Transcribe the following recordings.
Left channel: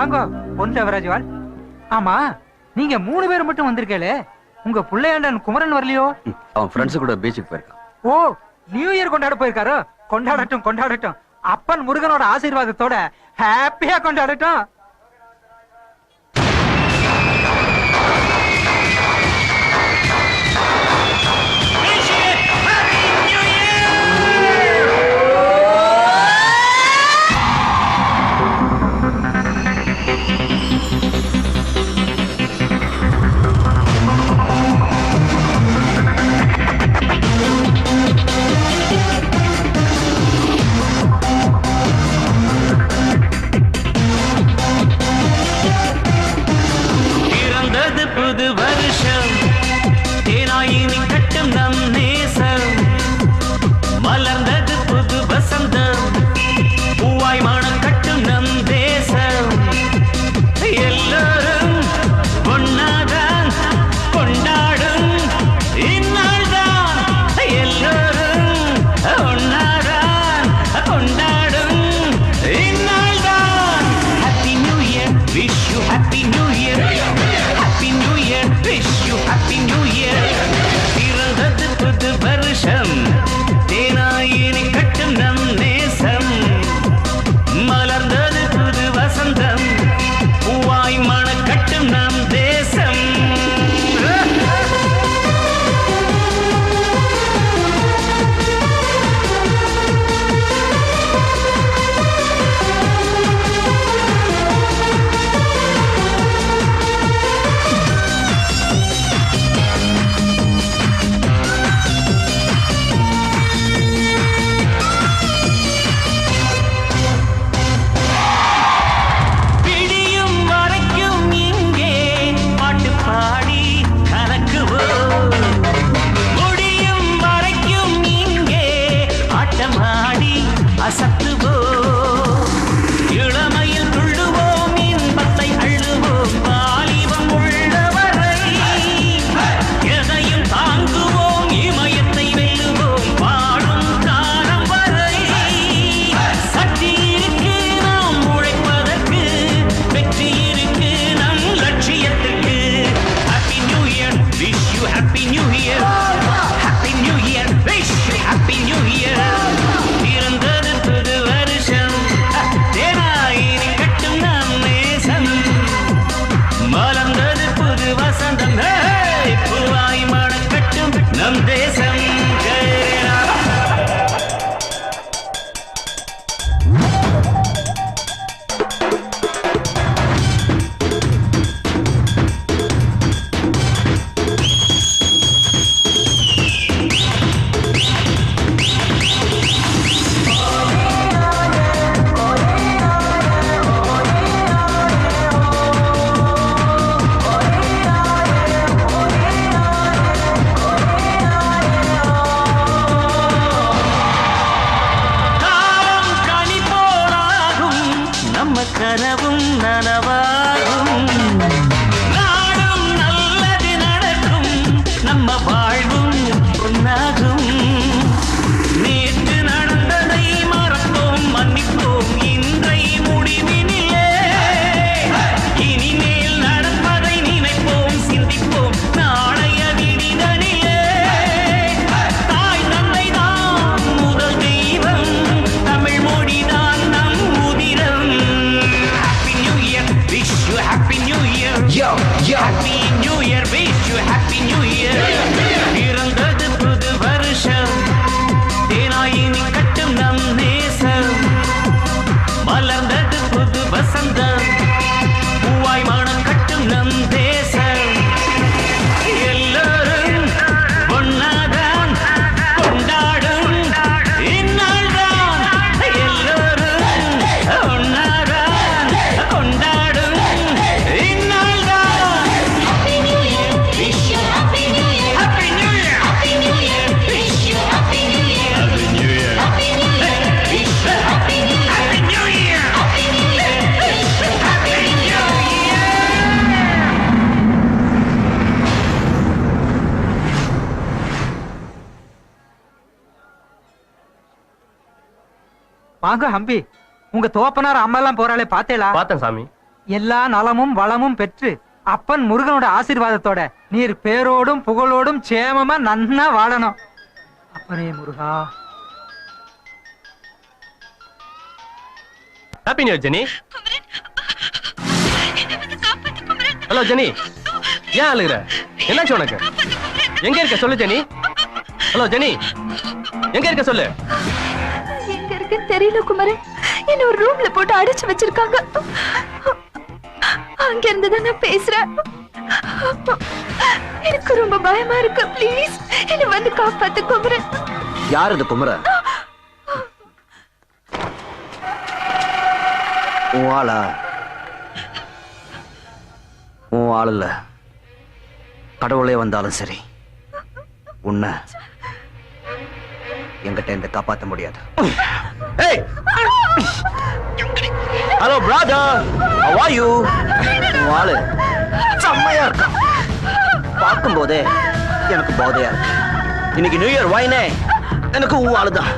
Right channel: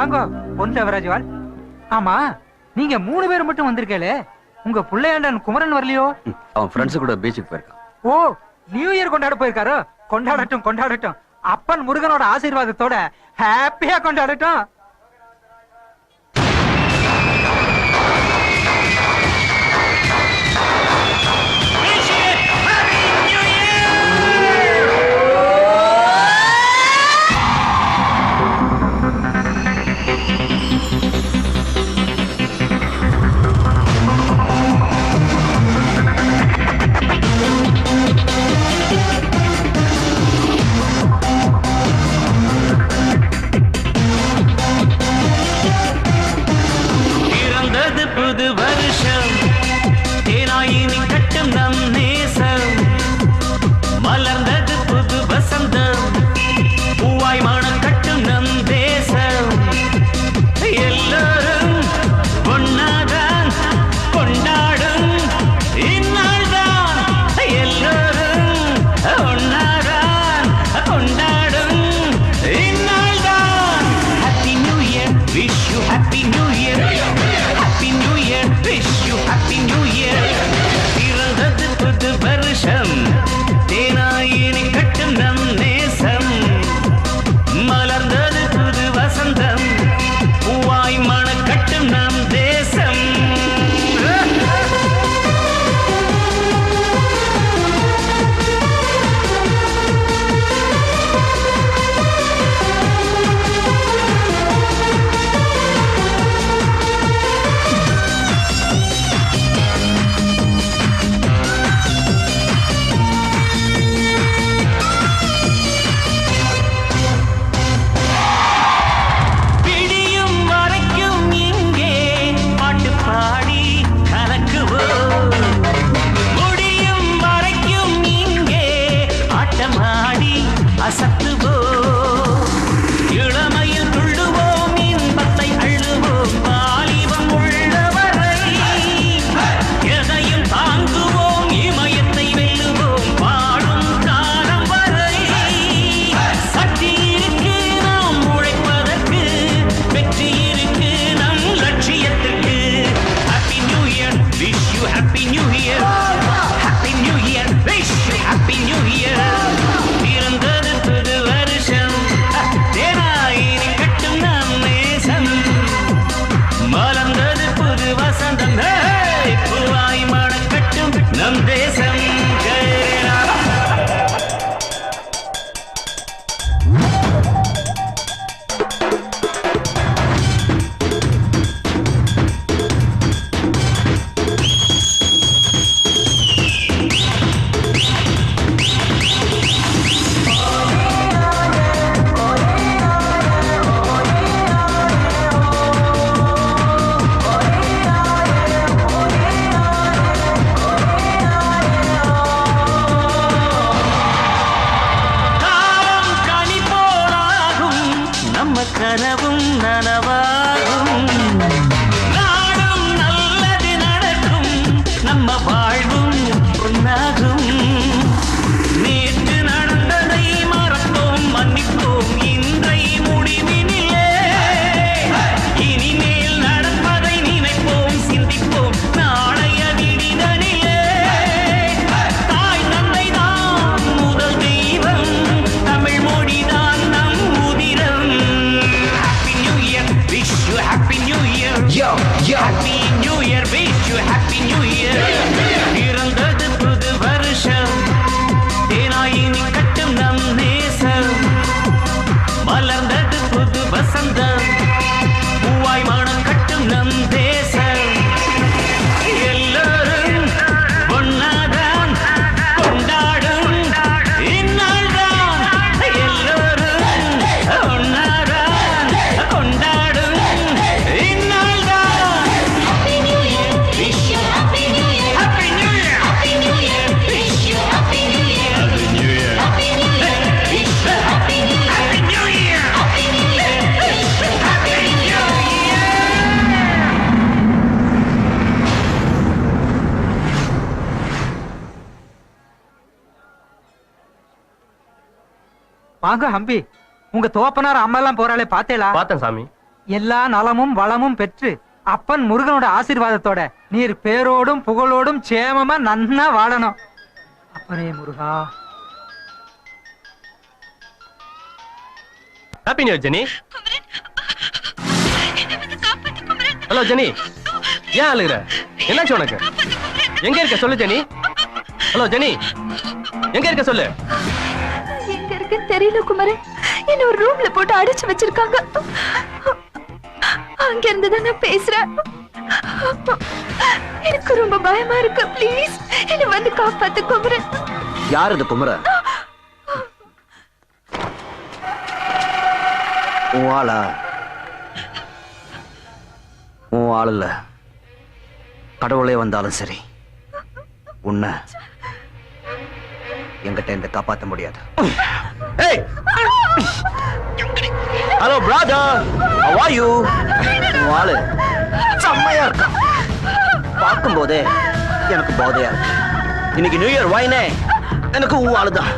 வாங்க பொன் தேவராஜ்வால். ஆமா, நீங்க 3 பேர் மட்டும் வந்திருக்கே, உங்க புள்ளையாண்டன் குமரன் வரலையோ? அவன் ஃப்ரெண்ட்ஸ் கூட பீச்சுக்கு போயிருக்கான். ஓ, நியூ இயர் கொண்டாட போயிருக்காரோ? கொண்டாடட்டும் கொண்டாடட்டும். அப்பன் முருகனோட ஆசீர்வாதத்தோட ஹாப்பியா கொண்டாடட்டும். வாங்க ஹம்பி, உங்க தோப்பனார் அம்மா எல்லாம் போறாளே பாத்தேளா? பார்த்தேன் சாமி. எல்லா நலமும் வளமும் பெற்று அப்பன் முருகனோட ஆசீர்வாதத்தோட நீர் பேரோடும் புகழோடும் சேமமா நன்னா வாழணும். அப்பனே முருகா. Happy new year Jenny. Hello Jenny, ஏன் அழுகுற? என்னாச்சு உனக்கு? எங்க இருக்க சொல்லு ஜெனி. ஹலோ ஜெனி, எங்க இருக்க சொல்லு. எங்க இருக்கு தெரியல குமரன். என்ன ஒரு ரூம்ல போட்டு அடைச்சு வச்சிருக்காங்க. அங்க இருந்துதான் நான் பேசுறேன். எனக்கு ரொம்ப பயமா இருக்கு. ப்ளீஸ் என்ன வந்து காப்பாத்து குமரன். யார் இது குமரன்? உன் ஆளா? உன் ஆள் இல்ல. கடவுளே வந்தாலும் சரி உன்னை என்கிட்ட இந்த காப்பாற்ற முடியாது. Hello brother, how are you? உன் ஆளு செம்மையா இருக்கு. பார்க்கும் போதே எனக்கு போதையா இருக்கு. இன்னைக்கு நியூ இயர் வாயினே எனக்கு உன் ஆளுதான்.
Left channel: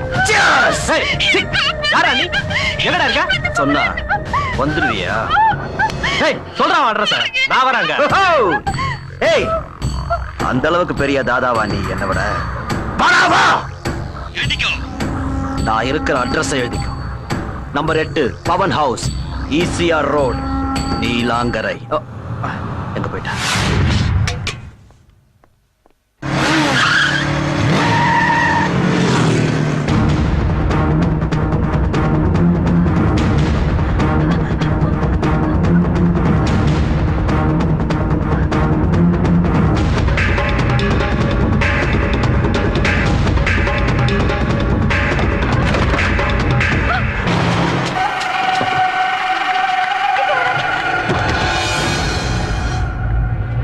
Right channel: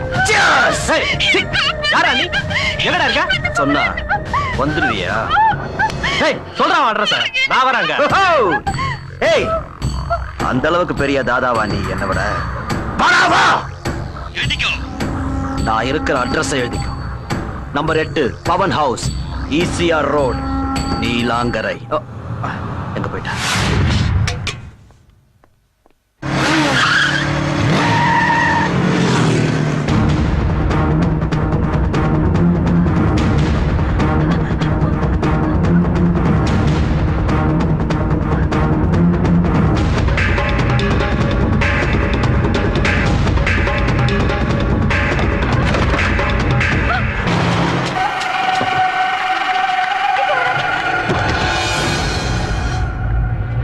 யாரா நீ? எங்கடா இருக்க? சொன்னா வந்துருவியா? சொல்றா அட்ரஸ். நான் வராங்க. ஏய், அந்த அளவுக்கு பெரிய தாதாவா நீ என்னை விட? நான் இருக்கிற அட்ரஸ் எழுதிக்கும். Number 8 Pavan house, ECR road, Neelankarai. எங்க போயிட்டா?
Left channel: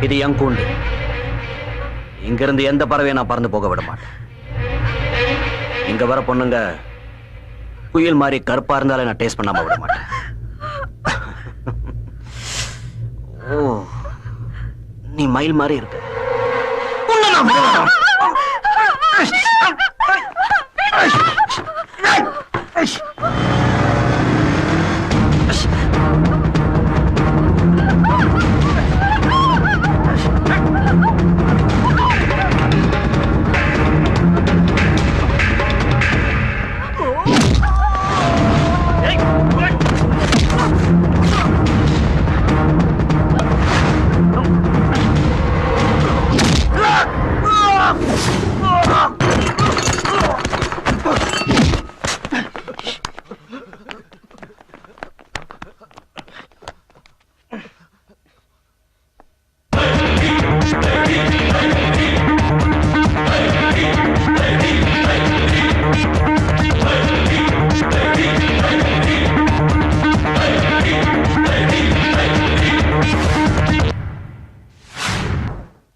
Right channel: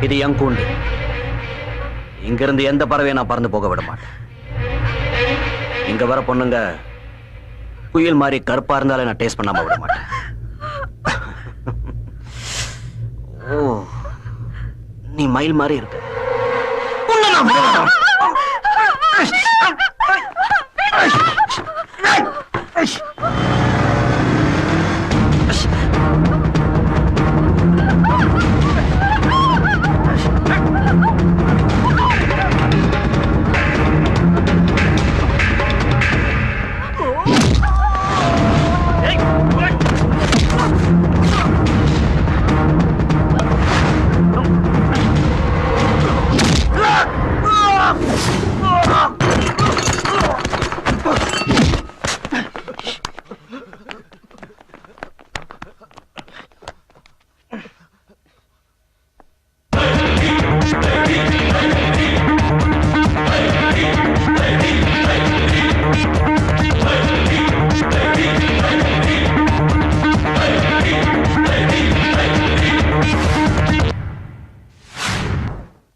இது என் கூண்டு. இங்கிருந்து எந்த பறவையை நான் பறந்து போக விட மாட்டேன். இங்க வர பொண்ணுங்க குயில் மாதிரி கருப்பா இருந்தாலே நான் டேஸ்ட் பண்ணாம விட மாட்டேன். ஓ, நீ மயில் மாதிரி இருக்க.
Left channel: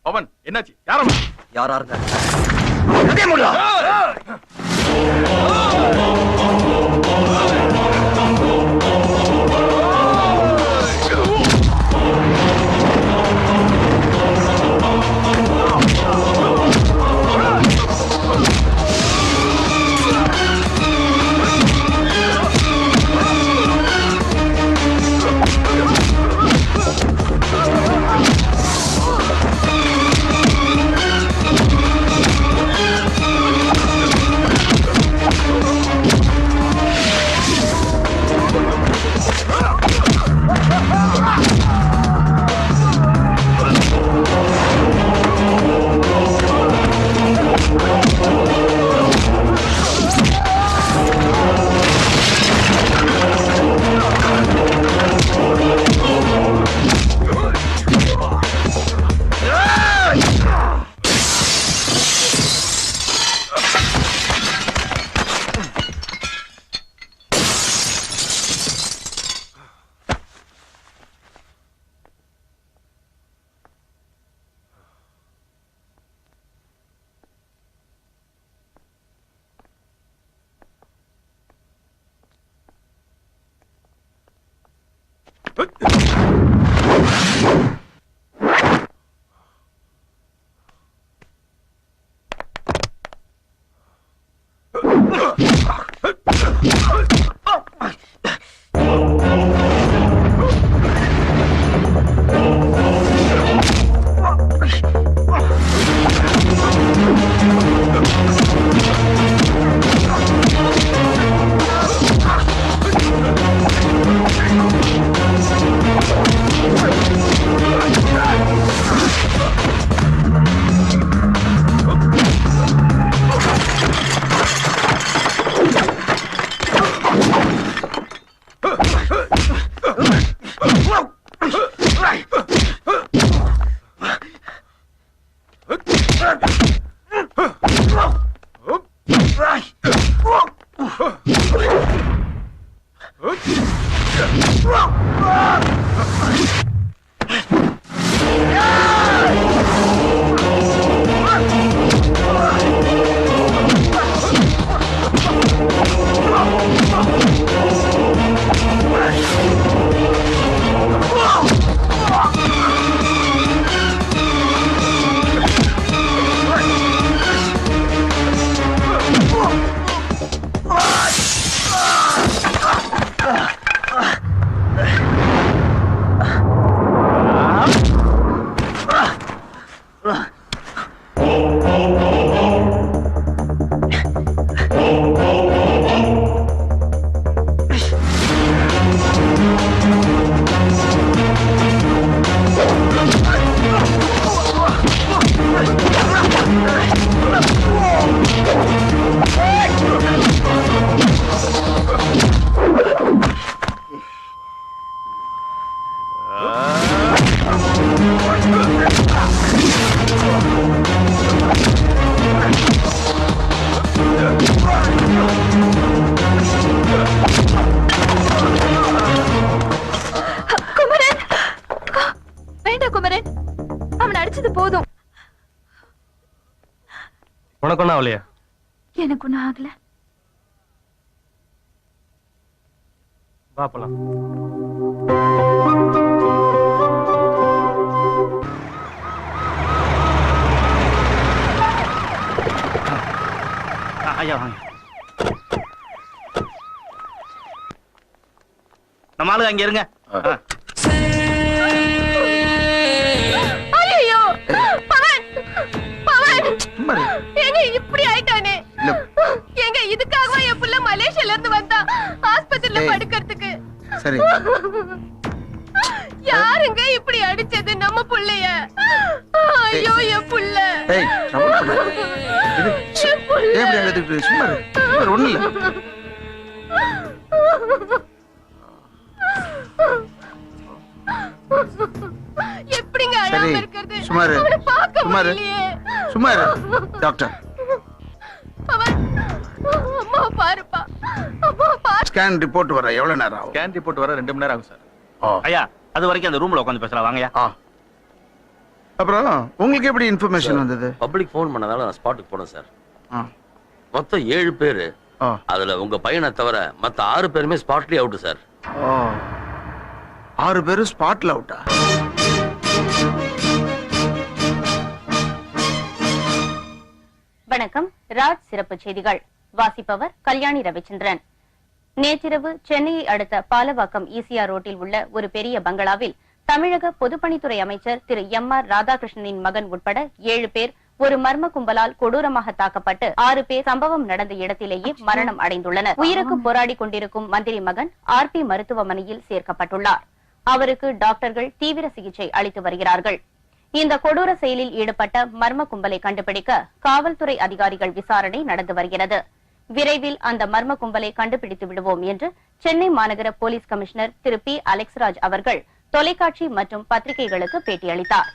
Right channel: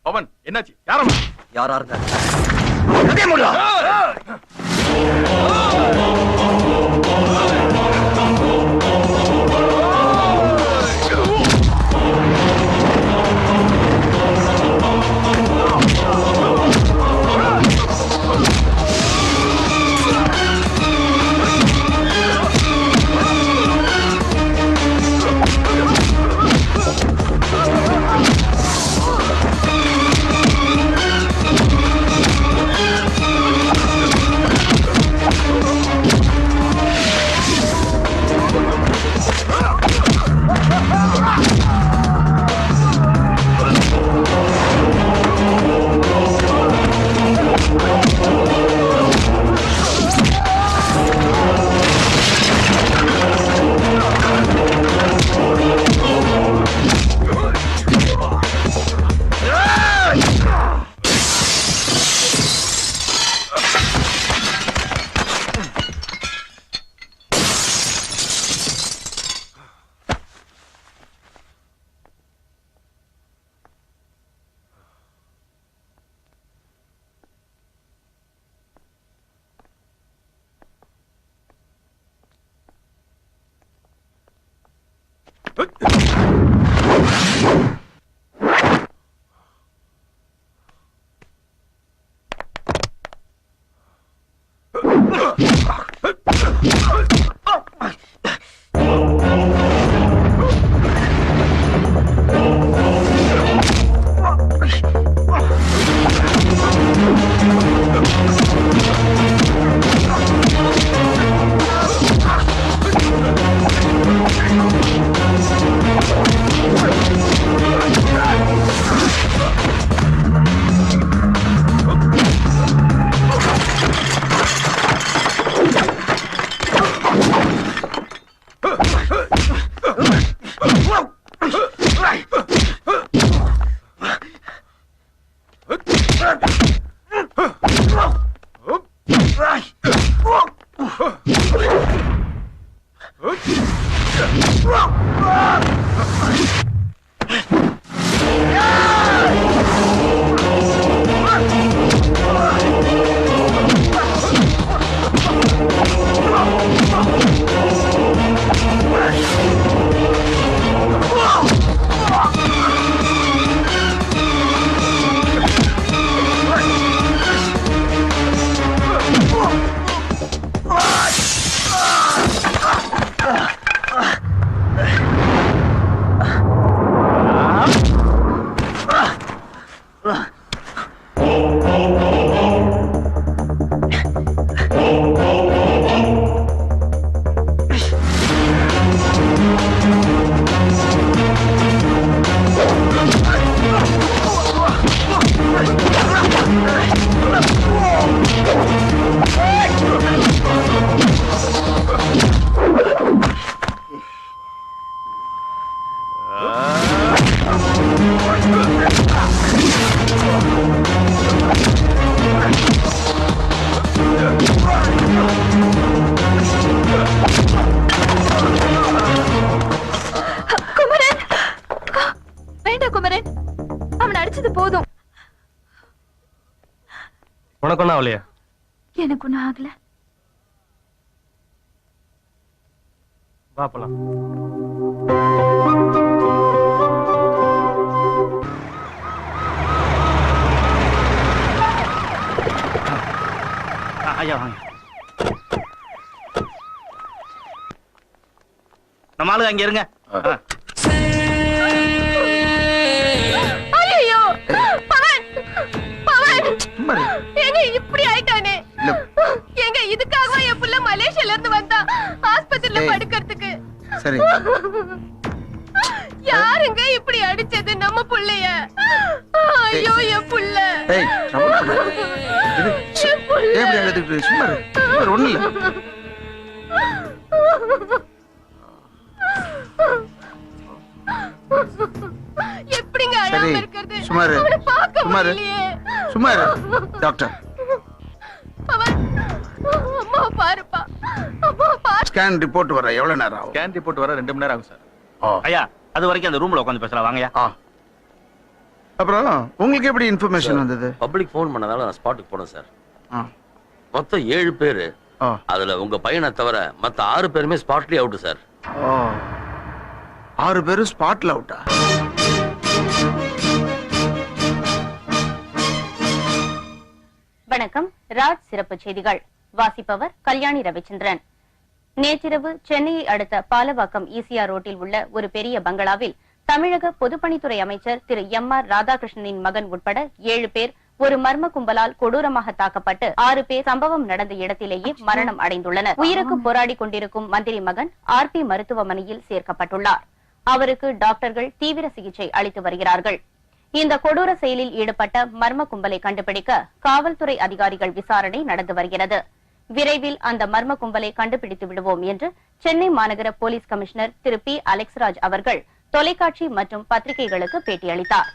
பவன், என்னாச்சு? யாரா இருக்க? உனக்கு ஒன்றும் ஆகலையா? எனக்கு ஒண்ணும் ஆகல. வா போலாம். ஐயா வாங்க. நம்ம ஆளு அங்க இருங்க. ஐயோ பவன், பவன் ஏங்க இப்படி ஆயிட்டானே? ஏங்க இதுக்காக என் புள்ள மலேசியால இருந்து வந்தா ஆஸ்பத்திரியில படுக்கிறதுக்கு. சரி. யாருங்க இப்படி அடிச்சது நம்ம புள்ளைய? ஐயோ என் புள்ள. ஏய் எப்படி அழுதுட்டு சும்மா ஒண்ணு இல்ல. எப்படிங்க சரி அழாம இருக்கிறது? சுமாரு அவனை பார்க்க சுமாரு முடியலையே. சுமாரு டாக்டர் அவன் அம்மா பாருப்பா, அம்மா பாரு. ஸ்கேன் ரிப்போர்ட் வர எவ்வளவு நேரம் ஆகும்? ஸ்கேன் ரிப்போர்ட் வர 2 மணி நேரம் ஆகும் சார். ஐயா அது வரைக்கும் அந்த ரூம்ல உட்காந்து பேசலாம் வாங்கயா. அப்புறம் உங்களுக்கு எப்படி இன்ஃபர்மேஷன் வந்தது? பப்ளிக் ஃபோன் பண்ணதால நான் ஸ்பாட்டுக்கு போனேன் சார். ஆ. மொத்தம் 7 பேரு. ஆ. அதுல உங்க பையனை தவிர மத்த 6 பேருமே ஸ்பாட்லயே அவுட் சார். ஓ. 6 பேரும் ஸ்பாட்ல அவுட்டா? வணக்கம். ராஜ் சிறப்பு செய்திகள் வாசிப்பவர் கல்யாணி ரவிச்சந்திரன். நேற்றிரவு சென்னையை அடுத்த பாலவாக்கம் ஈசிஆர் ரோட்டில் உள்ள ஒரு பெரிய பங்களாவில் தமிழக பொதுப்பணித்துறை அமைச்சர் திரு எம்.ஆர். ராதாகிருஷ்ணனின் மகன் உட்பட 7 பேர் ஒரு மர்ம கும்பலால் கொடூரமாக தாக்கப்பட்டு 6 பேர் சம்பவம் நடந்த இடத்திலேயே மரணம் அடைந்துள்ளனர். உயிருக்கு போராடி கொண்டிருக்கும் மந்திரி மகன் RP மருத்துவமனையில் சேர்க்கப்பட்டுள்ளார். அவருக்கு டாக்டர்கள் தீவிர சிகிச்சை அளித்து வருகிறார்கள். இந்த கொடூர செயலில் ஈடுபட்ட மர்ம கும்பலை கண்டுபிடிக்க காவல்துறை அதிகாரிகள் விசாரணை நடந்து வருகிறது. விரைவில் அந்த மர்ம கும்பலை கண்டுபிடித்து விடுவோம் என்று சென்னை மாநகர போலீஸ் கமிஷனர் திரு P. அலெக்ஸ்ராஜ் அவர்கள் தொலைக்காட்சி மற்றும் பத்திரிகைகளுக்கு பேட்டியளித்தார்.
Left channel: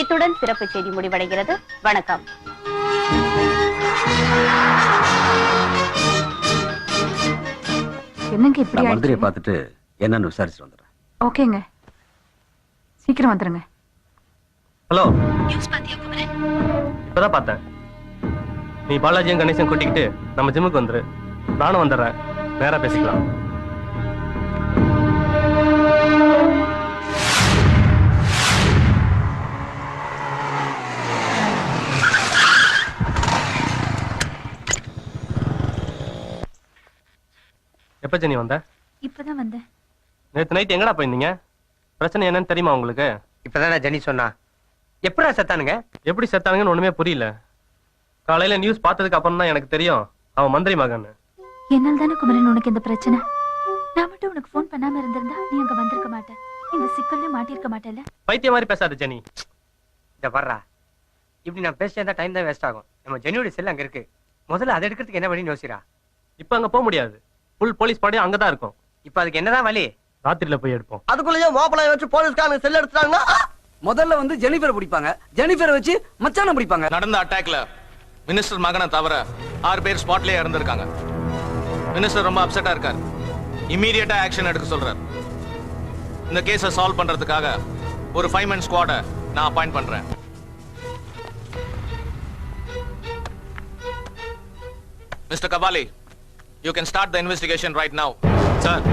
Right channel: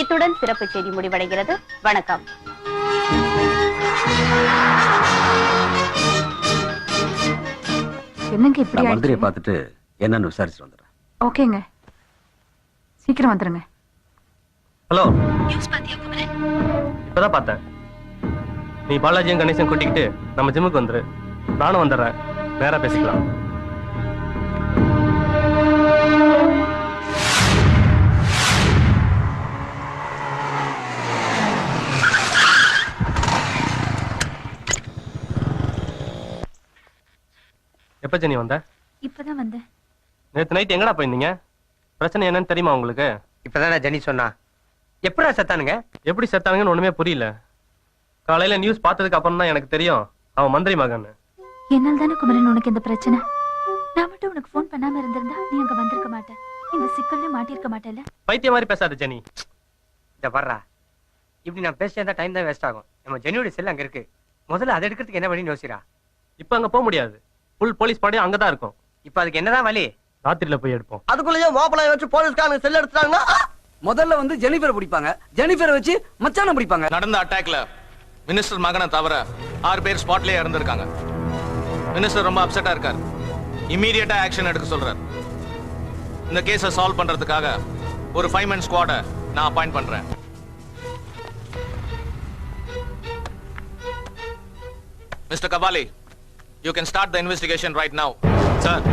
இத்துடன் சிறப்பு செய்தி முடிவடைகிறது. வணக்கம். என்னங்க இப்படி மந்திரியை பார்த்துட்டு என்னன்னு விசாரிச்சு வந்துடுறேன். ஓகேங்க, சீக்கிரம் வந்துருங்க. ஹலோ, இப்பதான் பார்த்தேன். நீ பாலாஜியும் கணேசன் கூட்டிக்கிட்டு நம்ம ஜிம்முக்கு வந்துரு. நானும் வந்துடுறேன். நேரா பேசிக்கலாம். எப்ப ஜெனி வந்த? இப்பதான் வந்தேன். நேத்து நைட் எங்கடா போயிருந்தீங்க? பிரச்சனை என்னன்னு தெரியுமா உங்களுக்கு? இப்பதான் ஜெனி சொன்னா. எப்படா செத்தானுங்க? எப்படி செத்தானுங்கன்னு ஒண்ணுமே புரியல. காலையில நியூஸ் பார்த்ததுக்கு அப்புறம் தான் எனக்கு தெரியும் அவன் மந்திரி மகன். என்னால் தானே குமரன் உனக்கு இந்த பிரச்சனை. நான் மட்டும் உனக்கு போன் பண்ணாம இருந்திருந்தா நீ அங்க வந்திருக்க மாட்டேன். இந்த சிக்கல்ல மாட்டிருக்க மாட்டேல்ல. பைத்திய மாதிரி பேசாத ஜெனி. இத வர்றா, இப்படி நான் பேசிட்டா டைம் தான் வேஸ்ட் ஆகும். நம்ம ஜெனியோட செல் அங்க இருக்கு. முதல்ல அதை எடுக்கிறதுக்கு என்ன வழி யோசிக்கிறா? இப்ப அங்க போக முடியாது. ஃபுல் போலீஸ் படையும் அங்கதான் இருக்கும். இப்ப அதுக்கு என்னதான் வழி? ராத்திரில போய் எடுப்போம். அதுக்குள்ளேயே ஓப்பனாய் வச்சு போலீஸ்காரங்க செல் எடுத்துட்டாங்கன்னா முதல்ல வந்து ஜெனிஃபரை பிடிப்பாங்க. ஜெனிஃபரை வச்சு மச்சான பிடிப்பாங்க. நடந்த அட்டாக்ல மினிஸ்டர் மகனை தவிர 6 பேர் ஸ்பாட்லயே இறந்திருக்காங்க. மினிஸ்டர் ரொம்ப அப்செட்டா இருக்காரு. இமீடியட்டா ஆக்ஷன் எடுக்க சொல்றாரு. இந்த கேஸை சால்வ் பண்றதுக்காக ஒரு 5 man ஸ்குவாட நான் அப்பாயிண்ட் பண்றேன். Mister Kabali, you can start the investigation right now. Sir,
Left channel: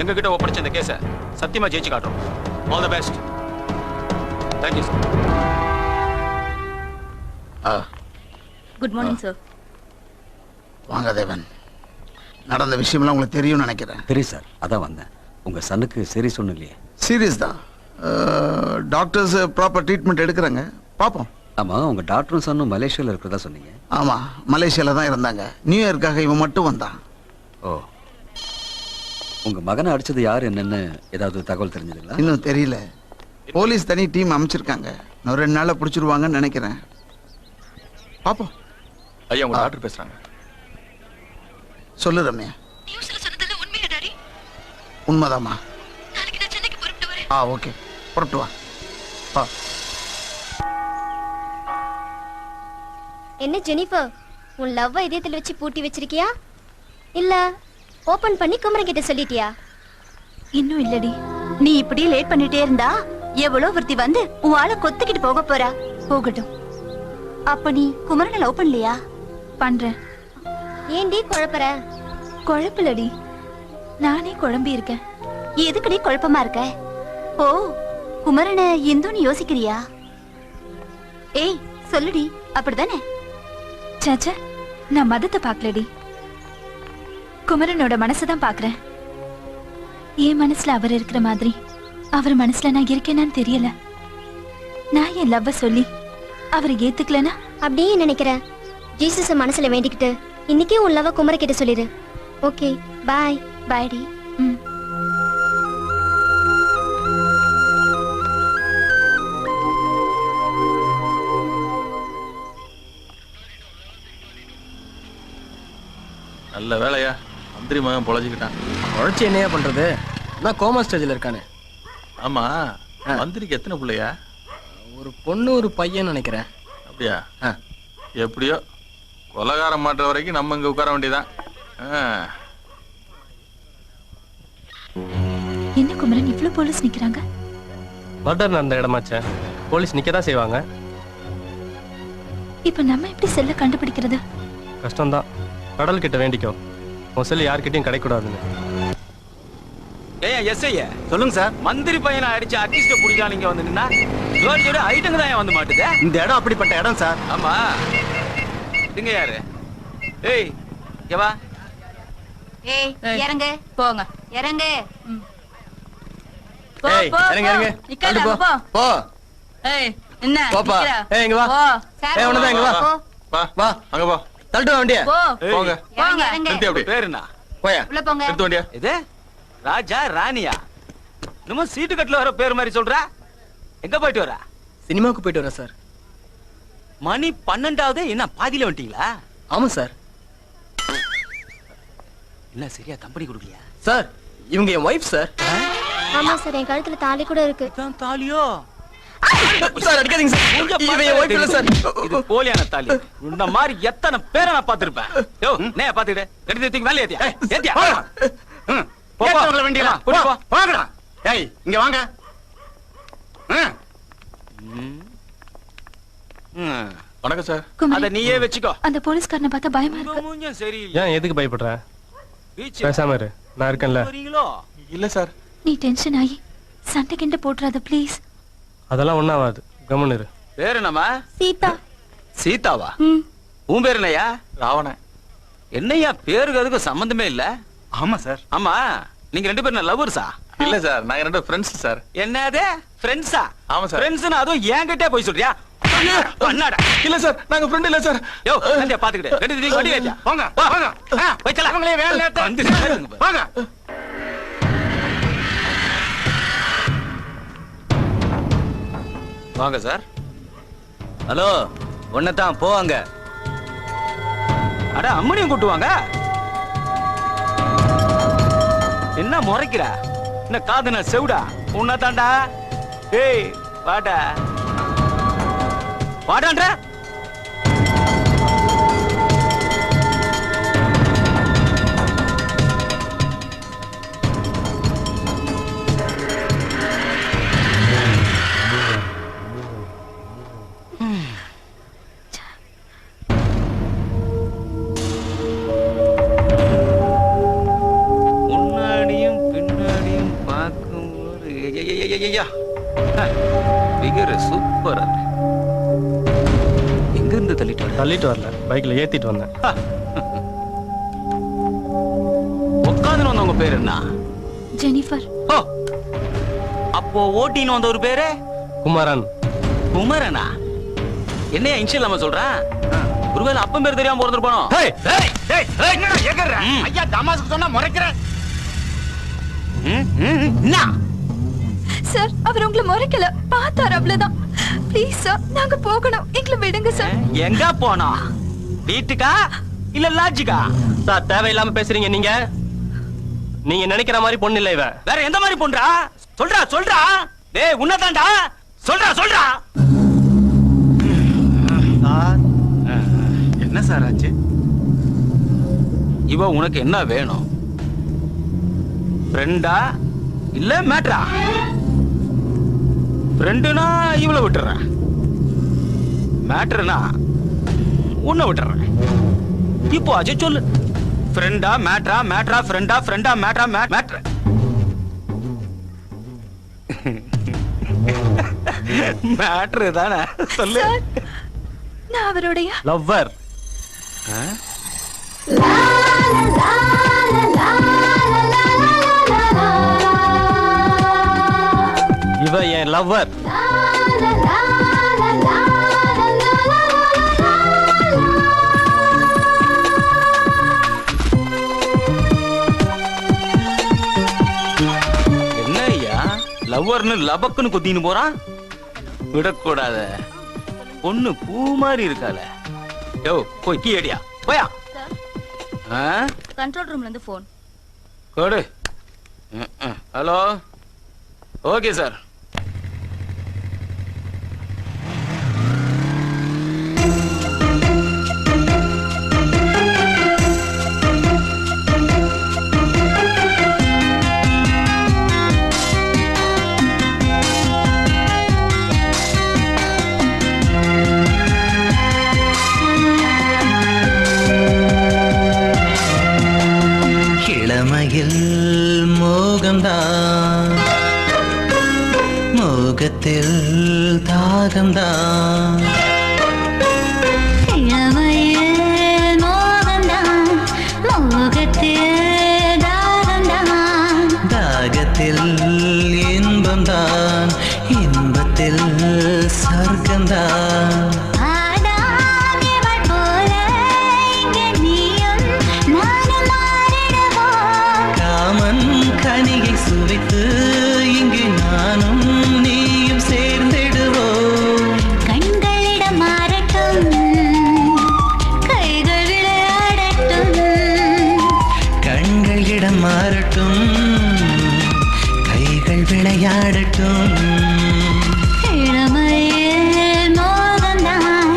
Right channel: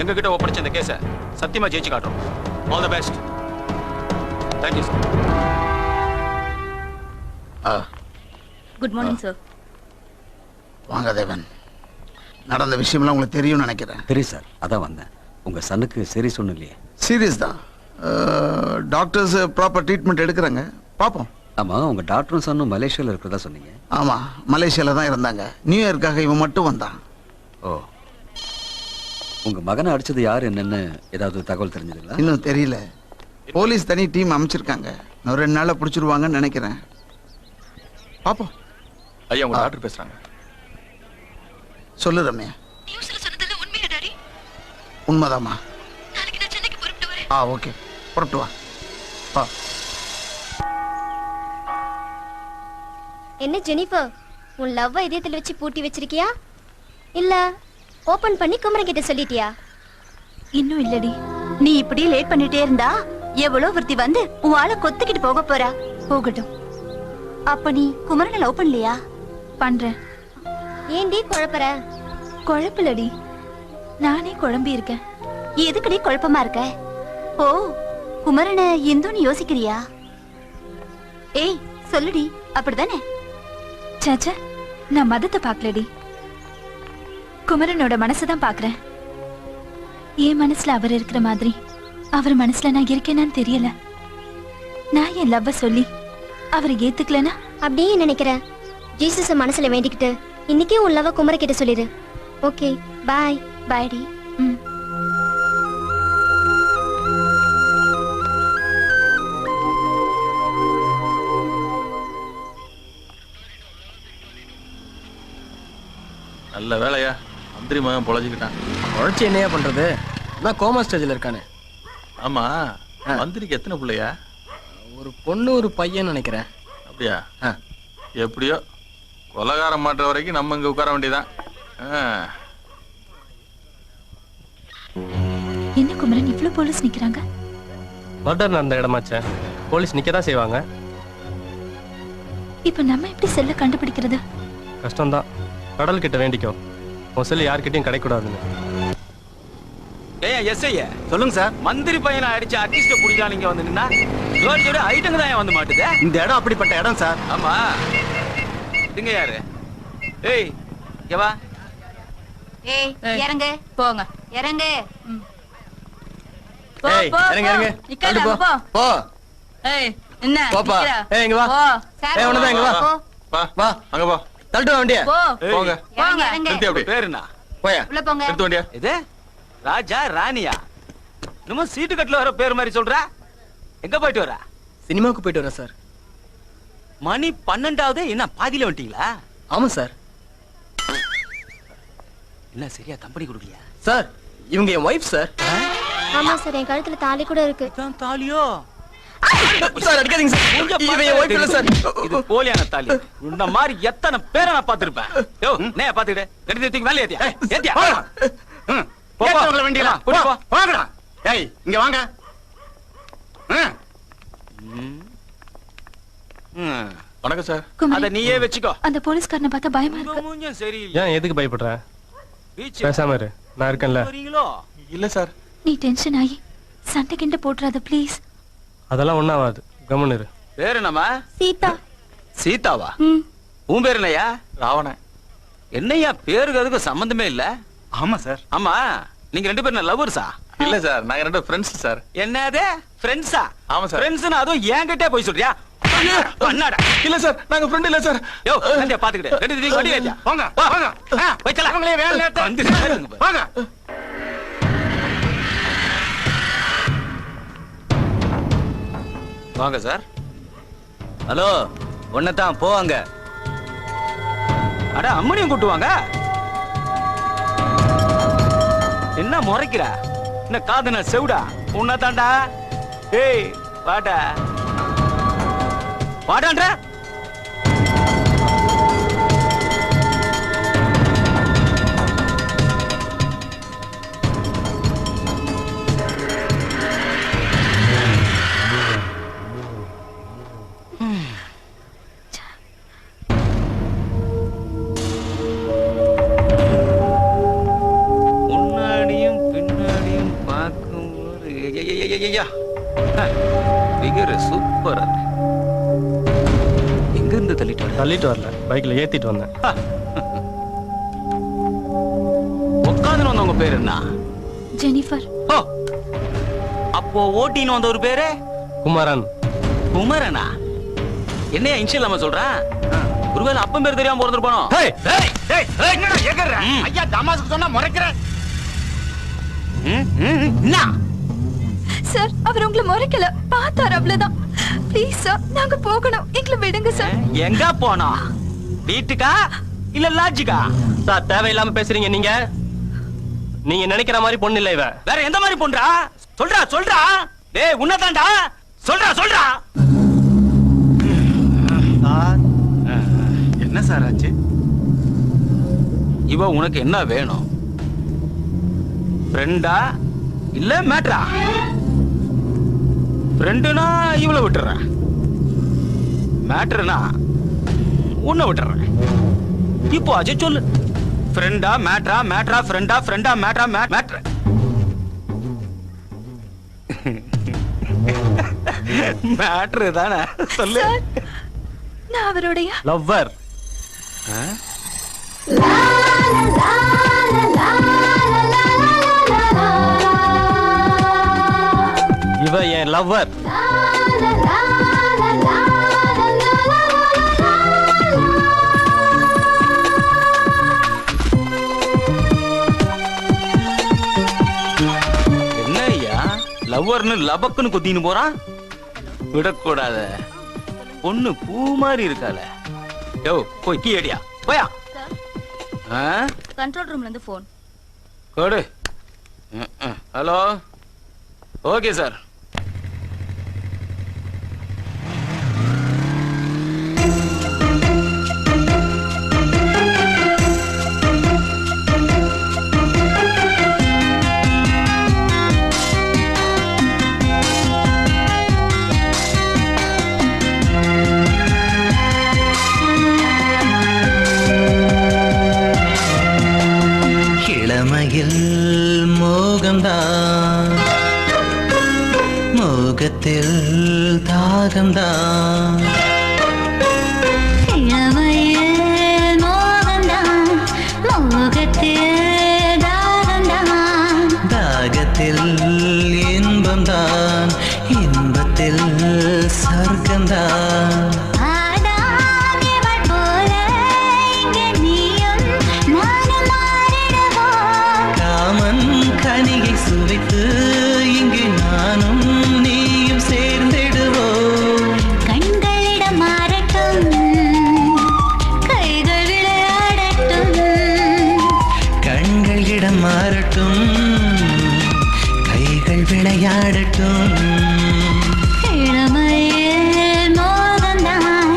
எங்க கிட்ட ஒப்படைச்ச இந்த கேஸை சத்தியமா ஜெயிச்சு காட்டும். All the best. Thank you sir. Good morning sir. வாங்க தேவன். நடந்த விஷயம்லாம் உங்களுக்கு தெரியும்னு நினைக்கிறேன். தெரியும் சார், அதான் வந்தேன். உங்க சனுக்கு சரி சொன்னலையே. சீரியஸ் தான். டாக்டர்ஸ் ப்ராப்பர் ட்ரீட்மெண்ட் எடுக்கிறாங்க. பார்ப்போம். ஆமா, உங்க டாக்டரும் சன்னும் மலேசியால இருக்கிறதா சொன்னீங்க. ஆமா, மலேசியால தான் இருந்தாங்க. நியூ இயர்க்காக இவன் மட்டும் வந்தான். ஓ, உங்க மகனை அடிச்சது யார் என்னன்னு ஏதாவது தகவல் தெரிஞ்சதுங்களா? இன்னும் தெரியல. போலீஸ் தனி டீம் அமைச்சிருக்காங்க. இன்னும் 2 நாள்ல பிடிச்சிருவாங்கன்னு நினைக்கிறேன். பாப்போம். ஐயா, உங்க டாக்டர் பேசுறாங்க. சொல்லு ரம்யா. உண்மைதாமா? ஓகே, புறப்பட்டு வா. என்ன ஜெனிஃபர், உன் லவ்வ இதயத்துல வச்சு பூட்டி வச்சிருக்கியா இல்ல ஓபன் பண்ணி குமரன் கிட்ட சொல்லிட்டியா? இன்னும் இல்லடி. நீ இப்படியே லேட் பண்ணிட்டே இருந்தா எவ்வளவு ஒருத்தி வந்து உன் ஆளை கொத்திக்கிட்டு போக போறா. போகட்டும். அப்ப நீ குமரனை லவ் பண்ணலையா? பண்றேன். ஏன்டி குழப்பற? குழப்பலடி, நானே குழம்பி இருக்கேன். எதுக்குடி குழப்பமா இருக்க? ஓ, குமரனை இந்துன்னு யோசிக்கிறியா? ஏய் சொல்லுடி, அப்படிதானே? சாச்சா, நான் மதத்தை பாக்கலடி, குமரனோட மனசுதான் பாக்குறேன். என் மனசுல அவர் இருக்கிற மாதிரி அவர் மனசுல நான் இருக்கேனான்னு தெரியல. நான் என் லவ்வ சொல்லி அவர் ஏத்துக்கலனா அப்படியே நினைக்கிற. ஜீசஸ மனசுல வேண்டிக்கிட்டு இன்னைக்கே உன் லவ் குமர கிட்ட சொல்லிடு. ஓகே, பாய். பாய்டி. நல்ல வேலையா, மந்திரி மகன் பொழைச்சிக்கிட்டான். உழைச்சி என்னையா பண்றது? நான் கோமா ஸ்டேஜ்ல இருக்கானே. ஆமா, மந்திரிக்கு எத்தனை பிள்ளையா? ஒரு பொண்ணு ஒரு பையன் நினைக்கிறேன். அப்படியா? எப்படியோ கொலகாரம் மாட்டுற வரைக்கும் நம்ம இங்க உட்கார வேண்டியதான். என்ன குமரன், இவ்வளவு போலீஸ் நிக்கிறாங்க? மர்டர் நடந்த இடமாச்சே, போலீஸ் நிக்கதான் செய்வாங்க. இப்ப நம்ம எப்படி செல்ல கண்டுபிடிக்கிறது? கஷ்டம்தான். கடல் கிட்ட வேண்டிக்கோ, உன் செல்லு யார்கிட்டயும் கிடைக்கூடாதுன்னு. சொல்லுங்க சார். மந்திரி பையனை அடிச்சு அட்லீஸ்ட் புடிச்சா நீங்க வந்து நின்னா ஐட்டங்க தான் வந்து மாட்டுது. இந்த இடம் அப்படிப்பட்ட இடம் சார். ஆமா, இங்க யாரு? ஏய் இங்க வா. ஏய் இறங்க, போங்க. இறங்க. ஏய் இறங்க இறங்க. தள்ளு போ. போ. ஏய் என்ன போப்பா. நிக்கிற? ஏய் இங்க வா. ஏய் உனதான் இங்க வா. வா வா அங்க போ. தள்ளிட்டு வா வண்டியா. போ. போங்க. இறங்க, இறங்க. நிறுத்தி அப்படி. பேரு என்ன? போயா. உள்ள போங்க. நிறுத்த வண்டியா. இது ராஜா ராணியா? நம்ம சீட்டு கட்டுல வர பேர் மாதிரி சொல்ற. எங்க போயிட்டு வர? சினிமாவுக்கு போயிட்டு வரேன் சார். மணி 12ஆவது. என்ன பாதியில வந்துட்டீங்களா? ஆமா சார். என்ன சரியா கம்பெனி கொடுக்கலையா? சார் இவங்க என் ஒய்ஃப் சார். ஆமா சார், என் கழுத்துல தாலி கூட இருக்கு. இதான் தாலியோ? சார் அடிக்காதீங்க சார். இவன் என் ஒய்ஃப் இல்ல சார். இது போலியான தாலி. இந்த மாதிரி எத்தனை பேரை நான் பாத்துருப்பேன். யோ நே பாத்துக்கிட்டு ரெண்டு தூக்கி மேல ஏத்தியா? ஏத்தியா? ஏத்தவங்கள வேண்டியலாம். வாங்கடா. ஏய் இங்க வாங்க. வணக்கம் சார். குமரன், அத நீயே வச்சுக்கோ. அந்த போலீஸ்காரனை பார்த்தா பயமா இருக்கு. மூஞ்சும் சரி. ஏன் எதுக்கு பயப்படுற? பீச் பேசாம இரு, நான் இருக்கேன்ல. வரீங்களோ? இல்ல சார். நீ டென்ஷன் ஆகி சண்டை கிண்ட போட்டுறாத ப்ளீஸ். அதெல்லாம் ஒண்ணாவாது, கம்முன்னு இரு. பேரு என்னம்மா? சீதா. சீதாவா? ம். உன் பேர் என்னையா? ராவணன். என்னையா பேருக்கு அதுக்கு சம்பந்தமே இல்ல. ஆமா சார். ஆமா, நீங்க ரெண்டு பேரும் லவ்வர்ஸா? இல்ல சார், நாங்க ரெண்டு ஃப்ரெண்ட்ஸ் சார். என்னது ஃப்ரெண்ட்ஸா? ஆமா சார். ஃப்ரெண்ட்ஸ்னா அதுவும் என்கிட்டே போய் சொல்றியா? பண்ணாடா. இல்ல சார், நாங்க ஃப்ரெண்ட் இல்ல சார். யோ நந்தியா பாத்துக்கிட்டு ரெண்டு தூக்கி வண்டி ஏத்தியா? வாங்க வாங்க. வைக்கல. அவங்களே வேலை நேரத்தை வாங்க. வாங்க சார். ஹலோ, ஒன்னதான் போவாங்க. அட அம்மனியும் கூட்டுவாங்க. என்ன முறைக்கிற? என்ன காதுன செவுடா? உன்னதாண்டா. ஏய் வாடா வாடான்ற. முன்னாடியும் பின்னாடியும் பார்க்கும்போது சூப்பரா. எங்க இருந்து தள்ளிட்டு வர? தள்ளிட்டு வரல, பைக்ல ஏத்திட்டு வந்தேன். உட்காந்து வந்தவங்க பேரு என்ன? ஜெனிஃபர். ஓ, அப்போ ஓட்டின்னு வந்த ஒரு பேரு குமரன். குமரனா? என்னையா இன்ஷியல் நம்ம சொல்றேன்? ஒருவேளை அப்பன் பேர் தெரியாம பிறந்திருப்பானோ? ஐயா தமாசுக்கு சொன்னா முறைக்கிறேன். சார், அவர் உங்களை முறைக்கல, பார்த்தார் அவ்வளவுதான். ப்ளீஸ் சார், நாங்க போகணும், எங்களை விடுங்க சார். எங்க போனோம்? வீட்டுக்கா இல்ல லாட்ஜுக்கா? சார் தேவையில்லாம பேசுறீங்க நீங்க. நீங்க நினைக்கிற மாதிரி பொண்ணு இல்ல இவ. வேற எந்த மாதிரி பொண்ணுடா? சொல்றா சொல்றா. டேய் உன்னதான்டா. சொல்றா சொல்றா. என்ன சார் ஆச்சு? இவ உனக்கு என்ன வேணும்? ஃப்ரெண்டா இல்ல மேட்ரா? ஃப்ரெண்டுனா இவளை விட்டுறேன். மேட்ருனா உன்னை விட்டுறேன். இப்போ அஜய் சொல்லு, ஃப்ரெண்டா மேட்ரா, மேட்ரா ஃப்ரெண்டா, ஃப்ரெண்டா மேட்ரா, மேட்ரா மேட்ரு தானே சொல்லு. நான் அவருடைய லவ்வர். இவ என் லவ்வர். என்ன ஐயா லவ்வர்னு லபக்குன்னு குத்தின்னு போறான்? விடக்கூடாத, பொண்ணு பூ மாதிரி இருக்கால. யோ போய் கீ அடியா போயா. கண்ட்ரோல் ரூம்ல இருந்து போன் கொடு. Hello, okay sir. மோகத்தில் தாகம்தான், தாகத்தில் இன்பம்தான், இன்பத்தில் சொர்க்கம்தான். காமன் கனியை சுவைத்து இங்கு நானும் நீயும் சேர்ந்திடுவோம். கண்களிடம் மாறட்டும், கைகள் விளையாடட்டும். கண்களிடம் மாறட்டும், கைகள் விளையாடட்டும். இளமையில் மோகம்தான்,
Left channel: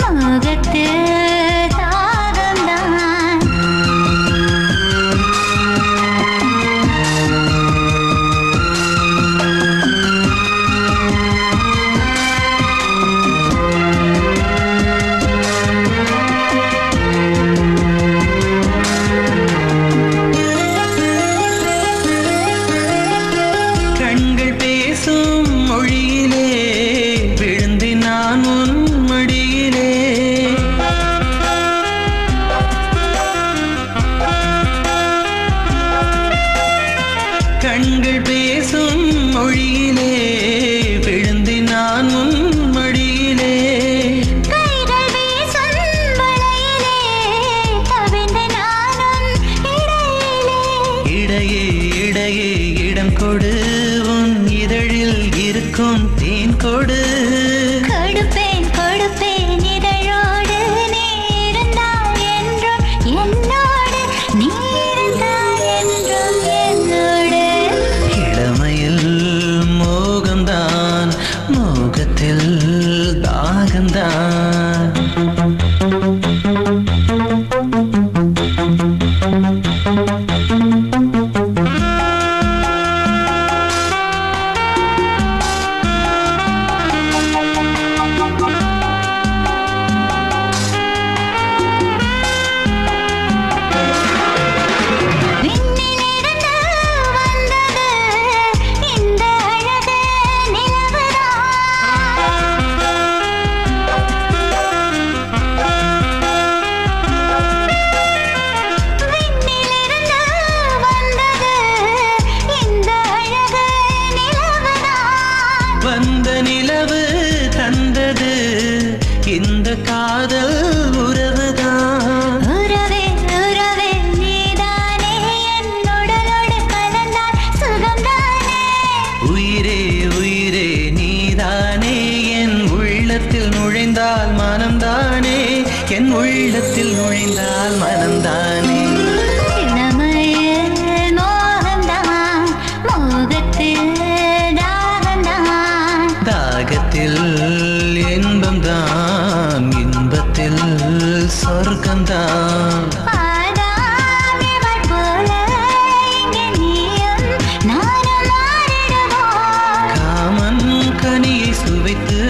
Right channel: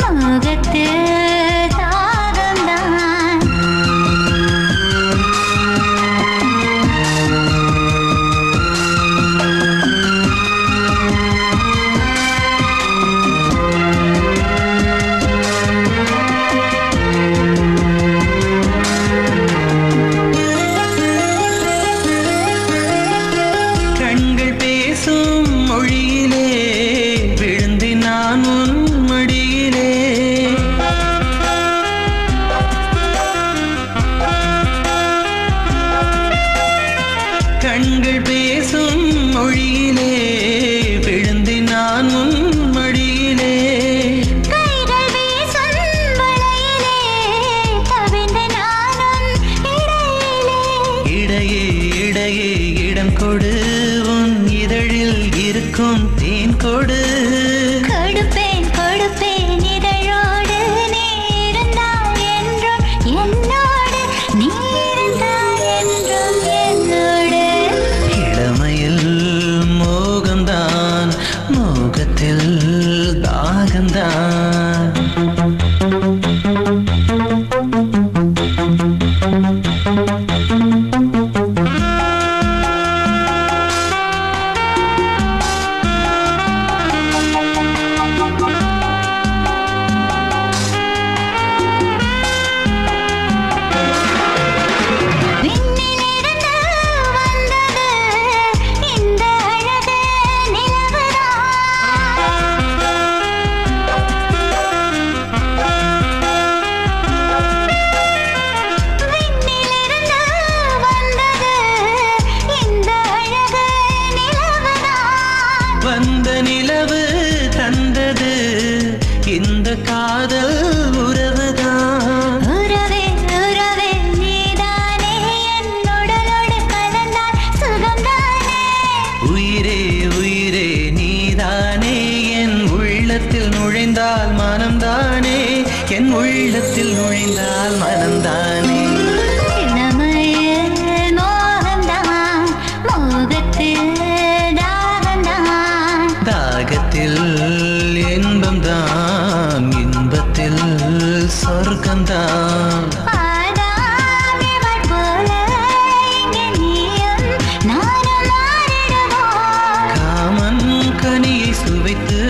மோகத்தில் கண்கள் பேசும் மொழியிலே விழுந்து நானும் மடியிலே. கைகள் வீசும் வலையிலே கவிழ்ந்து நானும் இடையே. இடையே இடம் கொடு, உன் இதழில் இருக்கும் தேன் கொடு. கொடுப்பேன் கொடுப்பேன் இதழோடு, நீ இருந்தால் என்றும் என்னோடு, நீ இருந்தால் என்றும் என்னோடு. இளமையில் மோகம்தான், மோகத்தில் தாகம்தான். வந்த நிலவு தந்தது இந்த காதல் உறவுதான். உறவே உறவே நீதானே, என் உடலோடு கலந்தால் சுகம்தானே. உயிரே உயிரே நீதானே, என் உள்ளத்தில் நுழைந்தால் மனம்தானே, என் உள்ளத்தில் நுழைந்தால் மனம்தானே. இளமையில் மோகம்தான், மோகத்தில் தாகத்தில் இன்பம்தான், இன்பத்தில் சொர்க்கம்தான். காமன் கனியை சுவைத்து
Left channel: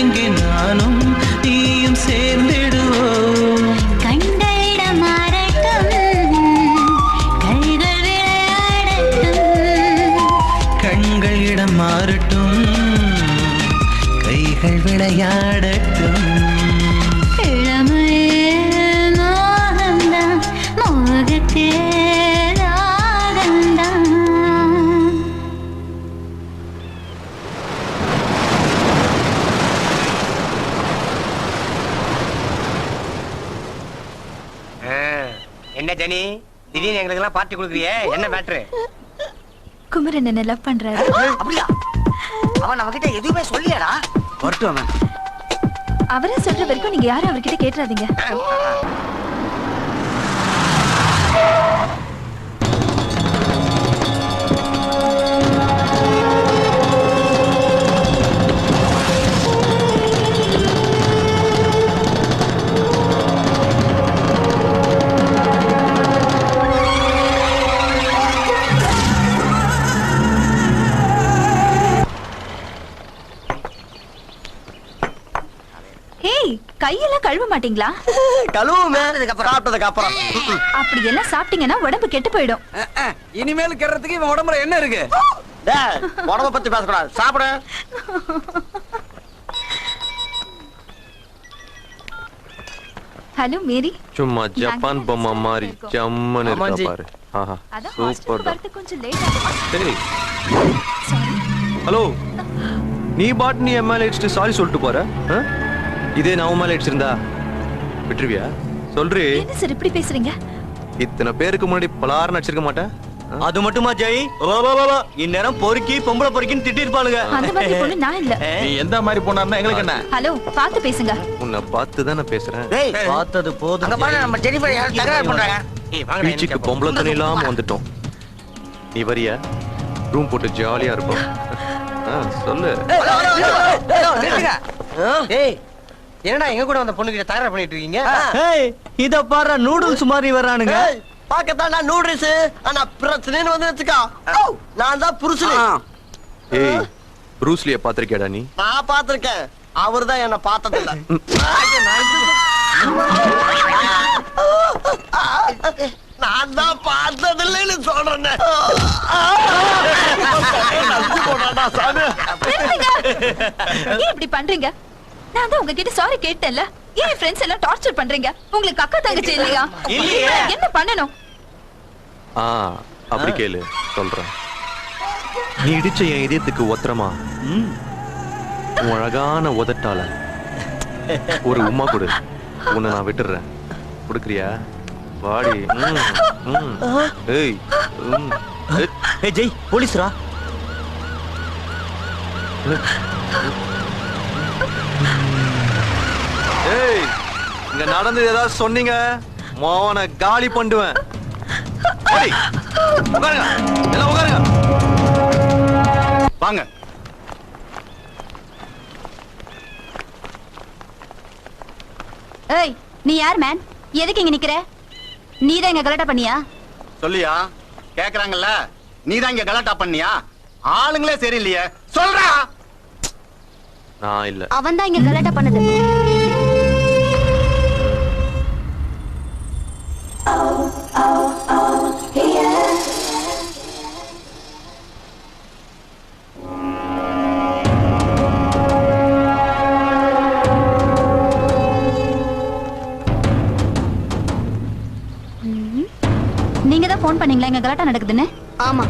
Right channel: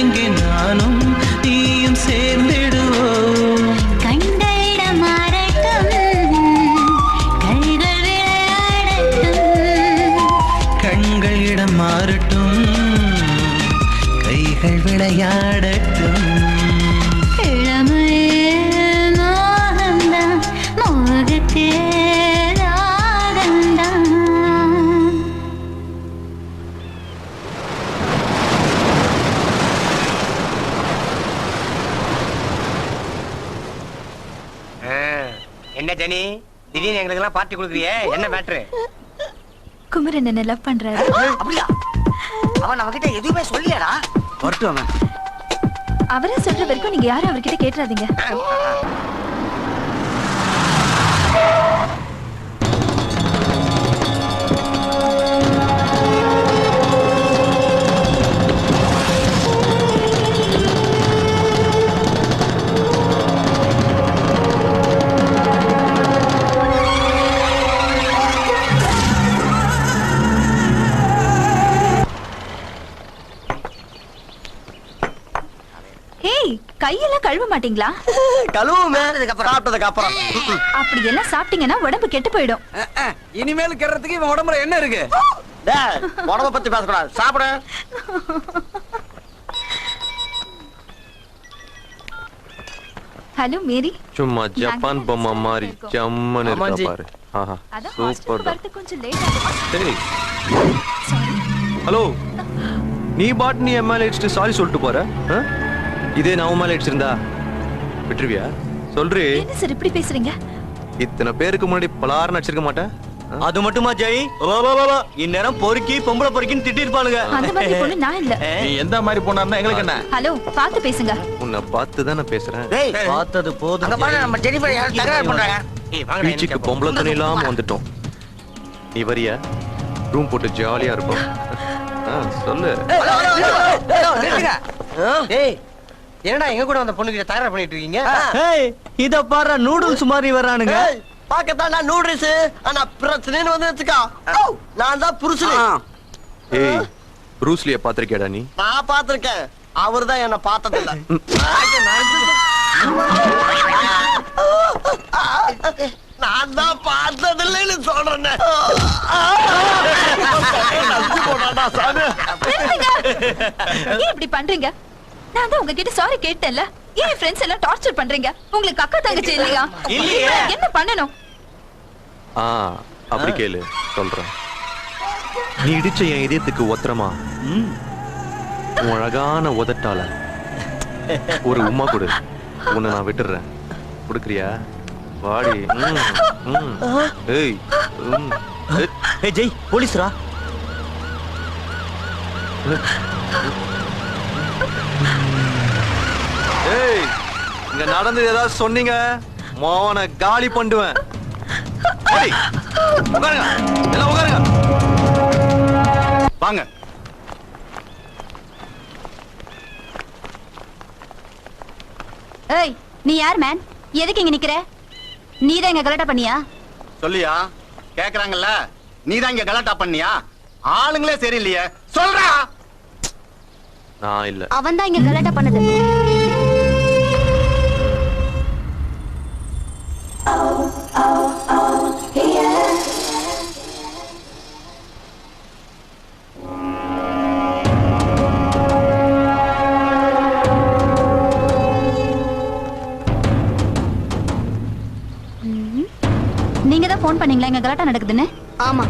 இங்கே நானும் நீயும் சேர்ந்திடுவோம். கண்கள் விளையாடட்டும். இளமையில் மோகந்தான், மோகத்தில் ராகந்தான். என்ன ஜெனி, திடீர்னு எங்களுக்கு எல்லாம் பார்ட்டி கொடுக்குறியே, என்ன மேட்ரு? குமரன் என்ன லவ் பண்றாரு. அப்படியா? அவன் நம்ம கிட்ட எதுவுமே சொல்லியாடா? வரட்டும் அவன். அவரே சொல்ற வரைக்கும் நீங்க யாரும் அவர்கிட்ட கேட்டுறாதீங்க. கையெல்லாம் கழுவ மாட்டீங்களா? கழுவுமே, சாப்பிட்டதுக்கு அப்புறம். அப்படி எல்லாம் சாப்பிட்டீங்கன்னா உடம்பு கெட்டு போயிடும். இனிமேல் கெடுறதுக்கு இவன் உடம்புல என்ன இருக்கு? உடம்ப பத்தி பேசக்கூடாது, சாப்பிட. Hello Mary. சும்மா ஜப்பான் பொம்மை மாதிரி ஜம்மன் இருக்கா பாரு. சூப்பர். கொஞ்சம் லேட் ஆகும். சரி. ஹலோ, நீ பாட்டு நீ எம்எல்ஏ அடிச்சுட்டு சாரி சொல்லிட்டு போற. இதே நான் உன் மேல அடிச்சிருந்தா விட்டுருவியா? சொல்றி. என்ன சார் இப்படி பேசுறீங்க? இத்தனை பேருக்கு முன்னாடி பலாரம் அடிச்சிருக்க மாட்டேன். அது மட்டுமா ஜெய்? இந்நேரம் பொறுக்கி பொம்பளை பொறுக்கின்னு திட்டிருப்பாளுங்க. அந்த மாதிரி பொண்ணு நான் இல்ல. நீ எந்த மாதிரி பொண்ணா எங்களுக்கு என்ன? ஹலோ, பார்த்து பேசுங்க. உன்னை பார்த்து தான் நான் பேசுறேன். பார்த்தது போதும். நம்ம ஜெனிஃபர் யாரும் தகராறு பண்றாங்க. பீச்சுக்கு பொம்பளை தண்ணி இல்லாம வந்துட்டோம். நீ வரியா? ரூம் போட்டு ஜாலியா இருக்கும். சொல்லு. என்னடா எங்க கூட அந்த பொண்ணு கிட்ட தகராறு பண்ணிட்டு இருக்கீங்க? இத பாரு, நூடுல்ஸ் மாதிரி வர்றானுங்க. பாக்கத்தான் நூடுல்ஸ், ஆனா பிரச்சனைன்னு வந்து வச்சுக்கா, நான் தான் புருஷன். ஏய், ப்ரூஸ்லிய பாத்திருக்கேடா நீ? நான் பாத்திருக்கேன், அவர் தான் என்ன பார்த்தது இல்ல. நான் தான் பார்த்தது இல்லைன்னு சொல்றேன். ஏன் இப்படி பண்றீங்க? நான் தான் உங்ககிட்ட சாரி கேட்டேன்ல. ஏன் ஃப்ரெண்ட்ஸ் எல்லாம் டார்ச்சர் பண்றீங்க? உங்களுக்கு அக்கா தங்கச்சி இல்லையா? என்ன பண்ணணும்? அப்படி கேளு, சொல்றேன். நீ இடிச்ச என் இதயத்துக்கு ஒத்தரமா உன் அழகான உதட்டால ஒரு உம்மா கொடு. உன்னை நான் விட்டுறேன். கொடுக்குறியா? வாடி. ஏய், ஜெய், போலீஸ்ரா. ஏய், இங்க நடந்தது ஏதாவது சொன்னீங்க மோன காலி பண்ணுவேன். எல்லாம் உட்காருங்க. வாங்க. ஏய், நீ யார் மேன்? எதுக்கு இங்க நிக்கிற? நீ தான் இங்க கலாட்டா பண்ணியா? சொல்லியா? கேக்குறாங்கல்ல, நீ தான் இங்க கலாட்டா பண்ணியா? ஆளுங்களே சரியில்லையே, சொல்றா. நான் இல்ல. அவன் தான் இங்க கலாட்டா பண்ணது. நீங்க தான் போன் பண்ணீங்களா இங்க கலாட்டா நடக்குதுன்னு? ஆமா.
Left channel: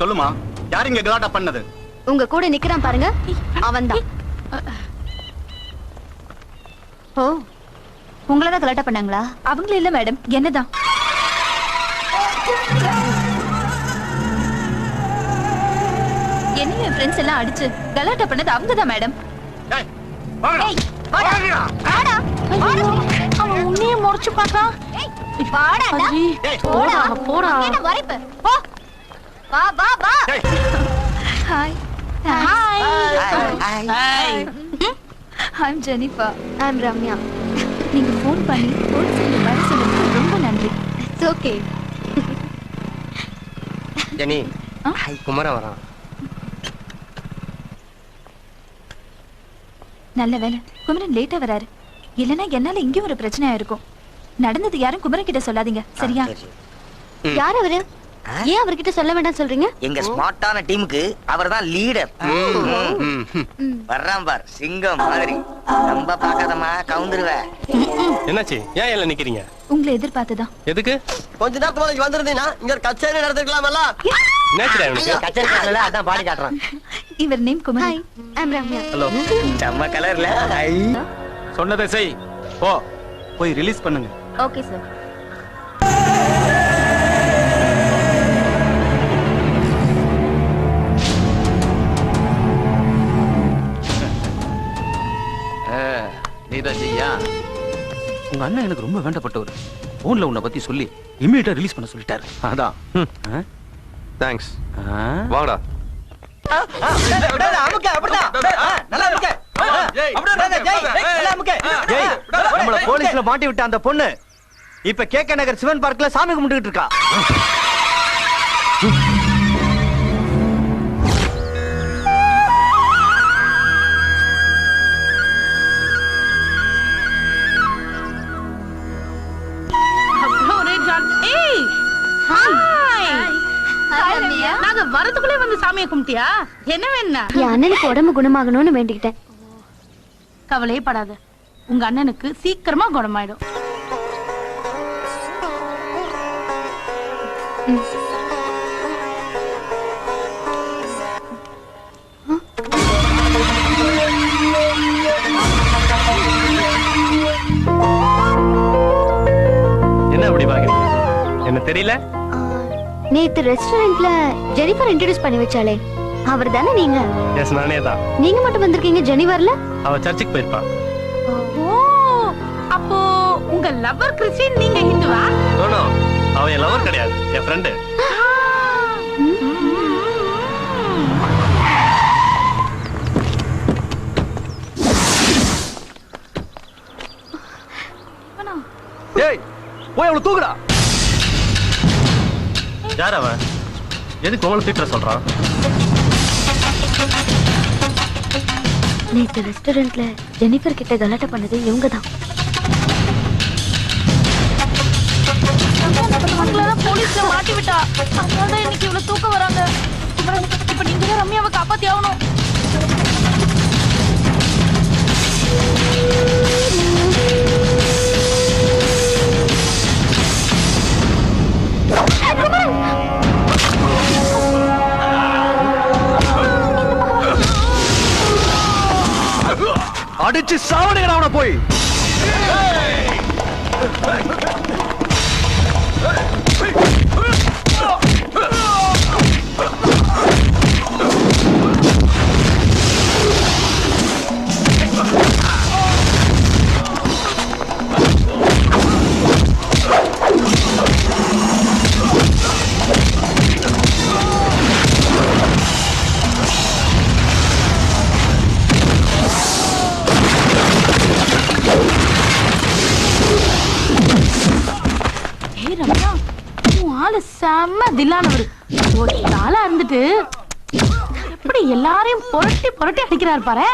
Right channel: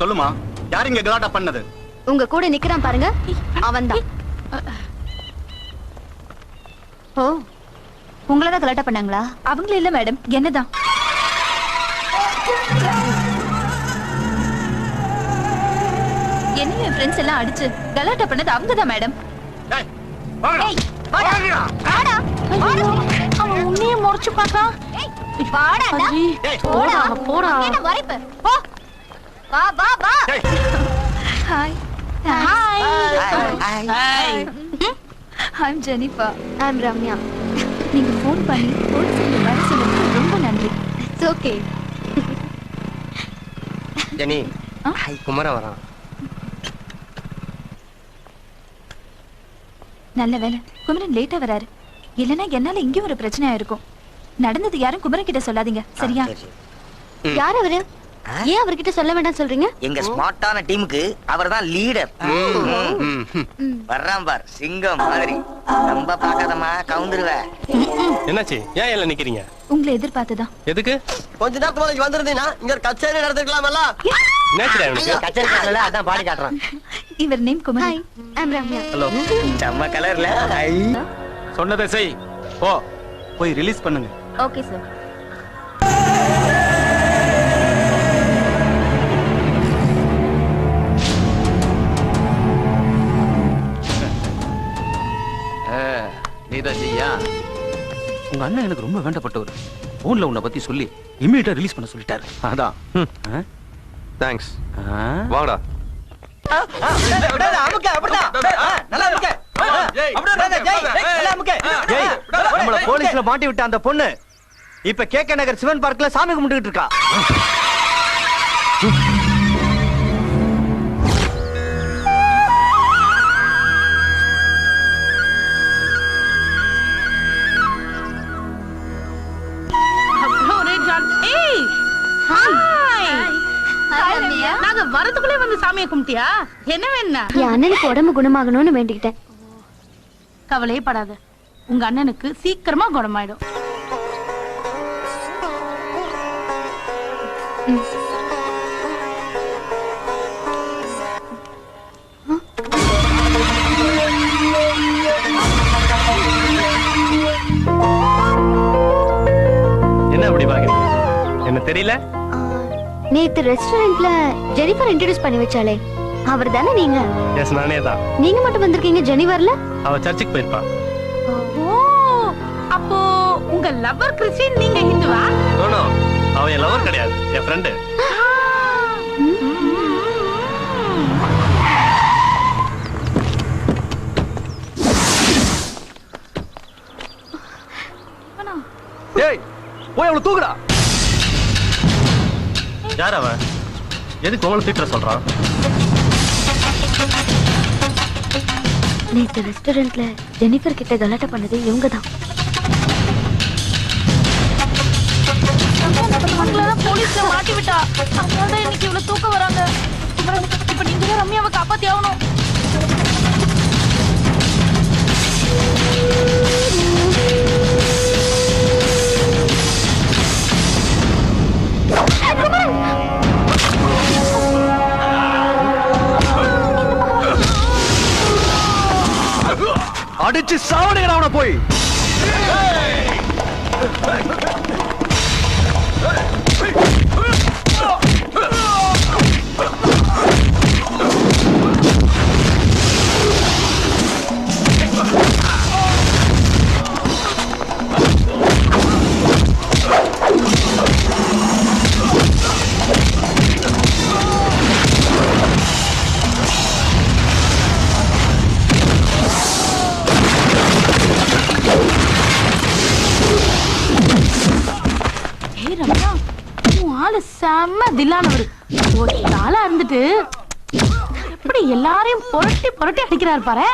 சொல்லுமா, யார் இங்க கலாட்டா பண்ணது? உங்க கூட நிக்கிறான் பாருங்க, அவன்தான். ஓ, உங்களதான் கலாட்டா பண்ணாங்களா? அவங்கள இல்ல மேடம், என்னதான். என்ன என் ஃப்ரெண்ட்ஸ் எல்லாம் அடிச்சு கலாட்டா பண்ணது அவங்கதான் மேடம். உன்னையே முறைச்சு பாக்கா. Hi. I'm Jennifer. I'm Ramya. நீங்க ஃபோன் பண்ணி போலீஸ்ல வர சொன்னதுக்கு ரொம்ப நன்றி. It's okay. ஜெனி, குமர வரான். நல்ல வேலை குமரன் லேட்டா வராரு. இல்லனா என்னால இங்க ஒரு பிரச்சனையா இருக்கும். நடந்தது யாரும் குமரன் கிட்ட சொல்லாதீங்க, சரியா? யார் அவரு? ஏன் அவர்கிட்ட சொல்ல வேண்டாம் சொல்றீங்க? எங்க ஸ்மார்ட்டான டீமுக்கு அவர்தான் லீடர். வர்றான் பார் சிங்கம் மாதிரி. ரொம்ப பாக்காதமா கவுந்துருவ. என்னாச்சு? ஏன் எல்லாம் நிக்கிறீங்க? உங்களை எதிர்பார்த்துதான். எதுக்கு? கொஞ்ச நேரத்துக்கு முன்னாடி வந்திருந்தீங்கன்னா இங்க ஒரு கச்சேரி நடந்துக்கலாமல்ல. என்னாச்சுடா இவனுக்கு? கச்சேரி காட்டல அதான் பாடி காட்டுறான். இவர் name Kumar. I'm Ramya. Hello. செம்ம கலர்ல. சொன்னதை செய். போ. போய் ரிலீஸ் பண்ணுங்க. Okay sir. நீதான் செய்யா? உங்க அண்ணன் எனக்கு ரொம்ப வேண்டப்பட்டவர். போன்ல உன்னை பத்தி சொல்லி இம்மீடியட்டா ரிலீஸ் பண்ண சொல்லிட்டாரு. அதான். தேங்க்ஸ். வாடா. நம்மள போலீஸ்ல மாட்டி விட்ட அந்த பொண்ணு இப்ப கேக்க நகர் சிவன் பார்க்ல சாமி கும்பிட்டுக்கிட்டு இருக்கா. நாங்க வரதுக்குள்ளே வந்து சாமியை கும்பிட்டியா? என்ன வேணா? என் அண்ணனுக்கு உடம்பு குணமாகணும்னு வேண்டிக்கிட்டேன். கவலையே படாத, உங்க அண்ணனுக்கு சீக்கிரமா குணமாயிடும். என்ன அப்படி பாக்குறீங்க? என்ன தெரியல? நேத்து ரெஸ்டாரண்ட்ல ஜெனிஃபர் இன்ட்ரோடியூஸ் பண்ணி வச்சாலே அவர் தானே நீங்க? எஸ், நானே தான். நீங்க மட்டும் வந்திருக்கீங்க, ஜெனிஃபர்ல? அவ சர்ச்சுக்கு போயிருப்பா. அப்போ உங்க லவர் கிறிஸ்டியன், நீங்க ஹிந்துவா? நோ, அவ என் லவர் கிடையாது, என் ஃப்ரெண்டு. ஏய், போய் அவளை தூக்குடா. யார் அவன்? எதுக்கு உங்களை திட்ட சொல்றான்? நேத்து ரெஸ்டாரண்ட்ல ஜெனிஃபர் கிட்ட கலாட்டா பண்ணது இவங்க தான். போலீஸ்ல மாட்டி விட்டா, அதனால இன்னைக்கு இவ்வளவு தூக்கம் வராங்க. இப்ப நீங்க தான் ரம்யாவை காப்பாத்தி ஆகணும். அடிச்சு சாவடிங்க அவனை போய். செம்ம தில்லானவர். ஒரு நாளா இருந்துட்டு எப்படி எல்லாரையும் புரட்டி புரட்டி அடிக்கிறாரு பாரு.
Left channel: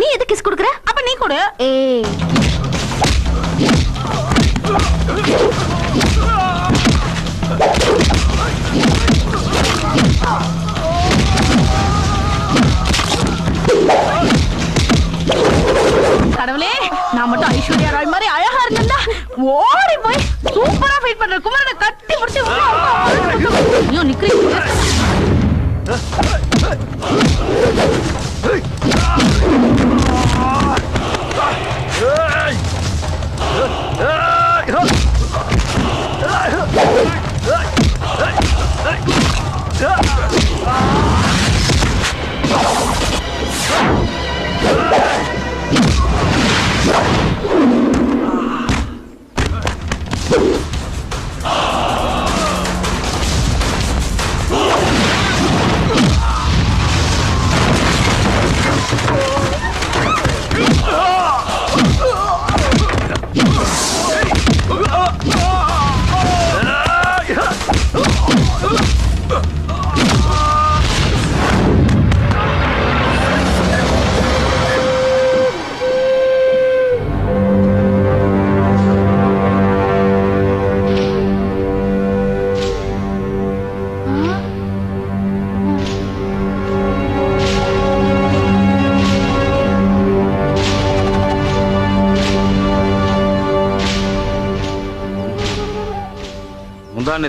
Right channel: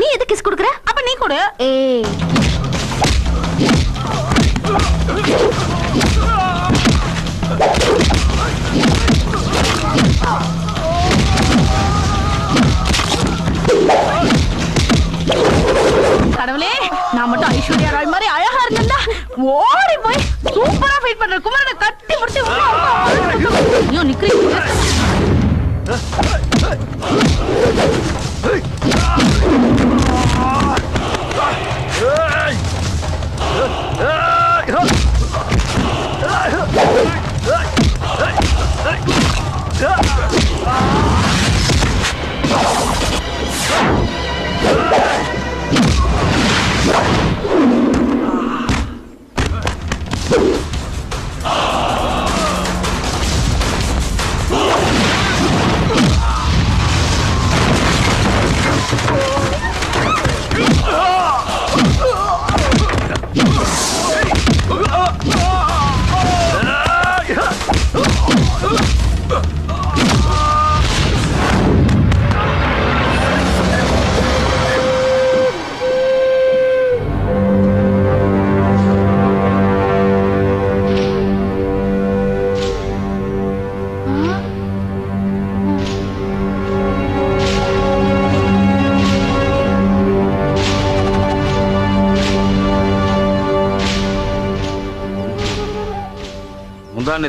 நீ எதுக்கு கிஸ் கொடுக்கற? அப்ப நீ கொடு. கடவுளே, நான் மட்டும் ஐஸ்வர்யா ராய் மாதிரி அழகா இருந்தா ஓடி போய் சூப்பரா ஃபீட் பண்ற குமாரனை கட்டி பிடிச்சு ஐயோ நிக்கிறீங்க.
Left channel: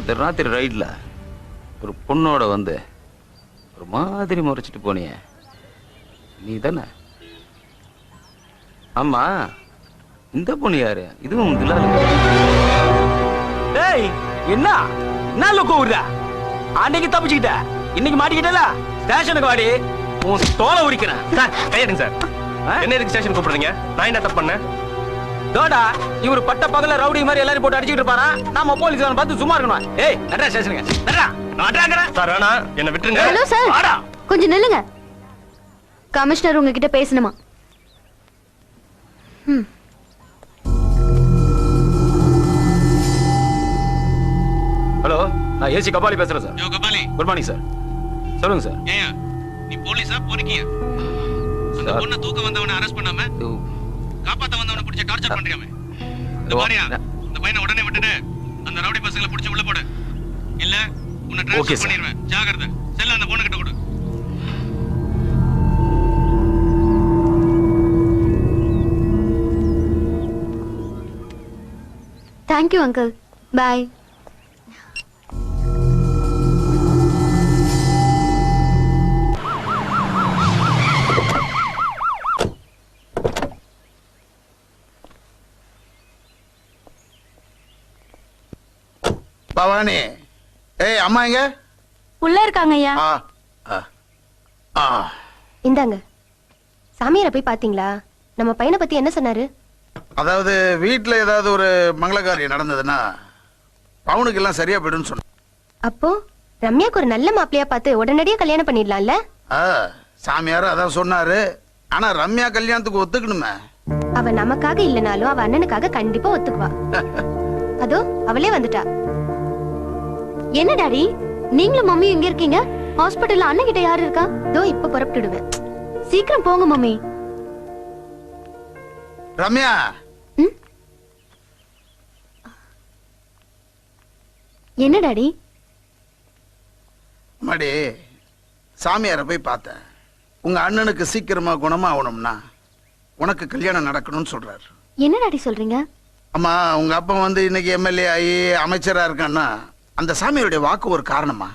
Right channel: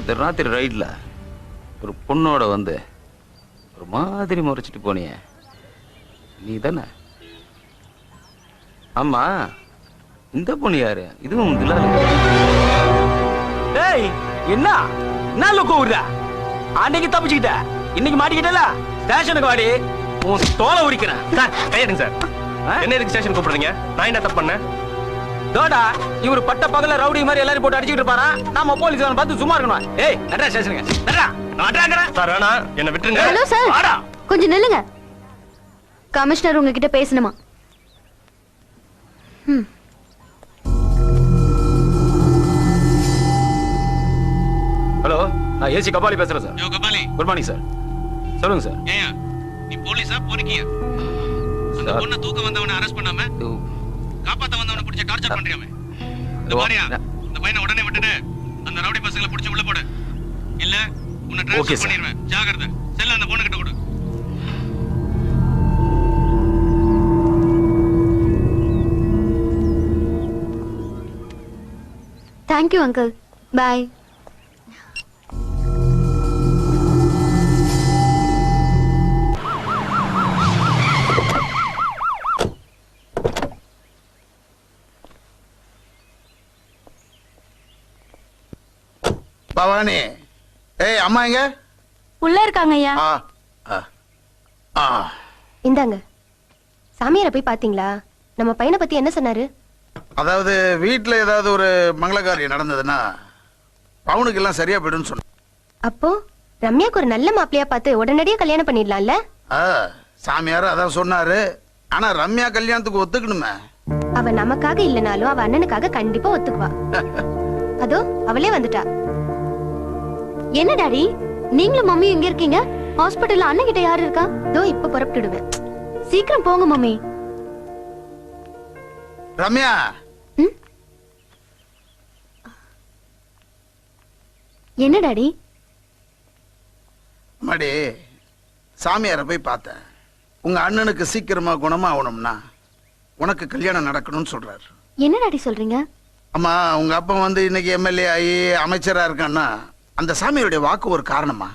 நேற்று ராத்திரி ரைட்ல ஒரு பொண்ணோட வந்து ஒரு மாதிரி முறைச்சிட்டு போனியே நீ தானே? ஆமா, இந்த பொண்ணு யாரு? இதுவும் டேய், என்ன என்ன கூவுறா? அன்னைக்கு தப்பிச்சுக்கிட்ட, இன்னைக்கு மாட்டிக்கிட்டல. ஸ்டேஷனுக்கு வாடி, உன் தோலை உரிக்கிறேன். Sir கையெடுங்க sir. என்ன எதுக்கு ஸ்டேஷன் கூப்பிடுறீங்க? நான் என்ன தப்பு பண்ணேன்? தோடா, இவரு பட்ட பகல ரவுடி மாதிரி எல்லாரும் போட்டு அடிச்சிட்டு இருப்பாரா? நாம போலீஸ் பார்த்து சும்மா இருக்கணும். ஏய், நடரா ஸ்டேஷனுக்கு, நடரா. சார் வேணா, என்ன விட்டுருங்க. ஹலோ சார், வாடா. கொஞ்சம் நில்லுங்க. கமிஷனர் உங்ககிட்ட பேசணுமா? ஹலோ, நான் ஏசி கபாலி பேசுறேன் sir. Kabali, good morning sir. சொல்லுங்க சார். ஏயா நீ போலீஸா பொறுக்கியா? அந்த பொண்ணை தூக்க வந்தவனை அரெஸ்ட் பண்ணாம காப்பாத்த வந்தவனை பிடிச்ச டார்ச்சர் பண்றியாமே. இந்த மாதிரியா இந்த பையனை உடனே விட்டுட்டு அந்த ரவுடி பசங்களை பிடிச்சு உள்ள போடு. இல்ல உன்னை ட்ரான்ஸ்ஃபர் பண்ணிடுவேன். ஜாகிரதை. செல்ல அந்த பொண்ணு கிட்ட கொடு. Thank you uncle. பாய். பவானி, ஏய் அம்மா எங்க? உள்ள இருக்காங்க ஐயா. இந்தாங்க. சாமியாரை போய் பாத்தீங்களா? நம்ம பையனை பத்தி என்ன சொன்னாரு? அதாவது வீட்டுல ஏதாவது ஒரு மங்களகாரியம் நடந்ததுன்னா பவுனுக்கு எல்லாம் சரியா போயிடுன்னு சொன்ன. அப்போ ரம்யாக்கு ஒரு நல்ல மாப்பிளையா பார்த்து உடனடியா கல்யாணம் பண்ணிடலாம்ல? சாமியார் அதான் சொன்னாரு. ஆனா ரம்யா கல்யாணத்துக்கு ஒத்துக்கணுமே. அவ நமக்காக இல்லனாலும் அவ அண்ணனுக்காக கண்டிப்பா ஒத்துக்குவா. அதோ அவளே வந்துட்டா. என்ன டாடி, நீங்களும் மம்மி எங்க இருக்கீங்க? ஹாஸ்பிடல்ல அண்ணன் கிட்ட யாரு இருக்கா? தோ இப்ப புறப்பட்டுடுவேன். சீக்கிரம் போங்க மம்மி. ரம்யா, என்ன டாடி? மடி, சாமியாரை போய் பார்த்தேன். உங்க அண்ணனுக்கு சீக்கிரமா குணமா ஆகணும்னா உனக்கு கல்யாணம் நடக்கணும்னு சொல்றாரு. என்ன டாடி சொல்றீங்க? அம்மா, உங்க அப்பா வந்து இன்னைக்கு எம்எல்ஏ ஆகி அமைச்சரா இருக்கான்னா அந்த சாமியோட வாக்கு ஒரு காரணமா?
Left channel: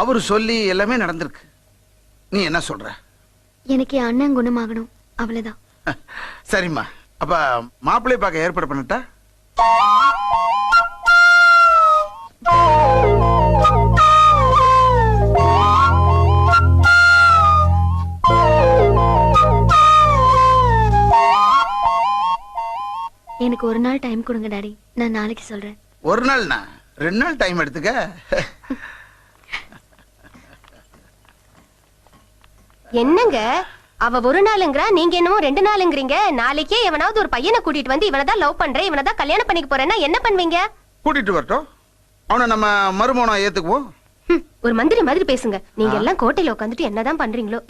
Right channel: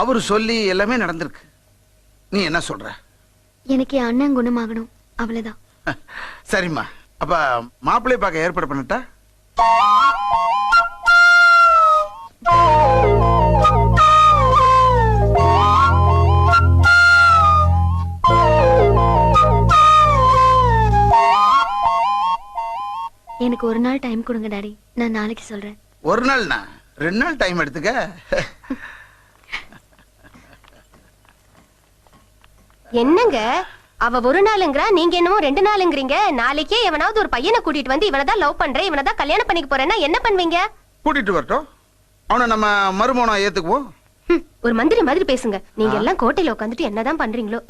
அவரு சொல்லி எல்லாமே நடந்திருக்கு. நீ என்ன சொல்ற? எனக்கு என் அண்ணன் குணமாகணும், அவ்வளவுதான். சரிம்மா, அப்ப மாப்பிள்ளை பார்க்க ஏற்பாடு பண்ணிட்டா? எனக்கு ஒரு நாள் டைம் கொடுங்க டாடி, நான் நாளைக்கு சொல்றேன். ஒரு நாள்னா 2 நாள் டைம் எடுத்துக்க. என்னங்க அவ ஒரு நாளுங்கிறா, நீங்க என்னமோ 2 நாளுங்கிறீங்க. நாளைக்கே எவனாவது ஒரு பையனை கூட்டிட்டு வந்து இவனதான் லவ் பண்றேன், இவனதான் கல்யாணம் பண்ணிக்க போறேன்னா என்ன பண்ணுவீங்க? கூட்டிட்டு வரட்டும், அவனை நம்ம மருமகனா ஏத்துக்குவோம். ஒரு மந்திரி மாதிரி பேசுங்க. நீங்க எல்லாம் கோட்டையில உட்காந்துட்டு என்னதான் பண்றீங்களோ.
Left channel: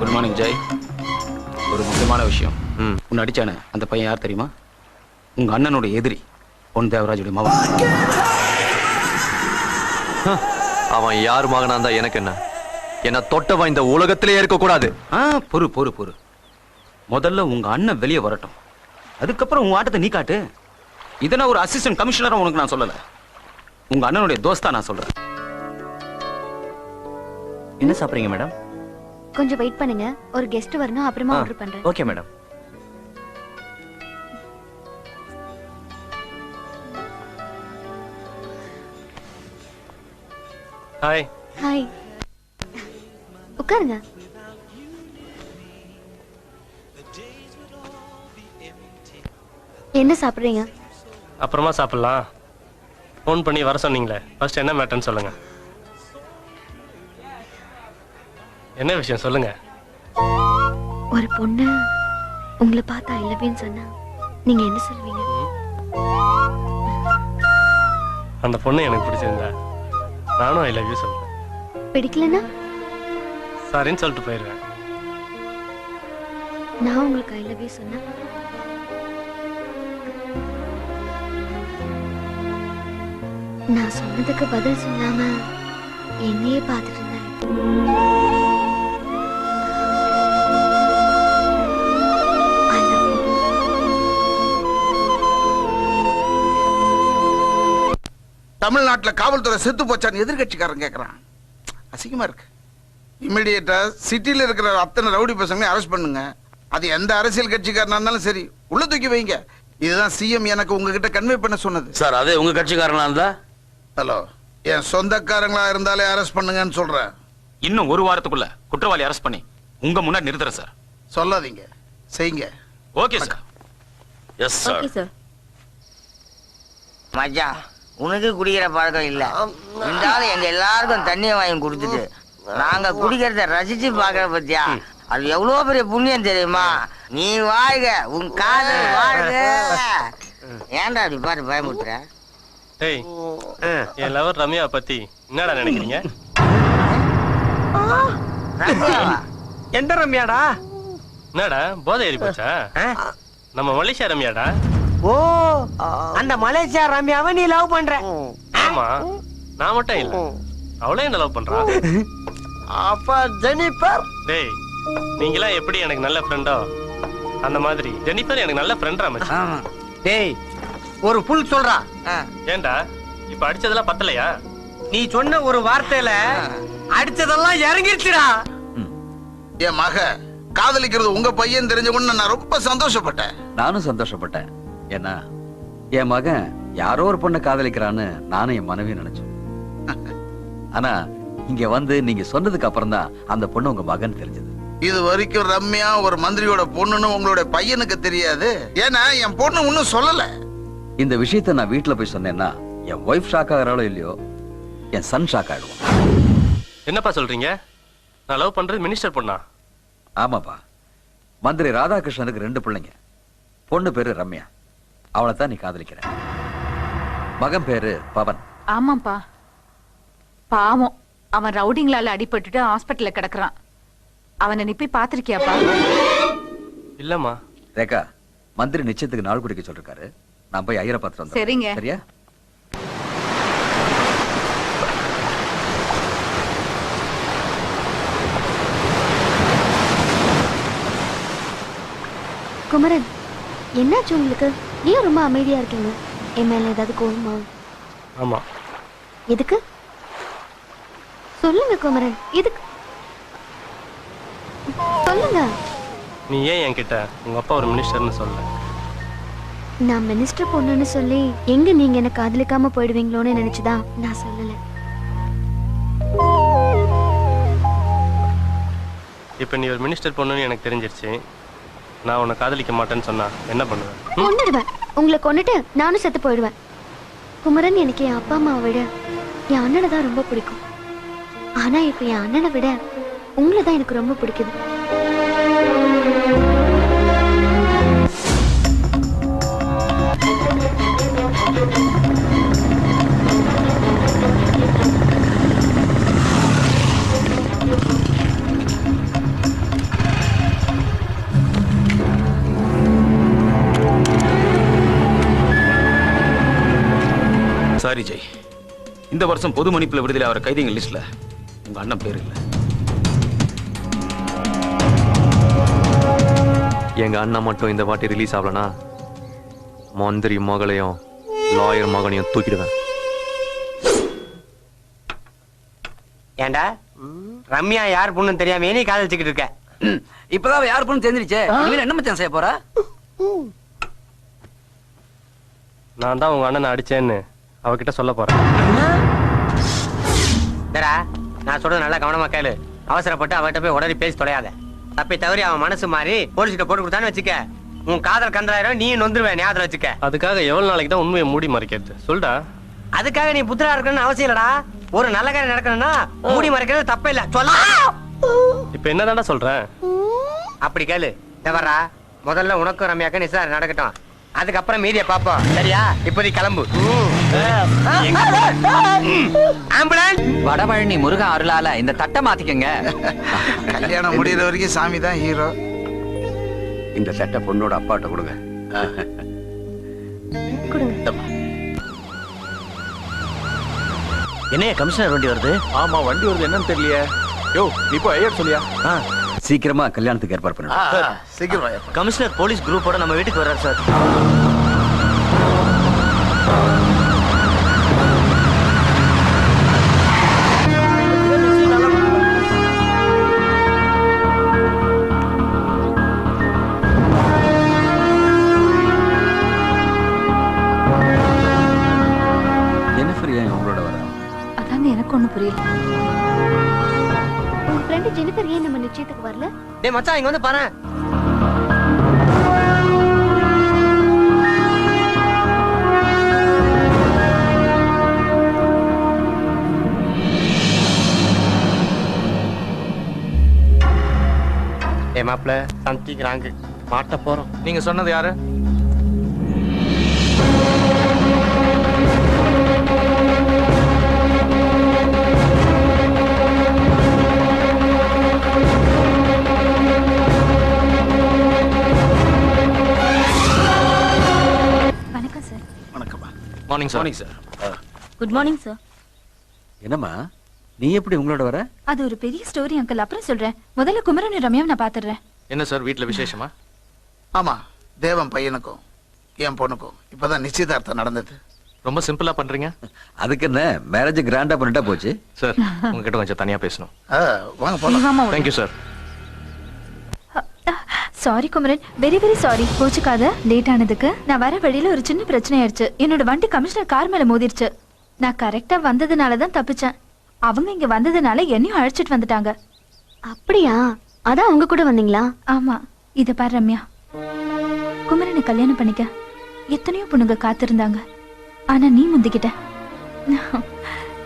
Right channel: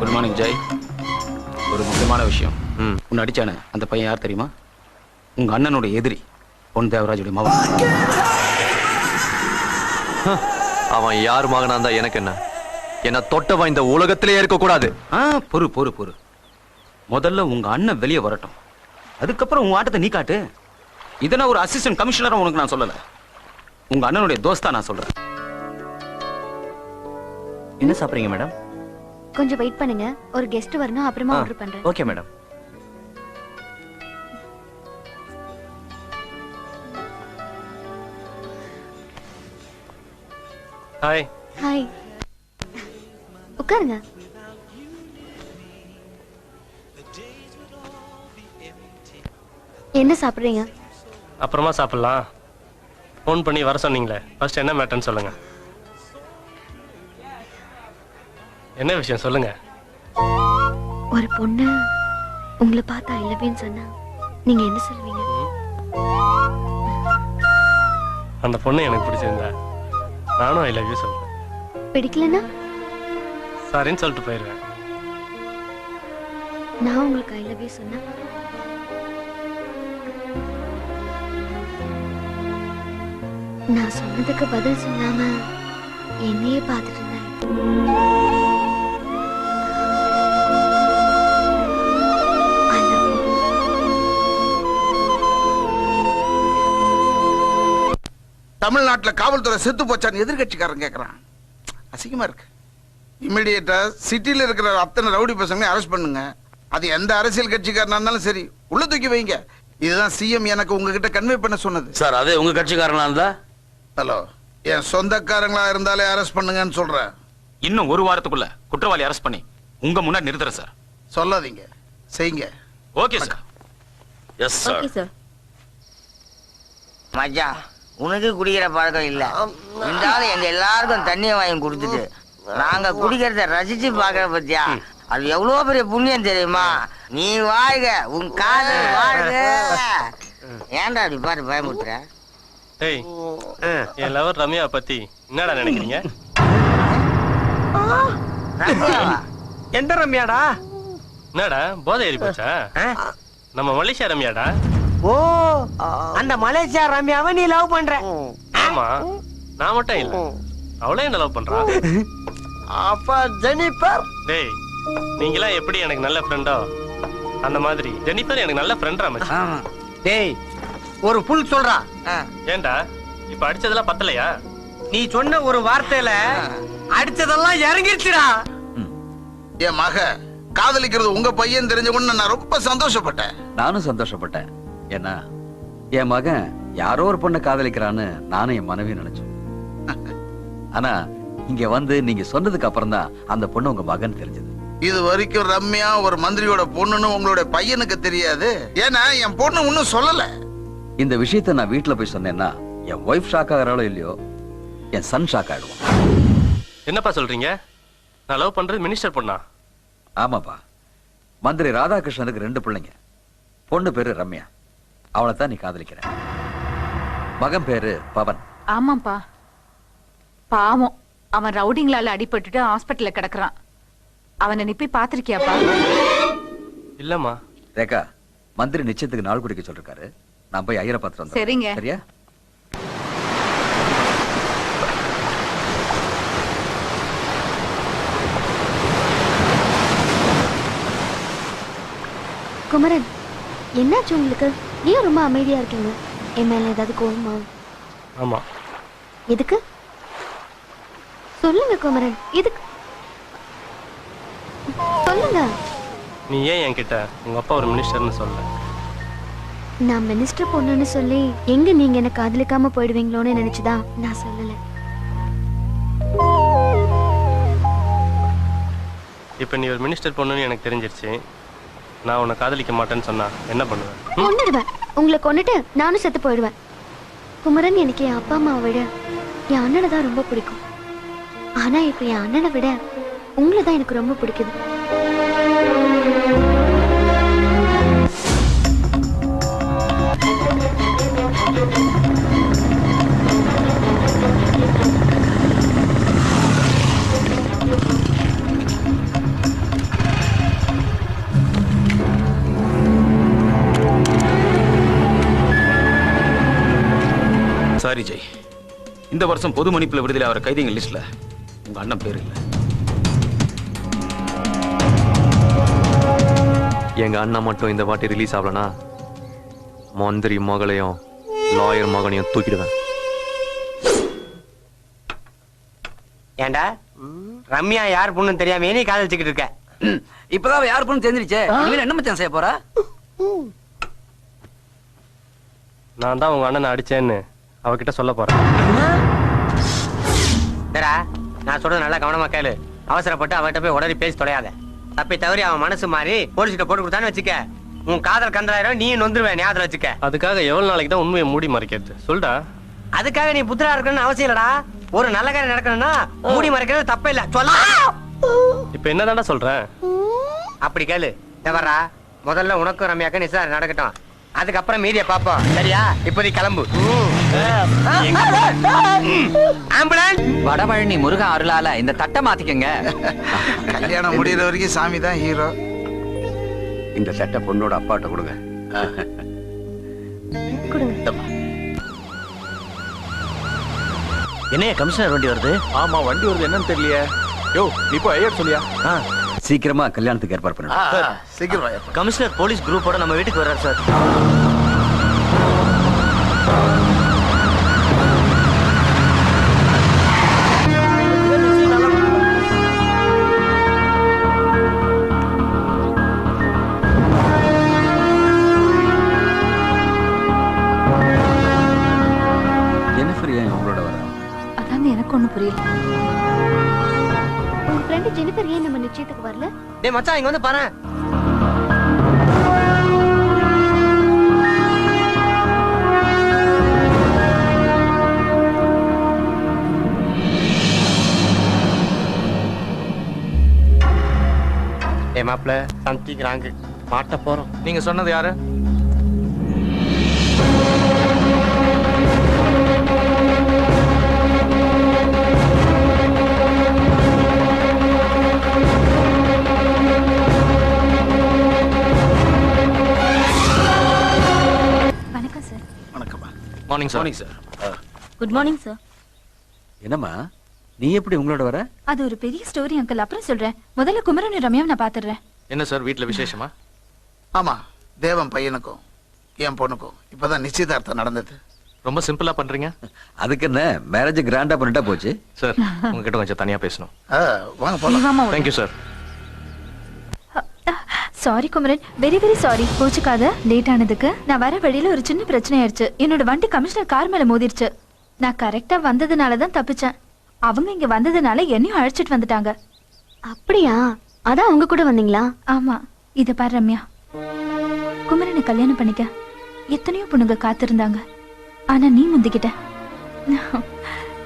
Good morning Jai. ஒரு முக்கியமான விஷயம். உன்னை அடிச்சானே அந்த பையன் யார் தெரியுமா? உங்க அண்ணனுடைய எதிரி, பொன் தேவராஜுடைய மகன். அவன் யார் மகனா இருந்தா எனக்கு என்ன? என்ன தொட்டவன் இந்த உலகத்திலே இருக்க கூடாது. பொறு பொறு பொறு. முதல்ல உங்க அண்ணன் வெளியே வரட்டும், அதுக்கப்புறம் உங்க ஆட்டத்தை நீ காட்டு. இதை நான் ஒரு அசிஸ்டன்ட் கமிஷனரா உனக்கு நான் சொல்லல, உங்க அண்ணனுடைய தோஸ்தா நான் சொல்றேன். என்ன சாப்பிடுறீங்க மேடம்? கொஞ்சம் வெயிட் பண்ணுங்க, ஒரு கெஸ்ட் வரணும், அப்புறமா ஆர்டர் பண்றேன். Okay madam. ஹாய். ஹாய். உட்காருங்க. என்ன சாப்பிடுறீங்க? அப்புறமா சாப்பிடலாம். ஃபோன் பண்ணி வர சொன்னீங்களே, ஃபர்ஸ்ட் என்ன மேட்டர்னு சொல்லுங்க. என்ன விஷயம் சொல்லுங்க. ஒரு பொண்ணு உங்களை பார்த்தா ஐ லவ் யூன்னு சொன்னா நீங்க என்ன சொல்வீங்க? அந்த பொண்ணு எனக்கு பிடிச்சிருந்தா நானும் ஐ லவ் யூ சொல்றேன். பிடிக்கலனா சாரின்னு சொல்லிட்டு போயிடுவேன். நான் உங்களுக்கு ஐ லவ் யூ சொன்னா நான் சொன்னதுக்கு பதில் சொல்லாம என்னையே பார்த்துட்டு இருந்தேன். I love you. தமிழ்நாட்டுல காவல்துறை செத்து போச்சான்னு எதிர்கட்சிக்காரன் கேக்குறான். அசிங்கமா இருக்கு. இமிடியேட்டா சிட்டில இருக்கிற அத்தனை ரவுடி பசங்க அரெஸ்ட் பண்ணுங்க. அது எந்த அரசியல் கட்சிக்காரனா இருந்தாலும் சரி, உள்ள தூக்கி வைங்க. இதுதான் சிஎம் எனக்கு உங்ககிட்ட கன்வே பண்ண சொன்னது. சார் அதே உங்க கட்சிக்காரனா இருந்தா? ஹலோ, என் சொந்தக்காரங்களா இருந்தாலே அரெஸ்ட் பண்ணுங்கன்னு சொல்றேன். இன்னும் ஒரு வாரத்துக்குள்ள குற்றவாளி அரெஸ்ட் பண்ணி உங்க முன்னாடி நிறுத்துறேன் சார். சொல்லாதீங்க, செய்யுங்க. Okay sir. Yes sir. Okay sir. மச்சான், உனக்கு குடிக்கிற பழக்கம் இல்ல. இருந்தாலும் எங்க எல்லாருக்கும் தண்ணியை வாங்கி கொடுத்துட்டு நாங்க குடிக்கிறத ரசிச்சு பாக்குற பத்தியா, அது எவ்வளவு பெரிய புண்ணியம் தெரியுமா? நீ வாழ்க, உன் காதல் வாழ்க. ஏன்டா அப்படி பார்த்து பயமுறுத்துற? ஏய், என் லவர் ரம்யா பத்தி என்னடா நினைக்கிறீங்க? எந்த ரம்யாடா? என்னடா போதை ஏறி போச்சா? நம்ம மலேசியா ரம்யாடா. ஓ, அந்த மலேசியா ரம்யாவை நீ லவ் பண்ற? ஆமா, நான் மட்டும் இல்ல, அவளே என்ன லவ் பண்றா. அப்ப ஜெனிஃபர்? டேய், நீங்களா எப்படி எனக்கு நல்ல ஃப்ரெண்டோ அந்த மாதிரி ஜெனிஃபர் எனக்கு நல்ல ஃப்ரெண்டா மச்சான். டேய், ஒரு புல் சொல்றான். ஏன்டா இப்ப அடிச்சதெல்லாம் பத்தலையா? நீ சொன்ன ஒரு வார்த்தையில அடிச்சதெல்லாம் இறங்கிடுச்சுடா. என் மக காதலிக்கிறது உங்க பையன் தெரிஞ்ச உடனே நான் ரொம்ப சந்தோஷப்பட்டேன். நானும் சந்தோஷப்பட்டேன். ஏன்னா என் மகன் யாரோ ஒரு பொண்ணை காதலிக்கிறான்னு நானும் என் மனைவி நினைச்சேன். ஆனா இங்க வந்து நீங்க சொன்னதுக்கு அப்புறம் தான் அந்த பொண்ணு உங்க மகன் தெரிஞ்சது. இது வரைக்கும் ரம்யா ஒரு மந்திரியோட பொண்ணுன்னு உங்களோட பையனுக்கு தெரியாது. ஏன்னா என் பொண்ணு ஒன்னும் சொல்லல. இந்த விஷயத்த நான் வீட்டுல போய் சொன்னேன்னா என் ஒய்ஃப் ஷாக் ஆகிறாளோ இல்லையோ, என் சன் ஷாக் ஆயிடுவான். என்னப்பா சொல்றீங்க? நான் லவ் பண்றது மினிஸ்டர் பொண்ணா? ஆமாப்பா, மந்திரி ராதாகிருஷ்ணனுக்கு 2 பிள்ளைங்க. பொண்ணு பேரு ரம்யா, அவளை தான் நீ காதலிக்கிற. மகன் பேரு பவன். ஆமாப்பா, பாவம் அவன் ரவுடிங்களால அடிபட்டுட்டு ஹாஸ்பிட்டல்ல கிடக்குறான். அவனை நீ போய் பாத்திருக்கியாப்பா? இல்லம்மா. ரேகா, மந்திரி நிச்சயத்துக்கு நாள் குடிக்க சொல்லிருக்காரு. நான் போய் ஐயரை பார்த்துட்டு வந்தேன். சரிங்க. சரியா? குமரன், என்னாச்சு உங்களுக்கு? ஏன் ரொம்ப அமைதியா இருக்கீங்க? என் மேல ஏதாவது கோவமா? ஆமா. எதுக்கு சொல்லுங்க குமரன், எதுக்கு சொல்லுங்க. நீ ஏன் என்கிட்ட உங்க அப்பா ஒரு மினிஸ்டர்னு சொல்ல? நான் மினிஸ்டர் பொண்ணுன்னு சொல்லி எங்க நீங்க என்ன காதலிக்காம போயிடுவீங்களோன்னு நினைச்சுதான் நான் சொல்லல. இப்ப நீ ஒரு மினிஸ்டர் பொண்ணுன்னு எனக்கு தெரிஞ்சிருச்சு. நான் உன்னை காதலிக்க மாட்டேன்னு சொன்னா என்ன பண்ணுவேன்? கொன்னுடுவேன். உங்களை கொன்னுட்டு நானும் செத்து போயிடுவேன். குமரன், எனக்கு என் அப்பா அம்மாவை விட என் அண்ணனை தான் ரொம்ப பிடிக்கும். ஆனா இப்ப என் அண்ணனை விட உங்களை தான் எனக்கு ரொம்ப பிடிக்குது. சாரி ஜெய், இந்த வருஷம் பொது மன்னிப்புல விடுதலை ஆகிற கைதிகள் லிஸ்ட்ல உங்க அண்ணன் பேர் இல்ல. எங்க அண்ணன் மட்டும் இந்த வாட்டி ரிலீஸ் ஆகலனா மந்திரி மகளையும் லாயர் மகனையும் தூக்கிடுவேன். ஏண்டா ரம்யா யார் பொண்ணு தெரியாம நீ காதலிச்சுக்கிட்டு இருக்க? இப்பதான் யார் பொண்ணு தெரிஞ்சிருச்சே. இனிமேல் என்ன மச்சான் செய்ய போறா? நான் தான் உங்க அண்ணனை அடிச்சேன்னு அவகிட்ட சொல்ல போறேன். நான் சொல்றது நல்லா கவனமா கேளு. அவசரப்பட்டு அவகிட்ட போய் உடனே பேசி தொலையாத. தப்பி தவறி அவன் மனசு மாறி போலீஸ்கிட்ட போட்டு கொடுத்தான்னு வச்சுக்க, உன் காதல் கந்தாயிரம் நீ நொந்துருவேன். ஞாபகம் வச்சுக்க. அதுக்காக எவ்வளவு நாளைக்கு தான் உண்மையை மூடி மறைக்கிறது? சொல்டா. அதுக்காக நீ புத்திரா இருக்கணும்னு அவசியம் இல்லடா. ஒரு நல்ல காரியம் நடக்கணும்னா மூடி மறைக்கிறது தப்பே இல்ல. சொல்ல இப்ப என்னதான்டா சொல்றேன்? அப்படி கேளு. தவறா முதல்ல உனக்கும் ரம்யாக்கும் நிச்சயம் நடக்கட்டும். அதுக்கப்புறம் மீதிய பாப்போம். சரியா? இப்போதை கிளம்பு. வடபழனி முருகன் அருளால இந்த தட்டை மாத்திக்கங்க. கல்யாணம் முடிகிற வரைக்கும் சாமி தான் ஹீரோ. இந்த சட்டை பொண்ணோட அப்பாட்ட கொடுங்க. என்ன கமிஷனர் வண்டி வருது? ஆமா, வண்டி வருது. என்னன்னு தெரியலையே. யோ, நீ போய் ஐயர் சொல்லியா? சீக்கிரமா கல்யாணத்துக்கு ஏற்பாடு பண்ணுங்க. சீக்கிரம். கமிஷனர் போலீஸ் குரூப்போட நம்ம வீட்டுக்கு வர்றாரு சார். உங்களோட வர? அதான் எனக்கு ஒண்ணு புரியல. உங்க ஃப்ரெண்ட் ஜெனிஃபர் ஏன் நம்ம நிச்சயத்துக்கு வரல? டேய் மச்சான் இங்க வந்து பாரு. மாப்பிள்ள சந்திக்கிறாங்க, மாட்ட போறோம். நீங்க சொன்னது யாரு? வணக்கம் சார். வணக்கம்மா. Morning sir. Morning sir. Good morning sir. என்னம்மா நீ எப்படி உங்களோட வர? அது ஒரு பெரிய ஸ்டோரி அங்கிள், அப்புறம் சொல்றேன். முதல்ல குமரன் ரம்யாவை நான் பாத்துறேன். என்ன சார் வீட்ல விசேஷமா? ஆமா, தேவன் பையனுக்கும் என் பொண்ணுக்கும் இப்பதான் நிச்சயதார்த்தம் நடந்தது. ரொம்ப சிம்பிளா பண்றீங்க. அதுக்கு என்ன, மேரேஜ் கிராண்டா பண்ணிட்டா போச்சு. சார் உங்ககிட்ட கொஞ்சம் தனியா பேசணும். வாங்க போலாம். Thank you sir. Sorry Kumaran, very very sorry. கோச்சுக்காத, லேட் ஆனதுக்கு. நான் வர வழியில ஒரு சின்ன பிரச்சனை ஆயிடுச்சு. என்னோட வண்டி கமிஷனர் கார் மேல மோதிருச்சு. நான் கரெக்டா வந்ததுனாலதான் தப்பிச்சேன். அவங்க இங்க வந்ததுனால என்னையும் அழைச்சிட்டு வந்துட்டாங்க. அப்படியா? அதான் உங்க கூட வந்தீங்களா? ஆமா. இத பாரு ரம்யா, குமரனை கல்யாணம் பண்ணிக்க எத்தனையோ பொண்ணுங்க காத்திருந்தாங்க. ஆனா நீ முந்திக்கிட்ட.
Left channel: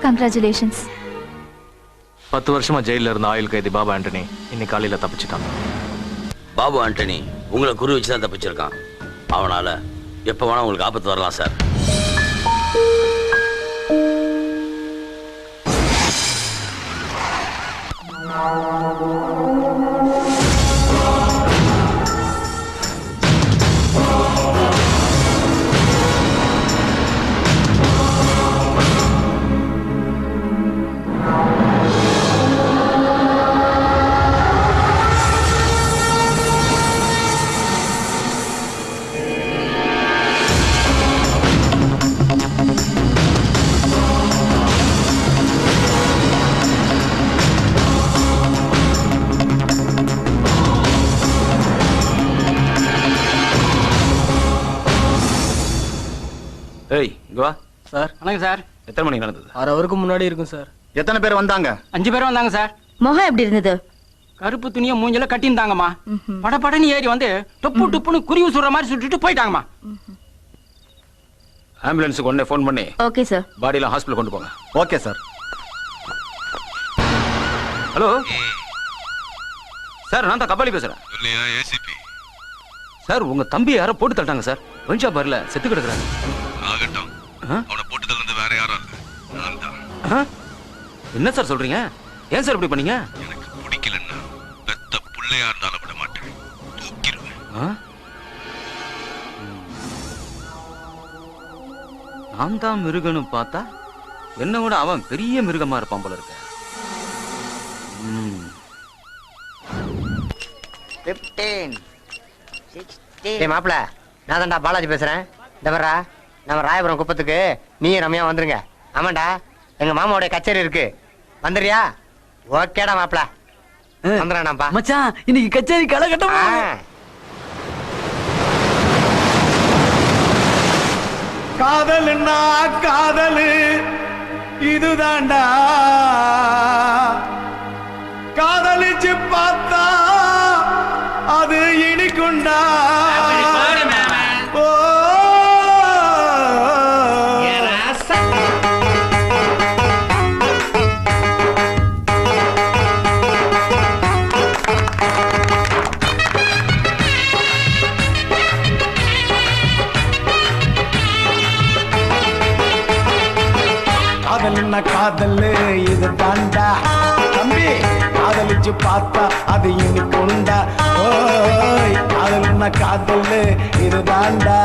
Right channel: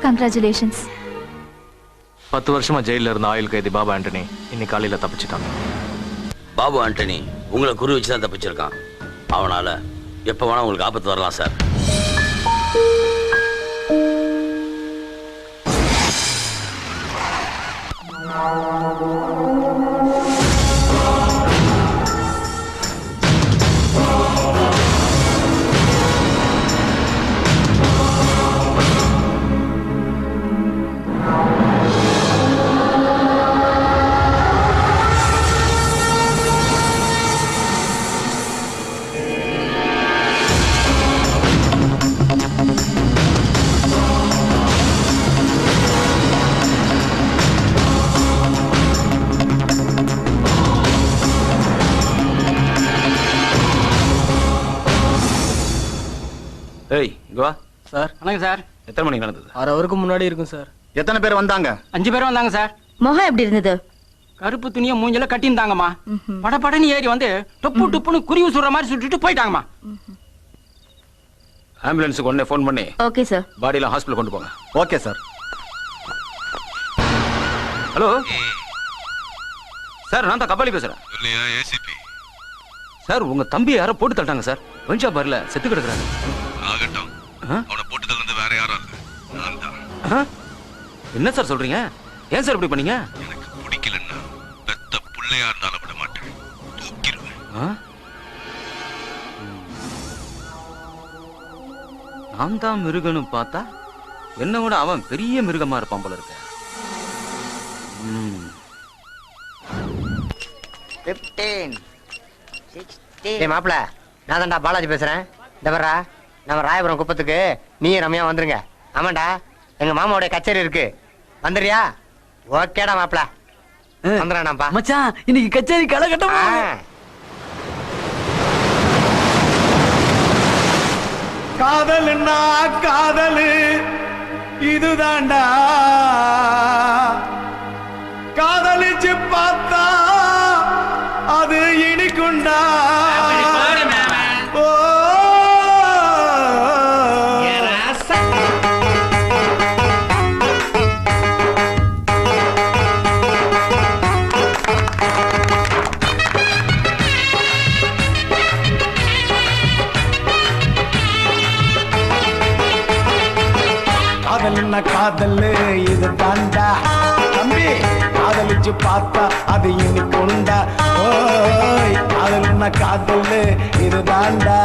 கங்க்ராச்சுலேஷன்ஸ். 10 வருஷமா ஜெயில இருந்த ஆயுள் கைதி பாபு ஆண்டனி இன்னைக்கு காலையில தப்பிச்சிட்டாங்க. பாபு ஆண்டனி உங்களை குறி வச்சுதான் தப்பிச்சிருக்கான். அவனால எப்ப வேணா உங்களுக்கு ஆபத்து வரலாம் சார். ஏய் இங்க வா. சார் வணக்கம் சார். எத்தனை மணிக்கு நடந்தது? 6 ஹவருக்கு முன்னாடி இருக்கும் சார். எத்தனை பேர் வந்தாங்க? 5 பேர் வந்தாங்க சார். முகம் எப்படி இருந்தது? கருப்பு துணியை மூஞ்சில கட்டியிருந்தாங்கம்மா. படபடன்னு ஏறி வந்து டொப்பு டொப்புன்னு குருவி சுடுற மாதிரி சுட்டுட்டு போயிட்டாங்கம்மா. ஆம்புலன்ஸுக்கு உடனே ஃபோன் பண்ணி ஓகே சார். பாடியில ஹாஸ்பிடல் கொண்டு போங்க. Okay sir. ஹலோ சார், நான் தான் கபாலி பேசுறேன். சார் உங்க தம்பி யாரோ போட்டு தட்டாங்க சார். வஞ்சா பார்ல செத்து கிடக்குறாங்க. என்ன சார் சொல்றீங்க? ஏன் சார் இப்படி பண்ணீங்க? நான் தான் மிருகன்னு பார்த்தா என்ன விட அவன் பெரிய மிருகமா இருப்பான் போல இருக்க. 15 16. மாப்பிள, நான் தான்டா பாலாஜி பேசுறேன். இந்த வர்றா, நம்ம ராயபுரம் குப்பத்துக்கு நீ ரம்யா வந்துருங்க. ஆமாண்டா, எங்க மாமாவோட கச்சேரி இருக்கு, வந்துடுறியா? ஓகேடா மாப்பிள, வந்துடுறான்ப்பா. மச்சான் இன்னைக்கு கச்சேரி கலகட்டம். காதல்னா காதலு இதுதாண்டா, காதலிச்சு பார்த்தா அது இனிக்குண்டா. காதல்னா காதலு இது தாண்டா தம்பி, காதலிச்சு பார்த்தா அது இனிக்குண்டா. ஓய் காதல்னா காதலு இது தாண்டா,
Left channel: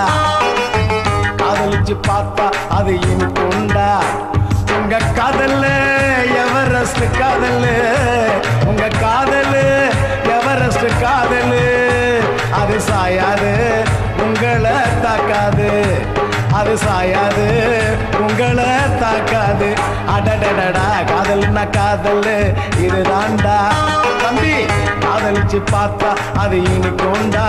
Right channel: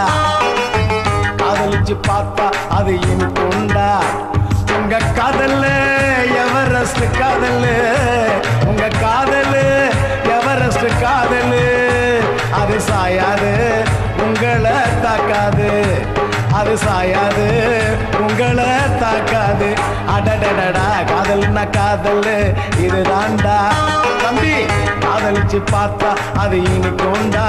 காதலிச்சு பார்த்தா அது இனிக்குண்டா. உங்க காதல் எவரெஸ்ட் காதல், உங்க காதல் எவரெஸ்ட் காதல். அது சாயாது உங்களை தாக்காது, அது சாயாது உங்களை தாக்காது. அடடடடா காதல்னா காதல் இதுதாண்டா தம்பி, காதலிச்சு பார்த்தா அது இனிக்குண்டா.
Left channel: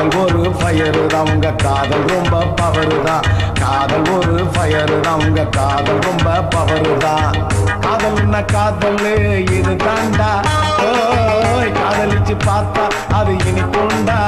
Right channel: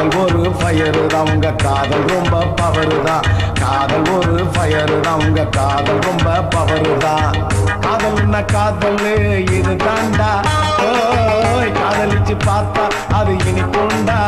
காதல் ஒரு ஃபயரு தான் உங்க காதல் ரொம்ப பவரு தான் காதல் ஒரு ஃபயரு தான் உங்க காதல் ரொம்ப பவரு தான் காதல்னா காதல் இது தாண்டா ஓய் காதலிச்சு பார்த்தா அது இனிப்புண்டா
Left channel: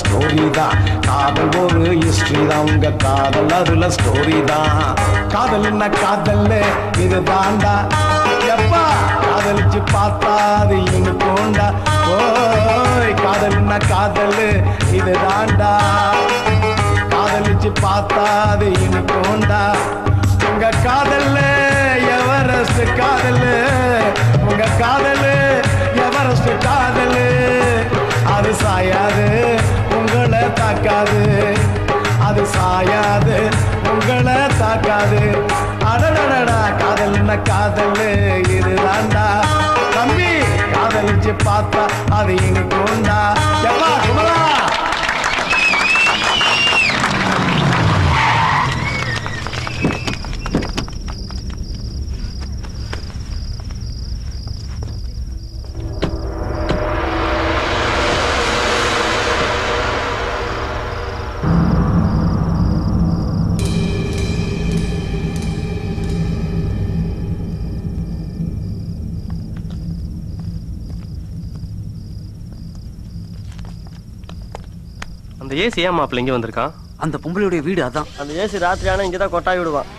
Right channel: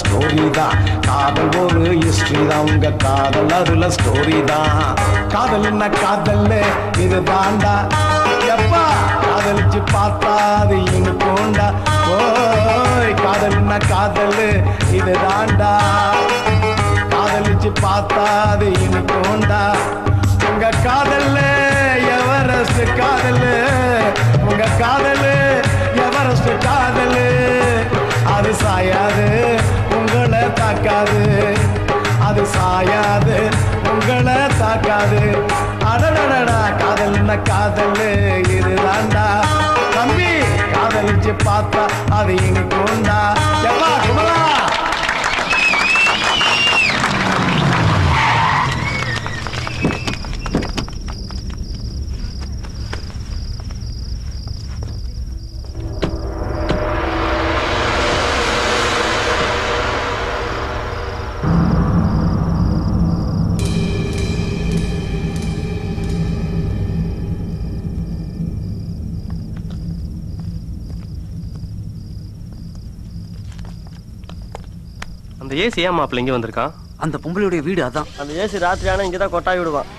ஸ்டோரி தான் காதல் ஒரு ஹிஸ்டரி தான் உங்க காதல் அதுல ஸ்டோரி தான் காதல்னா காதல் இது தாண்டா எப்பா காதலிச்சு பார்த்தா அது இங்க போண்டா ஓய் காதல்னா காதல் இது தாண்டா காதலிச்சு பார்த்தா அது இங்க போண்டா உங்க காதல் எவரெஸ்ட் காதல் உங்க காதல் எவரெஸ்ட் காதல் அது சாயாது உங்களை தாக்காது அது சாயாது உங்களை தாக்காது அடடடா காதல்னா காதல் இதுதாண்டா தம்பி காதலிச்சு பார்த்தா அது இனிக்கு உண்டா எப்பா குமரா அந்த ஏசி ஏன் மாப்பிள்ள இங்க வந்திருக்கான்? அந்த பொம்பளையுடைய வீடு அதான். அந்த ஏசி ராத்திரி ஆனா இங்கதான் கொட்டாய் விடுவான்.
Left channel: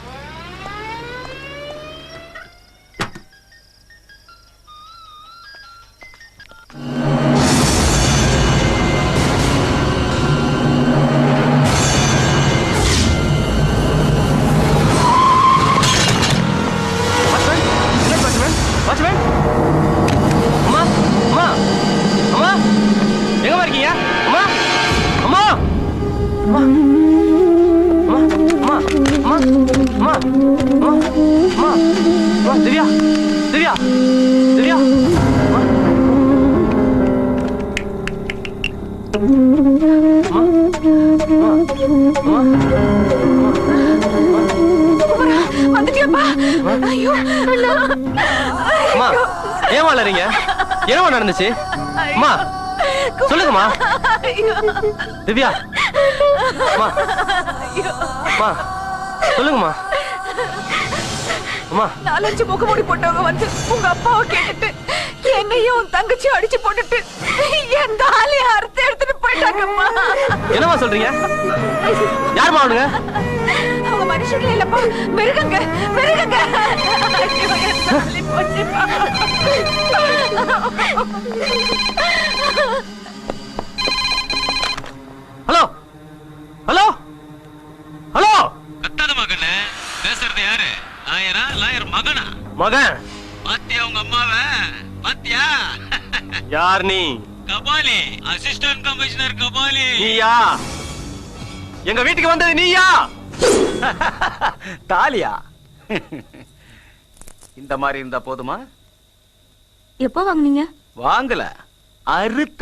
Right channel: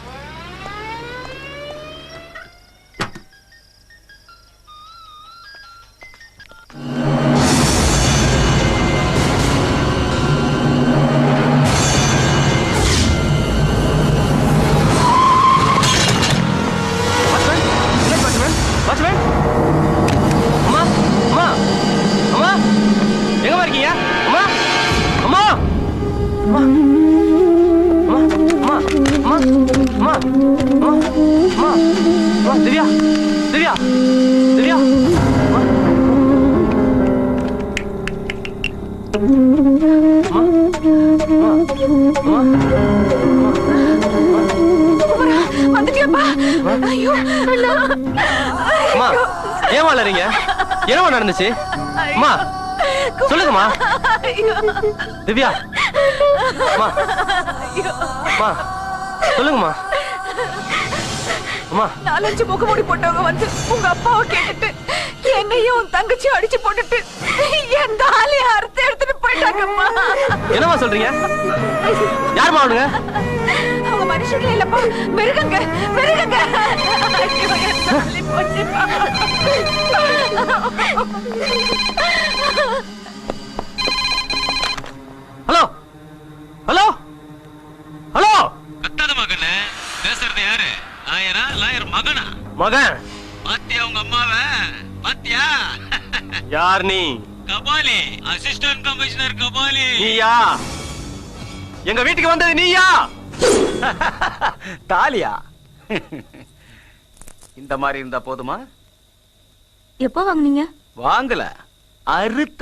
ஏன் வளரீங்க? என்னவா நடந்துச்சு? அம்மா சொல்லுங்கம்மா. திவ்யா அம்மா சொல்லுங்கம்மா. அம்மா 4-5 முகமூடி போட்டவங்க வந்து உங்க அப்பாவை கேட்டுட்டு என்னையும் உன் தங்கச்சியும் அடிச்சு போட்டுட்டு என் தாலியை அறுத்து எடுத்துட்டு போயிட்டாங்கம்மா. என்னம்மா சொல்றீங்க? யாருமா அவனுங்க? அவங்க மனுஷங்களே இல்லப்பா, மிருகங்க மிருகங்க. Hello hello hello. அத்தாத மகனே, பேசுறது யாரு? லாயரா? லாயர் மகனா? மகன். பாத்தியா உங்க அம்மாவை? பாத்தியா? யார் நீ? Kabali, assistant commissioner Kabali. நீயா? எங்க வீட்டுக்கு வந்தது நீயா? தாலியா? இந்த மாதிரி இருந்தா போதுமா? எப்போ வாங்குனீங்க? வாங்கல, அறுத்த.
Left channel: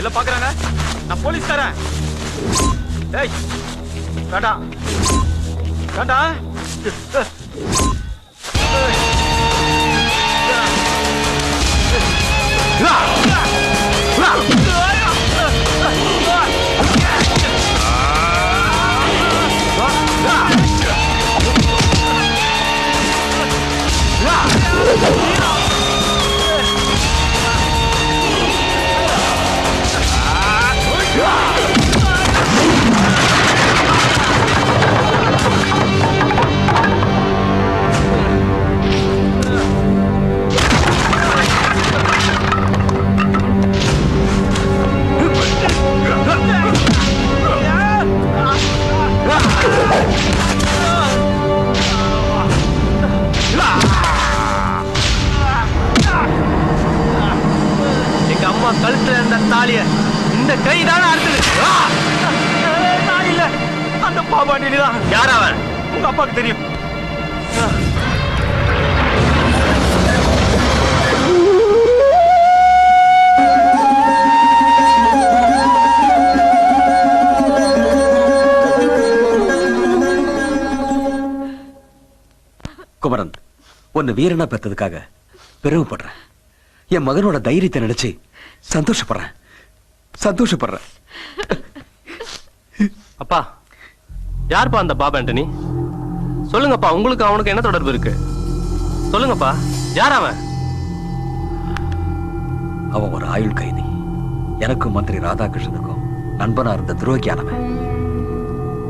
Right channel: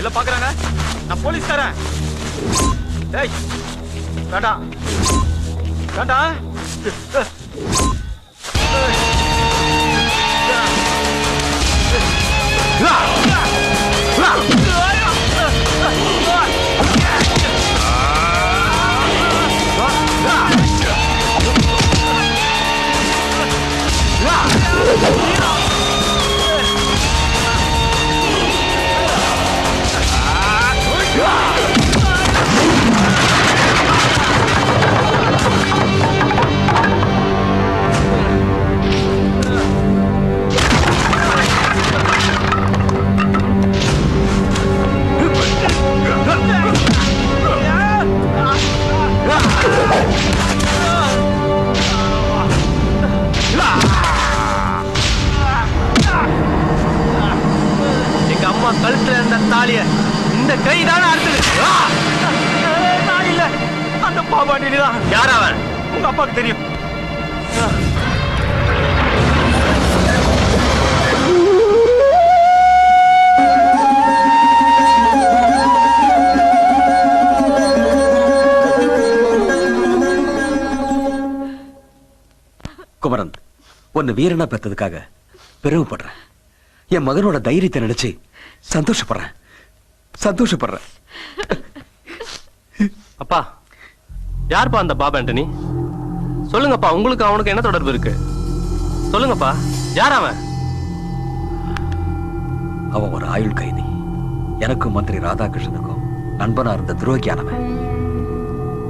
எல்லாம் பாக்குறாங்க. நான் போலீஸ்காரன். ஏய் வேண்டாம் வேண்டாம். அப்பாவுக்கு தெரியும். குமரன், உன்னை வீரனா பெற்றதுக்காக பெருமைப்படுறேன். என் மகனோட தைரியத்தை நினைச்சு சந்தோஷப்படுறேன். அப்பா, யாருப்பா அந்த பாபு ஆண்டனி? சொல்லுங்கப்பா, உங்களுக்கு அவனுக்கு என்ன தொடர்பு இருக்கு? சொல்லுங்கப்பா, யார் அவன்? அவன் ஒரு ஆயுள் கைதி. எனக்கும் மந்திரி ராதாகிருஷ்ணனுக்கும் நண்பனா இருந்த துரோகியானவன்.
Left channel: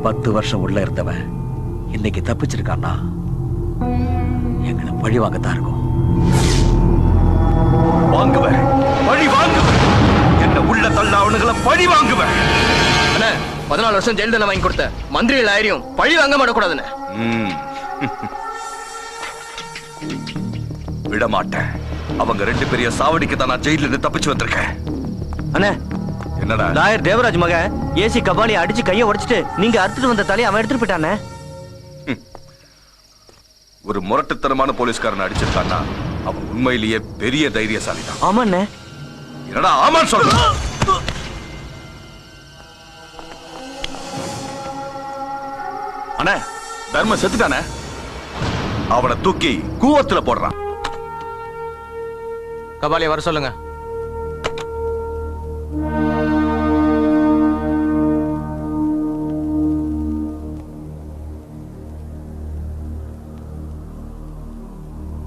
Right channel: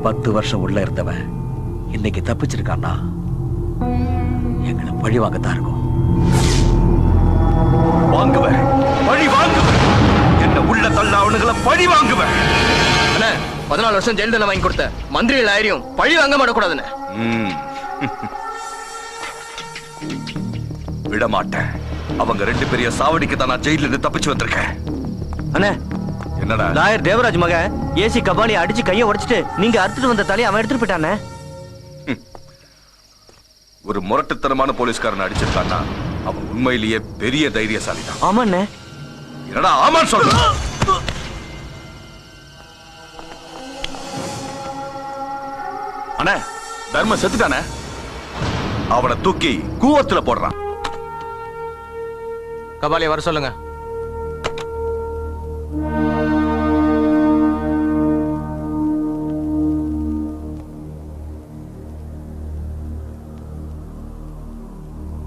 10 வருஷம் உள்ள இருந்தவன் இன்னைக்கு தப்பிச்சிருக்கான்னா எங்களை பழி வாங்கத்தான் இருக்கும். வாங்குவேன், பழி வாங்குவேன். என்ன உள்ள தள்ள அவனுங்களை பழி வாங்குவேன். 14 வருஷம் ஜெயில் தண்டனை வாங்கி கொடுத்த மந்திரிகள் ஆயிரம் பழி வாங்க மாட்டக்கூடாதுன்னு. விட மாட்டேன். அவங்க 2 பெரிய சாவடிக்கு தான் நான் ஜெயில இருந்து தப்பிச்சு வந்திருக்கேன். அண்ணே, என்னடா? லாயர் தேவராஜ் மக ஏசி கபாலி அடிச்சு கையை உடைச்சிட்டு நீங்க அறுத்துட்டு வந்த தலையை அவன் எடுத்துட்டு போயிட்டானே. ஒரு முரட்டுத்தனமான போலீஸ்காரன் அடிச்சிருக்கான்னா அவன் உண்மையிலேயே பெரிய தைரியசாலி தான். ஆமாண்ணே. என்னடா ஆமா சொல்ற? அண்ணே, தர்ம செத்துட்டானே. அவனை தூக்கி கூவத்துல போடுறான். கபாலியை வர சொல்லுங்க.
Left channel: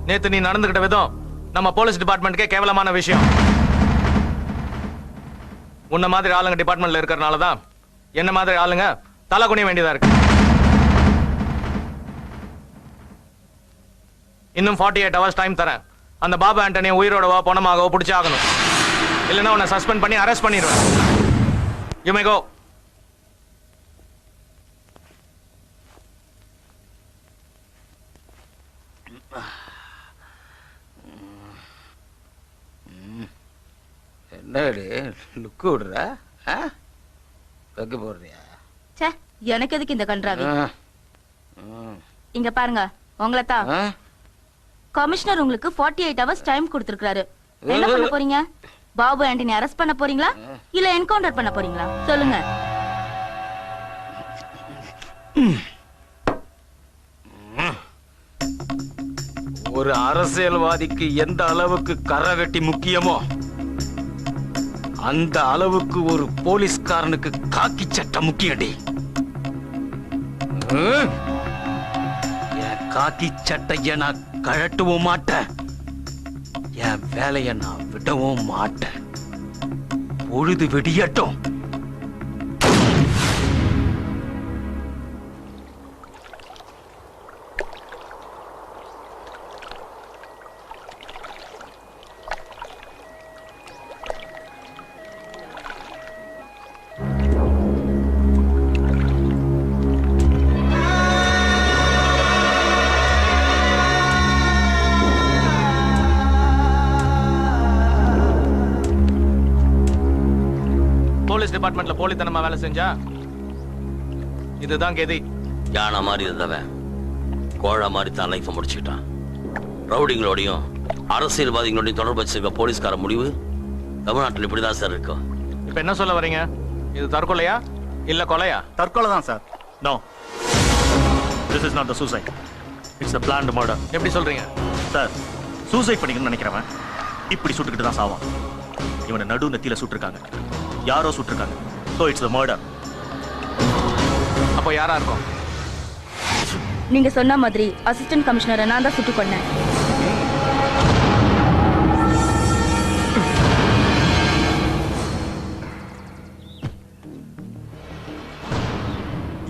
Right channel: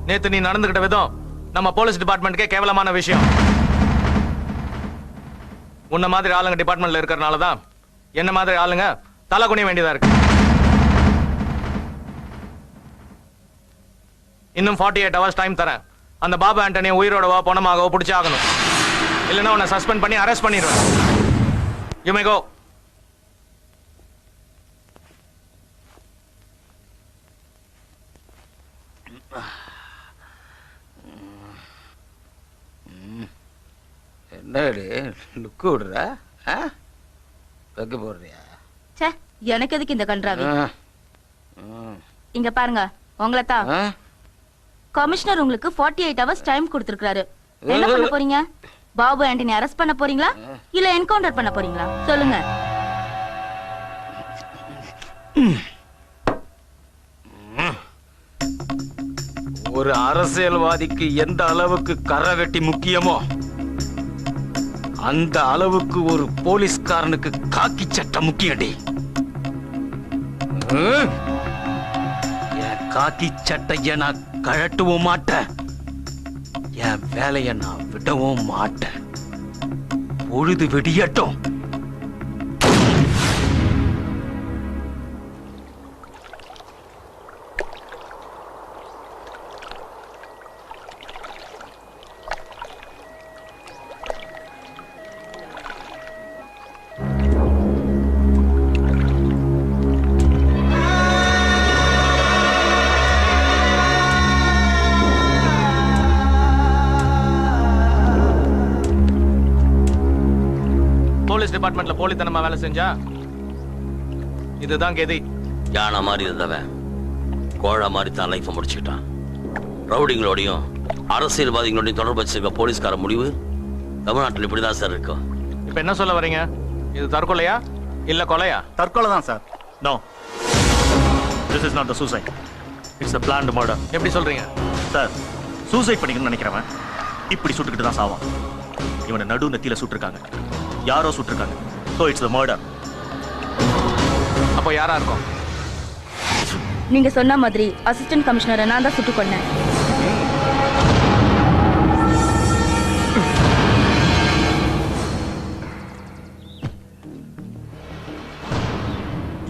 நேத்து நீ நடந்துகிட்ட விதம் நம்ம போலீஸ் டிபார்ட்மெண்ட்கே கேவலமான விஷயம். உன்ன மாதிரி ஆளுங்க டிபார்ட்மெண்ட்ல இருக்கறனாலதான் என்ன மாதிரி ஆளுங்க தலை குனிய வேண்டியதா இருக்கு. இன்னும் 48 hours டைம் தரேன். அந்த பாபு ஆண்டனியை உயிரோடவோ பணமாகவோ பிடிச்சி ஆகணும். இல்லைன்னா உன்னை சஸ்பெண்ட் பண்ணி அரெஸ்ட் பண்ணிடுவேன். யூ மே கோ. என்னடி லுக்கு விடுற? வைக்க போறியா? ச்சே, எனக்கு எதுக்கு இந்த கன்றாவி? இங்க பாருங்க, உங்களை தான் கமிஷனர் உங்களுக்கு 48 hours டைம் கொடுத்திருக்காரு. என்ன பண்ண போறீங்க? பாபு ஆண்டனி அரெஸ்ட் பண்ண போறீங்களா இல்ல என்கவுண்டர் பண்ண போறீங்களா? சொல்லுங்க. ஒரு அரசியல்வாதிக்கு எந்த அளவுக்கு கரை வெட்டி முக்கியமோ அந்த அளவுக்கு ஒரு போலீஸ்காரனுக்கு காக்கி சட்டை முக்கியடி. என் காக்கி சட்டைய நான் கழட்டவும் மாட்டேன், என் வேலையை நான் விடவும் மாட்டேன். பொழுது விடியட்டும். டிபார்ட்மெண்ட்ல போலித்தனமா வேலை செஞ்சா இதுதான் கெதி. யானை மாதிரி இருந்தவன் கோழ மாதிரி தான் லைஃப் முடிச்சுக்கிட்டான். ரவுடிங்களோடையும் அரசியல்வாதிகளோடையும் தொடர்பு வச்சிருக்க போலீஸ்கார முடிவு தமிழ்நாட்டில் இப்படிதான் சார் இருக்கும். இப்ப என்ன சொல்ல வரீங்க? இது தற்கொலையா இல்ல கொலையா? தற்கொலை தான் sir. No, this is not the suicide, it's a planned murder. எப்படி சொல்றீங்க சார்? சூசைட் பண்ணிக்கணும்னு நினைக்கிறவன் இப்படி சுட்டுக்கிட்டு தான் சாவான். இவனை நடு நெத்தியில சுட்டிருக்காங்க, யாரோ சுட்டிருக்காங்க. So it's a murder. அப்போ யாரா இருக்கும்? நீங்க சொன்ன மாதிரி அசிஸ்டன்ட் கமிஷனரை நான் தான் சுட்டு கொன்னேன்.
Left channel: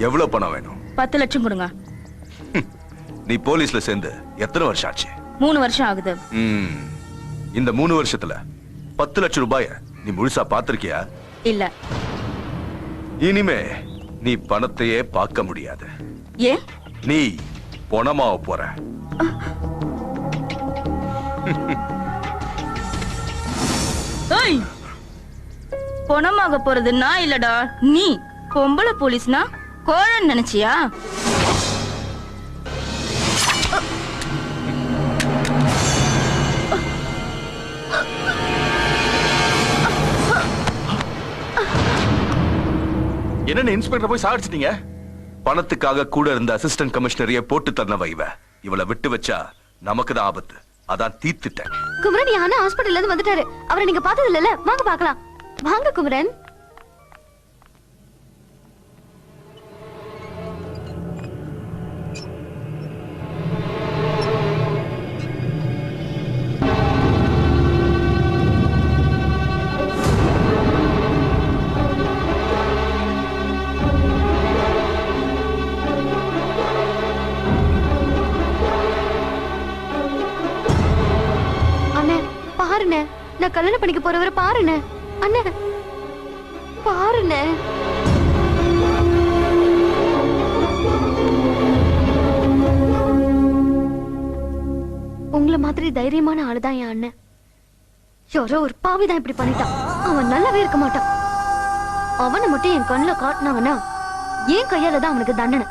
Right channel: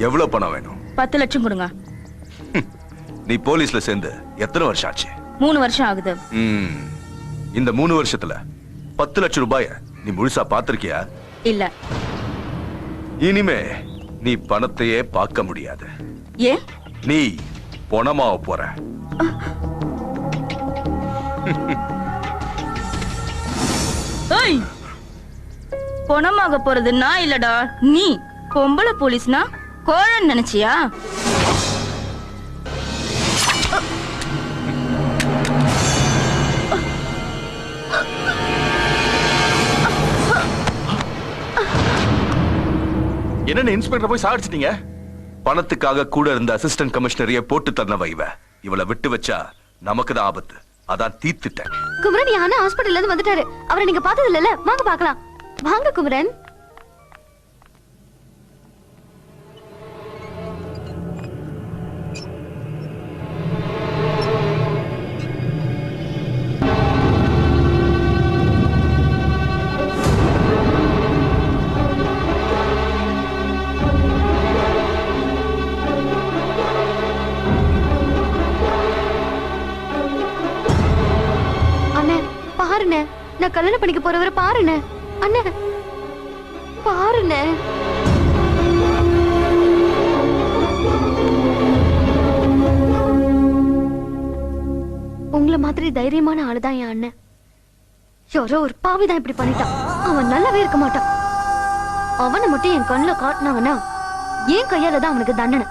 எவ்வளவு பணம் வேணும்? 10 லட்சம் கொடுங்க. நீ போலீஸ்ல சேர்ந்து எத்தனை வருஷம் ஆச்சு? 3 வருஷம் ஆகுது. இந்த 3 வருஷத்துல 10 லட்சம் ரூபாய நீ முழுசா பாத்திருக்கியா? இல்ல. இனிமே நீ பணத்தையே பார்க்க முடியாது. ஏன்? நீ பணமாவ போற. பணமாக போறது நான் இல்லடா, நீ. பொம்பளை போலீஸ்னா கோழன்னு நினைச்சியா? என்னென்ன இன்ஸ்பெக்டர் போய் சாடிச்சிட்டீங்க? பணத்துக்காக கூட இருந்த அசிஸ்டன்ட் கமிஷனரையே போட்டு தரனவ இவளை விட்டு வச்சா நமக்கு தான் ஆபத்து. அதான் தீர்த்துட்டேன். குமரன் யானை ஹாஸ்பிடல்ல இருந்து வந்துட்டாரு. அவரை நீங்க பார்த்தது இல்லல? வாங்க பார்க்கலாம். வாங்க குமரன். நான் கல்யாணம் பண்ணிக்க போறவரை பாருண்ணே. அண்ணே பாருண்ணே. உங்களை மாதிரி தைரியமான ஆளுதான் என் அண்ணன். யாரோ ஒரு பாவிதான் இப்படி பண்ணிட்டான். அவன் நல்லாவே இருக்க மாட்டான். அவனை மட்டும் என் கண்ணுல காட்டினாங்கன்னா என் கையால தான் அவனுக்கு தண்டனை.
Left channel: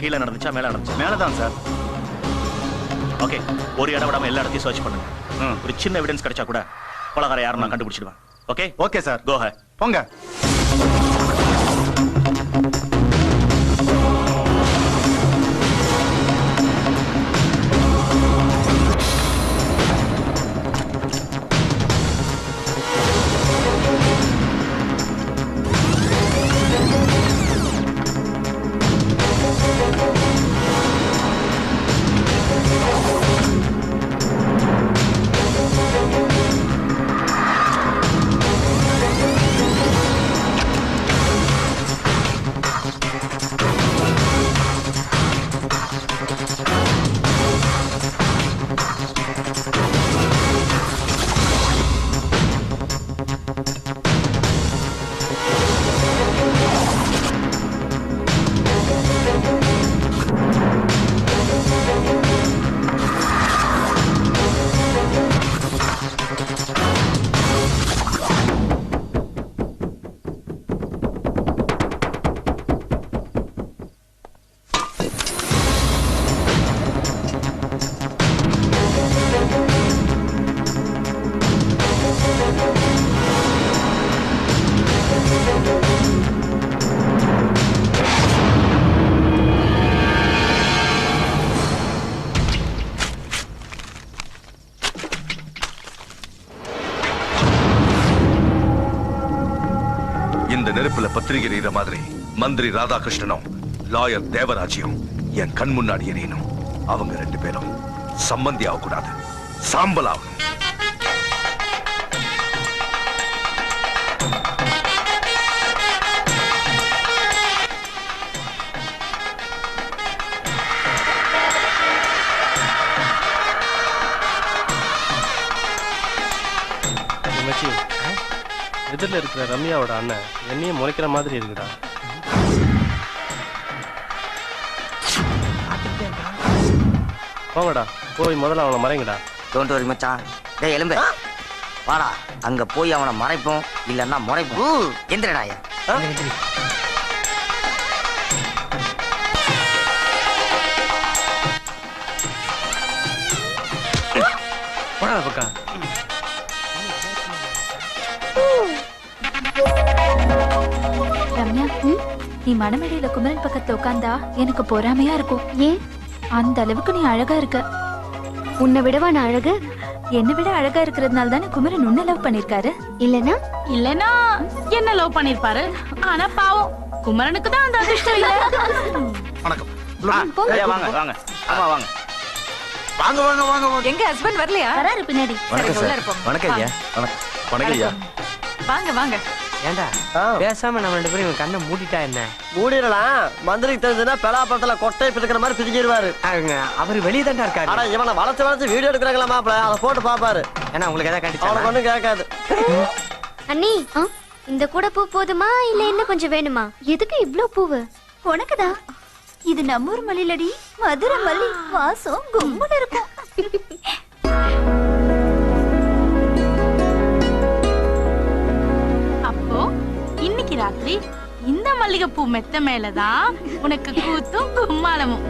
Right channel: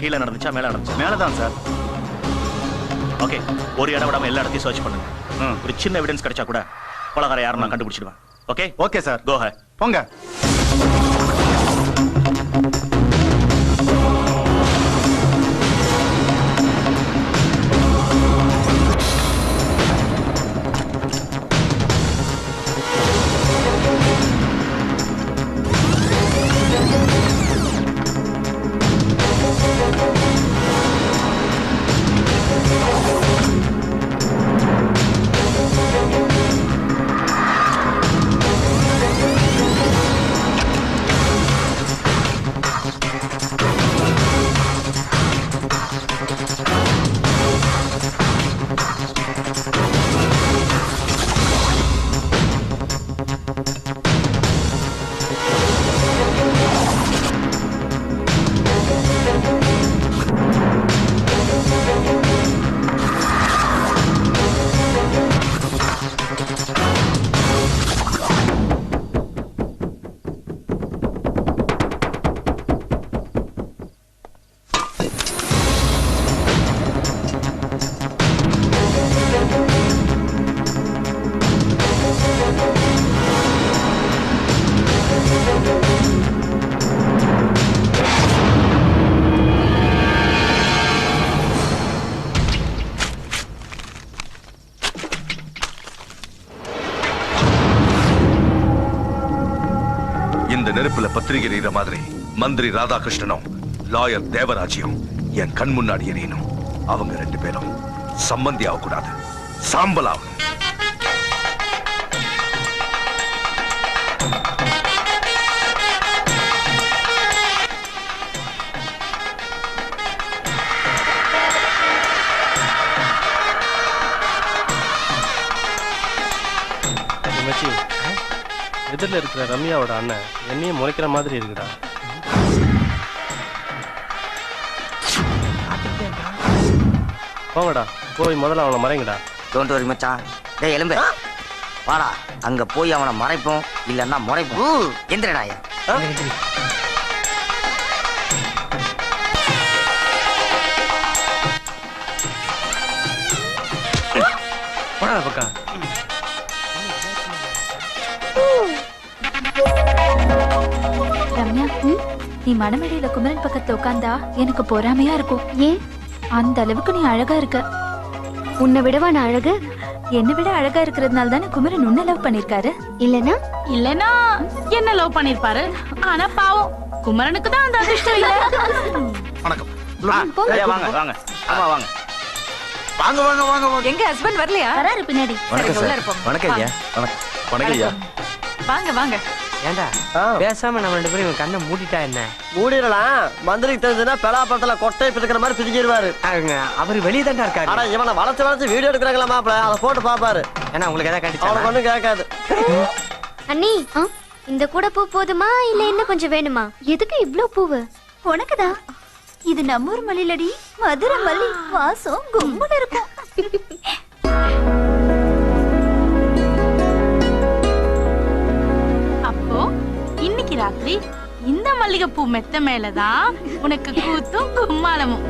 கீழே நடந்துச்சா மேல நடந்துச்சா? மேலதான் சார். ஓகே, ஒரு இடம் விடாம எல்லா இடத்தையும் சர்ச் பண்ணுங்க. ஒரு சின்ன எவிடன்ஸ் கிடைச்சா கூட கொலகார யாரும் நான் கண்டுபிடிச்சிடுவேன். ஓகே ஓகே சார், கோ ஹெட். போங்க. இந்த நெருப்புல பத்திரிகை எறிகிற மாதிரி மந்திரி ராதாகிருஷ்ணனும் லாயர் தேவராஜியும் என் கண் முன்னாடி எரியணும். அவங்க 2 பேரும் சம்பந்தி ஆகக்கூடாது, சாம்பலாகும். எதிரில் இருக்கிற ரம்யாவோட அண்ணன் என்னையும் முறைக்கிற மாதிரி இருக்குடா. போங்கடா, போய் முதல்ல அவனை மறைங்கடா. டோன்ட் வரி மச்சான். டேய் எலும்பு வாடா, அங்க போய் அவனை மறைப்போம், இல்லன்னா முறைப்போம். எந்திரடா. போடா பக்கா. ரம்யா, நீ மணமேடையில குமரன் பக்கத்துல உட்கார்ந்தா எனக்கு பொறாமையா இருக்கும். ஏன்? அந்த அளவுக்கு நீ அழகா இருக்க. உன்னை விடவா நான் அழகு? என்னை விட அழகா இருக்கிறதுனால தானே குமரன் உன்னை லவ் பண்ணிருக்காரு. இல்லனா என்ன லவ் பண்ணிருப்பாரு. ஆனா பாவம் குமரனுக்கு தான் அந்த அதிர்ஷ்டம் இல்ல. வணக்கம். வாங்க வாங்க. ஆமா வாங்க. வாங்க வாங்க வாங்க வாங்க. எங்க ஹஸ்பண்ட் வரலையா? வராரு பின்னாடி. உள்ள இருப்போம். வணக்கம் ஐயா. வணக்கம் ஐயா. வாங்க வாங்க. ஏண்டா பேசாம நம்ம 2 பேரும் இவன் கண்ணை மூடிட்டா என்ன? மூடிடலாம். மந்திரிக்கு தெரிஞ்சதுன்னா பெலாப்பழத்துல கொட்டை பிடிக்கிற மாதிரி பிடிக்கிடுவாரு. அவரு வெளியே தான் இருக்காரு. ஆனா இவனை வளர்த்து வீடியோ எடுக்கிறாங்களா மாப்பிள, அதை போட்டு பாப்பாரு. ஏன்னா உங்களுக்கு ஏதாவது கண்டிச்சா அவனுக்கு ஒண்ணும் கேட்காது. அண்ணி, இந்த கூட பூ போதுமா இல்ல இன்னும் கொஞ்சம் வேணுமா? எதுக்கு இவ்ளோ பூவு? உனக்குதான். இது நம்ம ஊர் மல்லிலடி, மதுரை மல்லி. வாசம் கும்முன்னு இருக்கும். அப்போ இன்னைக்கு ராத்திரி இந்த மல்லிகைப்பூ மெத்த மேலதான் உனக்கு கூத்தும் கும்மாளமும்.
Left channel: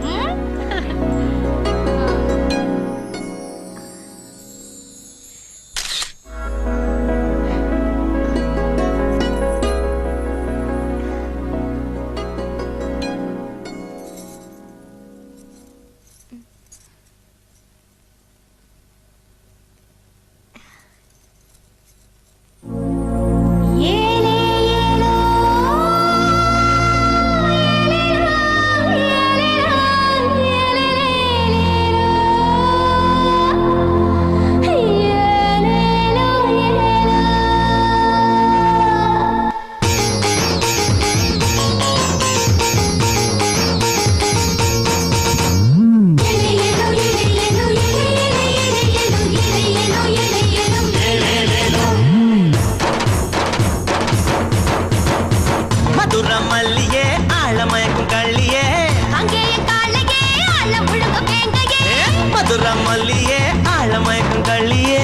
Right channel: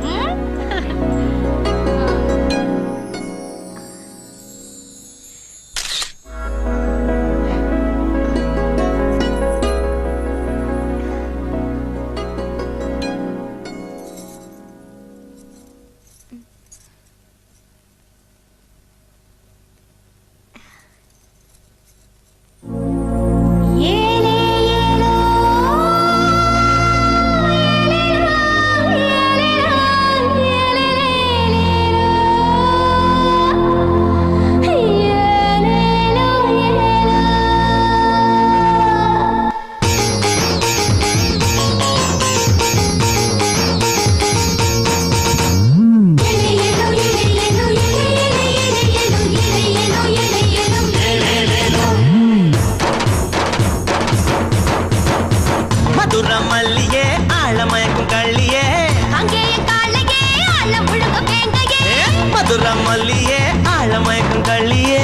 மல்லியே ஆழமயக்கும் கள்ளியே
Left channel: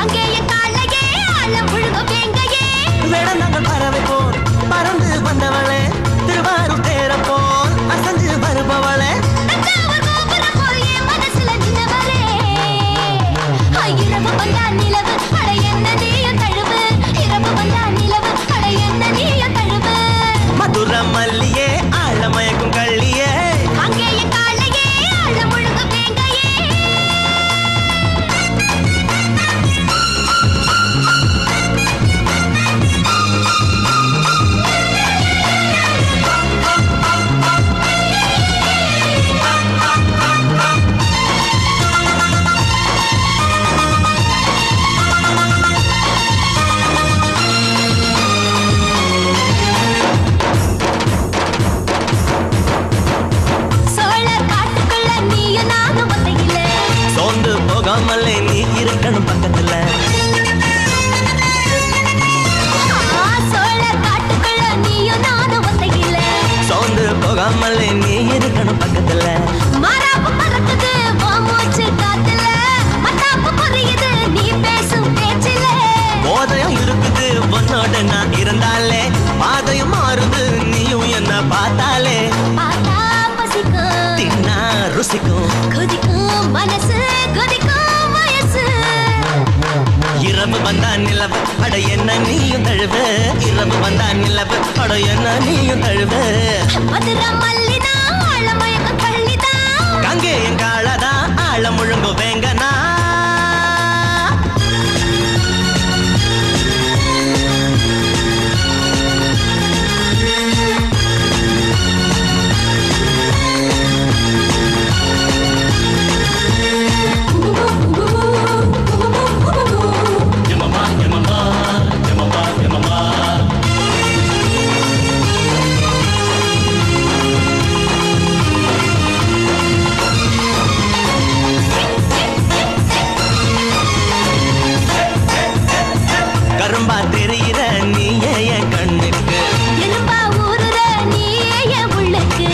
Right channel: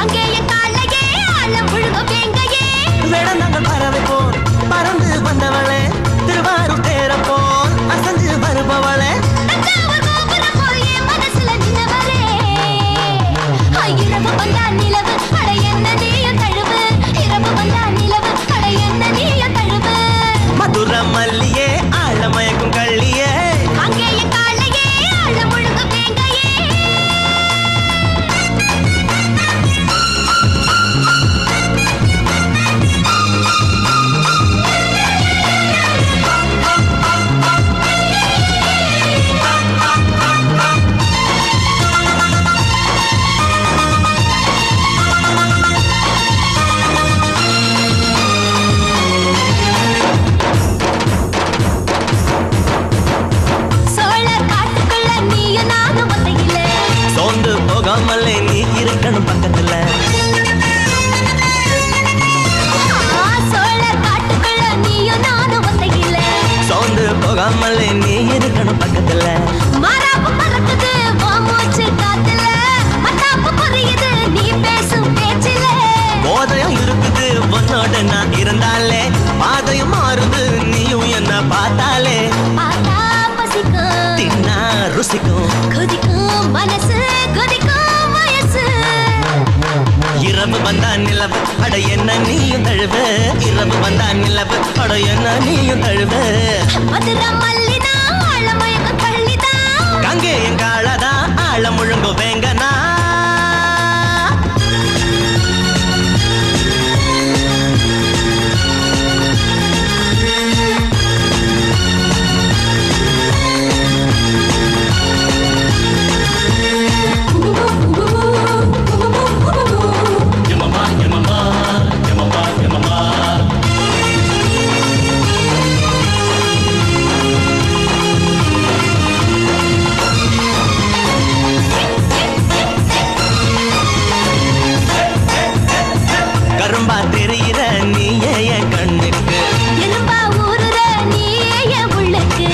அங்கேயே காலையே ஆழம் முழுகும் வேங்கையே வேடந்தாங்கள் பறவை போல் பறந்து வந்தவளே திருவாரூர் தேர போல் அசந்து வருபவளே தஞ்சாவூர் கோபுரம் போல் என் மனசுல நின்னவரே இரவு வந்தா நிலவு அட என்ன நீயும் தழுவு இரவு வந்தா நிலவு அட என்ன நீயும் தழுவு மதுர மல்லியே ஆழமயக்கும் கள்ளியே அங்கேயே காலையே ஆழம் முழுகும் வேங்கையே சோழர் காட்டுக்குள்ள நீயும் நானும் ஒத்தையில சோர்ந்து போகாமலே நீ இருக்கணும் பக்கத்துல சோழர் காட்டுக்குள்ள நீயும் நானும் ஒத்தையில சோர்ந்து போகாமலே நீ இருக்கணும் பக்கத்துல மாறாப்பு பறக்குது உன் மூச்சு காத்துல மத்தாப்பு புரியுது நீ பேசும் பேச்சில போதையும் இருக்குது உன்னோட நான் இருந்தாலே பாதையும் மாறுது நீயும் என்ன பார்த்தாலே பார்த்தா பசிக்கும் தின்னா ருசிக்கும் குதிக்கும் மனசு குதிக்கும் வயசு இரவு வந்தா நிலவு அட என்ன நீயும் தழுவு இரவு வந்தா நிலவு அட என்ன நீயும் தழுவு மதுரை மல்லிதா ஆழமயக்க கள்ளிதா கங்கே என் காலதா ஆழ முழுங்கு வேங்கனா கரும்பா தெரிகிற நீயே என் கண்ணுக்கு எலும்பா ஊறுற நீயே என் உள்ளுக்கு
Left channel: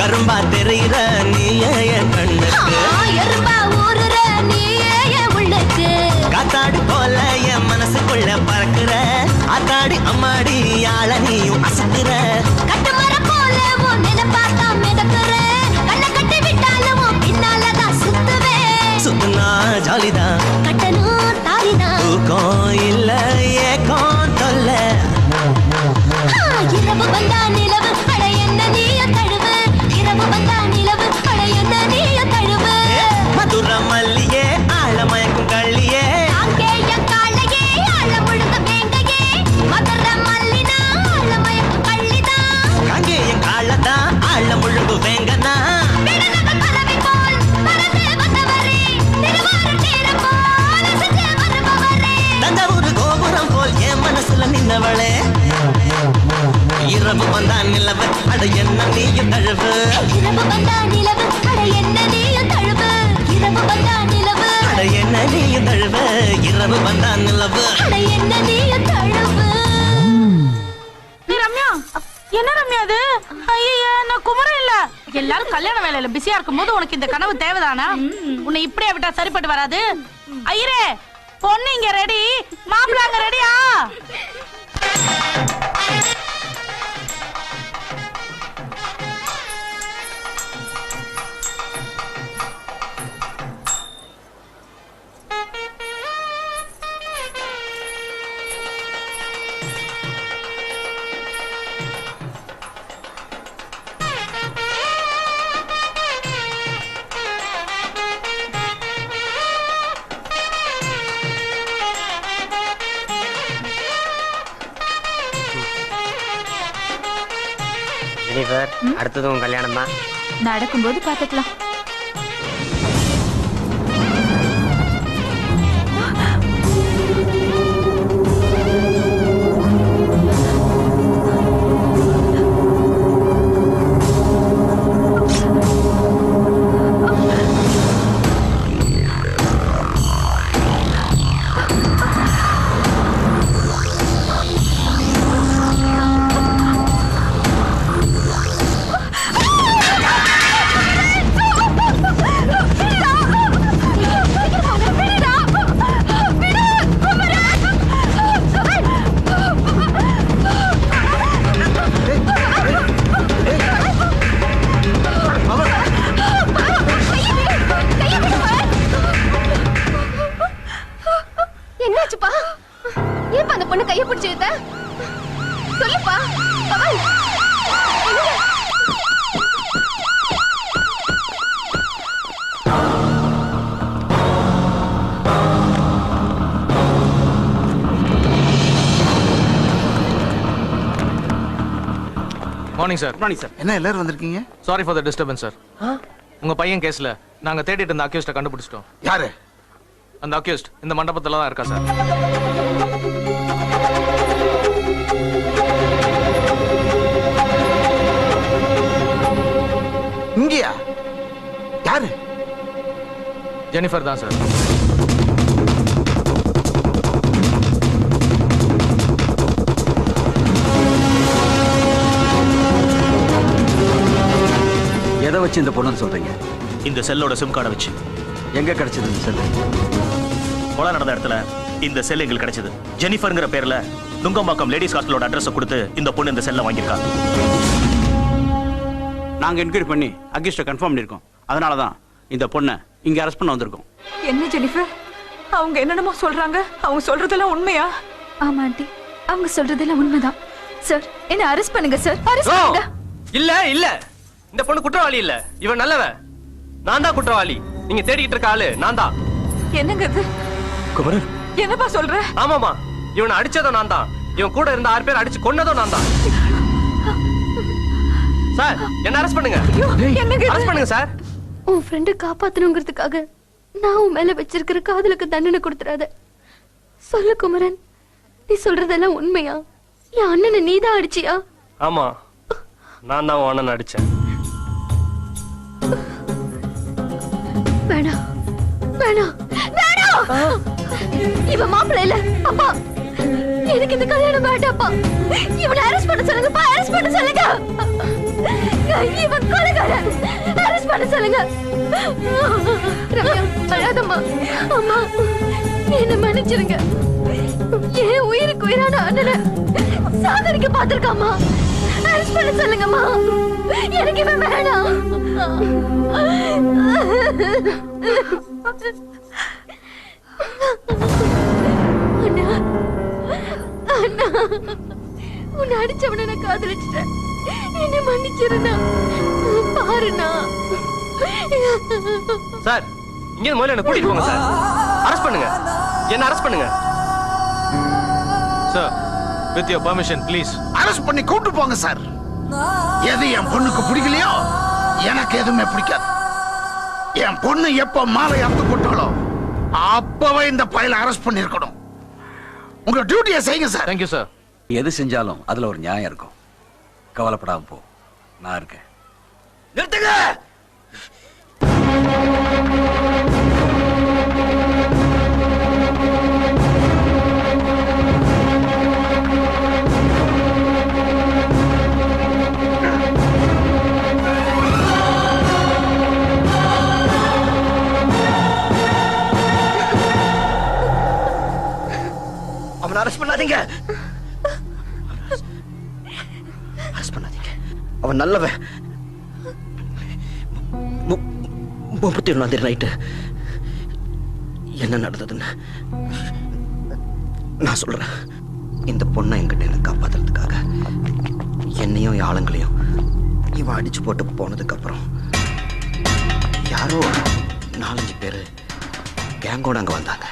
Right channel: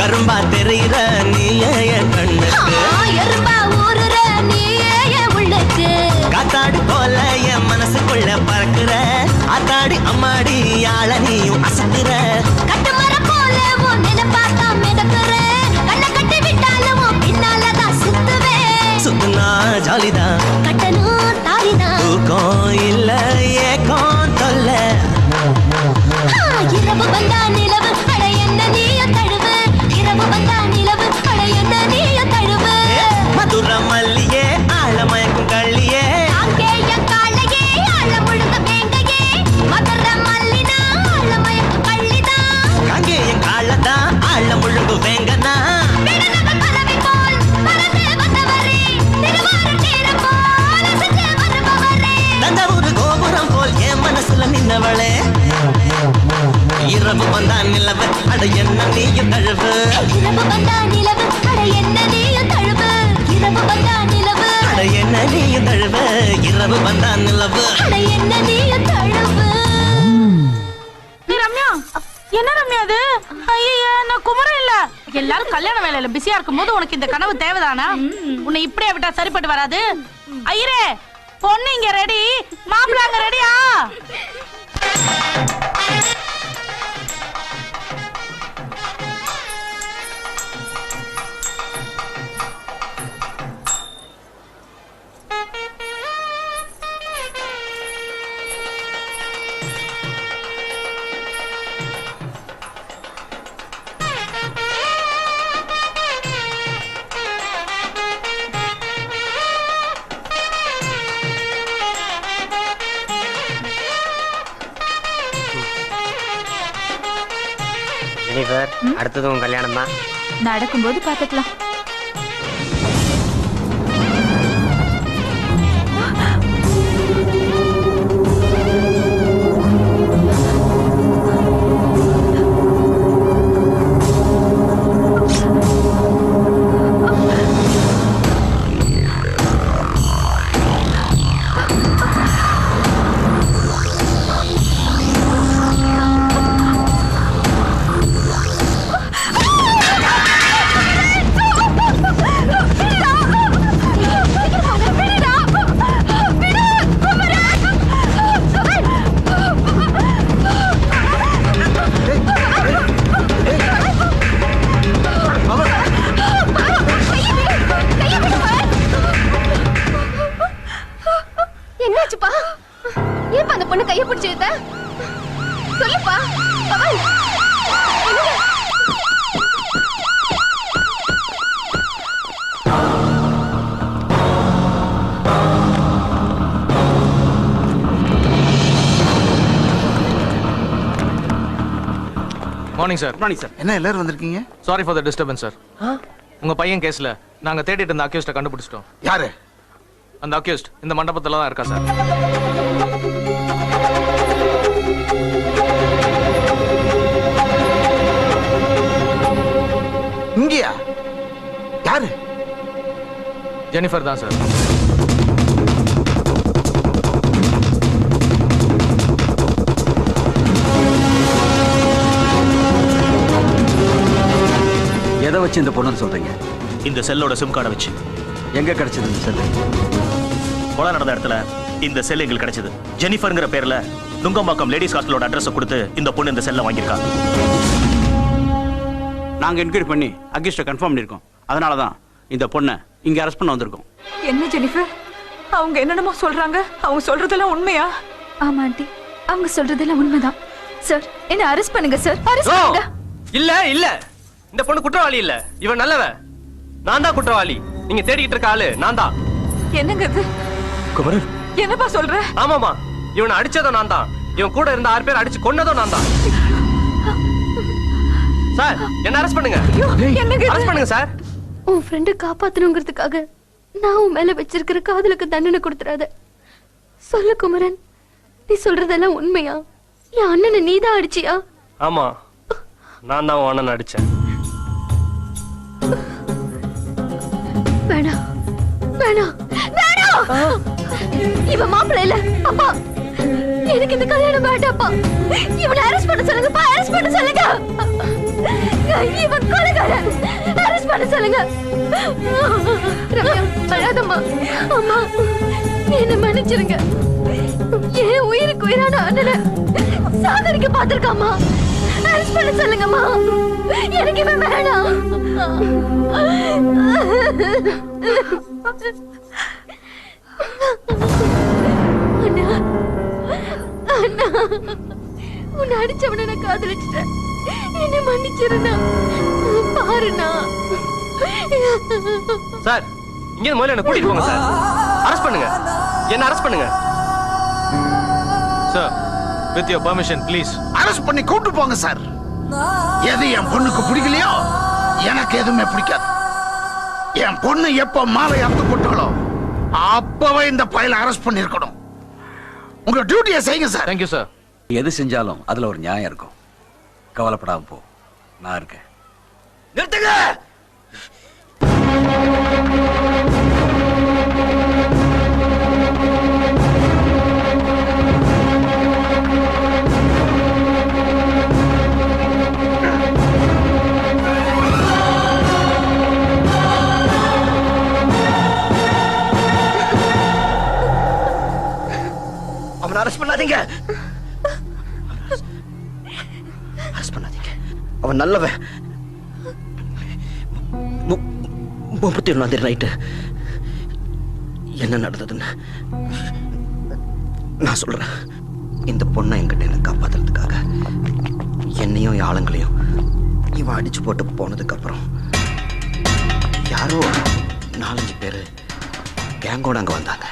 கரும்பா தெரிகிற நீயே என் கண்ணுக்கு எலும்பா ஊறுற நீயே என் உள்ளுக்கு காத்தாடி போல என் மனசுக்குள்ள பறக்குற ஆத்தாடி அம்மாடி யாழ நீயும் அசத்துற கட்டுமரம் போல உன் நினைப்பாத்தான் மிதக்குற கண்ணை கட்டி விட்டாலும் உன் பின்னாலதான் சுத்துவேன் சுத்துனா ஜாலிதான் கட்டணும் தாலிதான் தூக்கம் இல்ல ஏக்கம் தொல்ல இரவு வந்தா நிலவு அட என்ன நீயும் தழுவு இரவு வந்தா நிலவு அட என்ன நீயும் தழுவு மதுர மல்லியே ஆழமயக்கும் கள்ளியே அங்கேய காலையே ஆழ முழுக வேங்கையே மதுரை மல்லிதா ஆழமயக்க கள்ளிதா கங்கே என் காலதா ஆழ முழுங்கு வேங்கனா விடுதலை பறவை போல் பறந்து வந்தவரே திருவாரூர் தேர போல் அசைந்து வருபவரே தஞ்சாவூர் கோபுரம் போல் என் மனசுல நின்னவளே இரவு வந்தா நிலவு அட என்ன நீயும் தழுவு இரவு வந்தா நிலவு அட என்ன நீயும் தழுவு இரவு வந்தா நிலவு அட என்ன நீயும் தழுவு இரவு வந்தா நிலவு அட என்ன நீயும் தழுவு ரம்யா என்ன ரம்யா அது ஐயா நான் குமரம் இல்ல எல்லாரும் கல்யாண வேலையில பிஸியா இருக்கும் போது உனக்கு இந்த கனவு தேவைதானா உன்னை இப்படியே விட்டா சரிப்பட்டு வராது ஐயரே பொண்ணு இங்க ரெடி மாப்பிள்ள அங்க ரெடியா ஜெனிஃபர் அடுத்தது உன் கல்யாணம் தான் நடக்கும்போது பாத்துக்கலாம். Morning sir. Morning sir. என்ன எல்லாரும் வந்திருக்கீங்க? Sorry for the disturbance sir. உங்க பையன் கேஸ்ல நாங்க தேடிட்டு இருந்த அக்யூஸ்ட கண்டுபிடிச்சிட்டோம். யாரு அந்த அக்யூஸ்ட்? இந்த மண்டபத்துல தான் இருக்கா சார். இங்கயா? யாரு? ஜெனிஃபர் தான் சார். எதை வச்சு இந்த பொண்ணுன்னு சொல்றீங்க? இந்த செல்லோட சிம் கார்டை வச்சு. எங்க கிடைச்சது இந்த செல்லு? கொலை நடந்த இடத்துல இந்த செல் எங்களுக்கு கிடைச்சது. ஜெனிஃபர்ங்கிற பேர்ல நுங்கம்பாக்கம் லேடிஸ் ஹாஸ்டலோட அட்ரஸ் கொடுத்து இந்த பொண்ணு இந்த செல்லை வாங்கியிருக்காங்க. நாங்க என்கொயரி பண்ணி அக்யூஸ்ட கன்ஃபார்ம் பண்ணிருக்கோம். அதனாலதான் இந்த பொண்ணை இங்க அரெஸ்ட் பண்ண வந்திருக்கோம். என்ன ஜெனிஃபர், அவங்க என்னென்னமோ சொல்றாங்க. அவங்க சொல்றதெல்லாம் உண்மையா? ஆமா ஆண்டி, அவங்க சொல்றதெல்லாம் உண்மைதான். சார், என்ன அரெஸ்ட் பண்ணுங்க சார், அரெஸ்ட் பண்ணுங்க. இல்ல இல்ல, இந்த பொண்ணு குற்றவாளி இல்ல, இவன் நல்லவ. நான் தான் குற்றவாளி. நீங்க தேடிக்கிட்டு இருக்க ஆளு நான் தான். என்னங்க இது? குமரன், என்னப்பா சொல்ற? ஆமாமா, இவனை அடிச்சதும் நான் தான். இவன் கூட இருந்த 6 பேர் அடிச்சு கொன்னதும் நான் தான். சார், என்ன அரெஸ்ட் பண்ணுங்க. அரெஸ்ட் பண்ணுங்க சார். உன் ஃப்ரெண்டை காப்பாத்தணுங்கிறதுக்காக நான் உன் மேல வச்சிருக்கிற காதலுக்கு தண்டனை கொடுத்துறாத. சொல்லு குமரன், நீ சொல்றதெல்லாம் உண்மையா? என் அண்ணனை நீதான் அடிச்சியா? ஆமா, நான் தான் உன் அண்ணன் அடிச்சேன். வேணாம் வேணாம் வேணாம், இவன் மாப்பிள்ளை இல்ல. அப்பா, எனக்கு இந்த கல்யாணம் வேண்டாப்பா. இவனை அரெஸ்ட் பண்ண சொல்லுங்கப்பா, அரெஸ்ட் பண்ண சொல்லுங்க. இவன் கொலைகாரன், அரெஸ்ட் பண்ண சொல்லுங்க. ரம்யா, அழாதம்மா. அம்மா, என்ன மன்னிச்சிருங்க. ஏன் உயிருக்கு உயிரான அண்ணனை சாகரிக்க பார்த்திருக்காமா. அரெஸ்ட் பண்ண சொல்லுங்கம்மா. எனக்கு இவன் வேணாம். அண்ணா, அண்ணா, உன்னை அடிச்சவனை நான் காதலிச்சிட்டேன். என்ன மன்னிச்சிருந்தா பாருண்ணா. சார், இங்க முதல்ல என்ன கூட்டிட்டு போங்க சார். அரெஸ்ட் பண்ணுங்க, என்ன அரெஸ்ட் பண்ணுங்க. Sir, with your permission please. Arrest பண்ணி கூட்டு போங்க சார். எது என் பொண்ணுக்கு பிடிக்கலையோ எனக்கு எதுவுமே பிடிக்காது. என் பொண்ணு எப்ப மாலை அறுத்து போட்டாலோ அப்பவே இந்த பையல அரெஸ்ட் பண்ணிருக்கணும். உங்க டியூட்டியை செய்யுங்க சார். Thank you sir. எது செஞ்சாலும் அதுல ஒரு நியாயம் இருக்கும். கவலைப்படாம போ, நான் இருக்கேன். நிறுத்துங்க. அவனை அரெஸ்ட் பண்ணாதீங்க. அரெஸ்ட் பண்ணாதீங்க. அவன் நல்லவன். 31 நைட்டு என்ன நடந்ததுன்னு நான் சொல்றேன். இந்த பொண்ணை என்கிட்ட எனக்கு காப்பாத்துறதுக்காக என்னையும் ஆளுங்களையும் இவன் அடிச்சு போட்டு போனதுக்கு அப்புறம் யாரோ 4-5 பேரு கேங்கோட அங்க வந்தாங்க.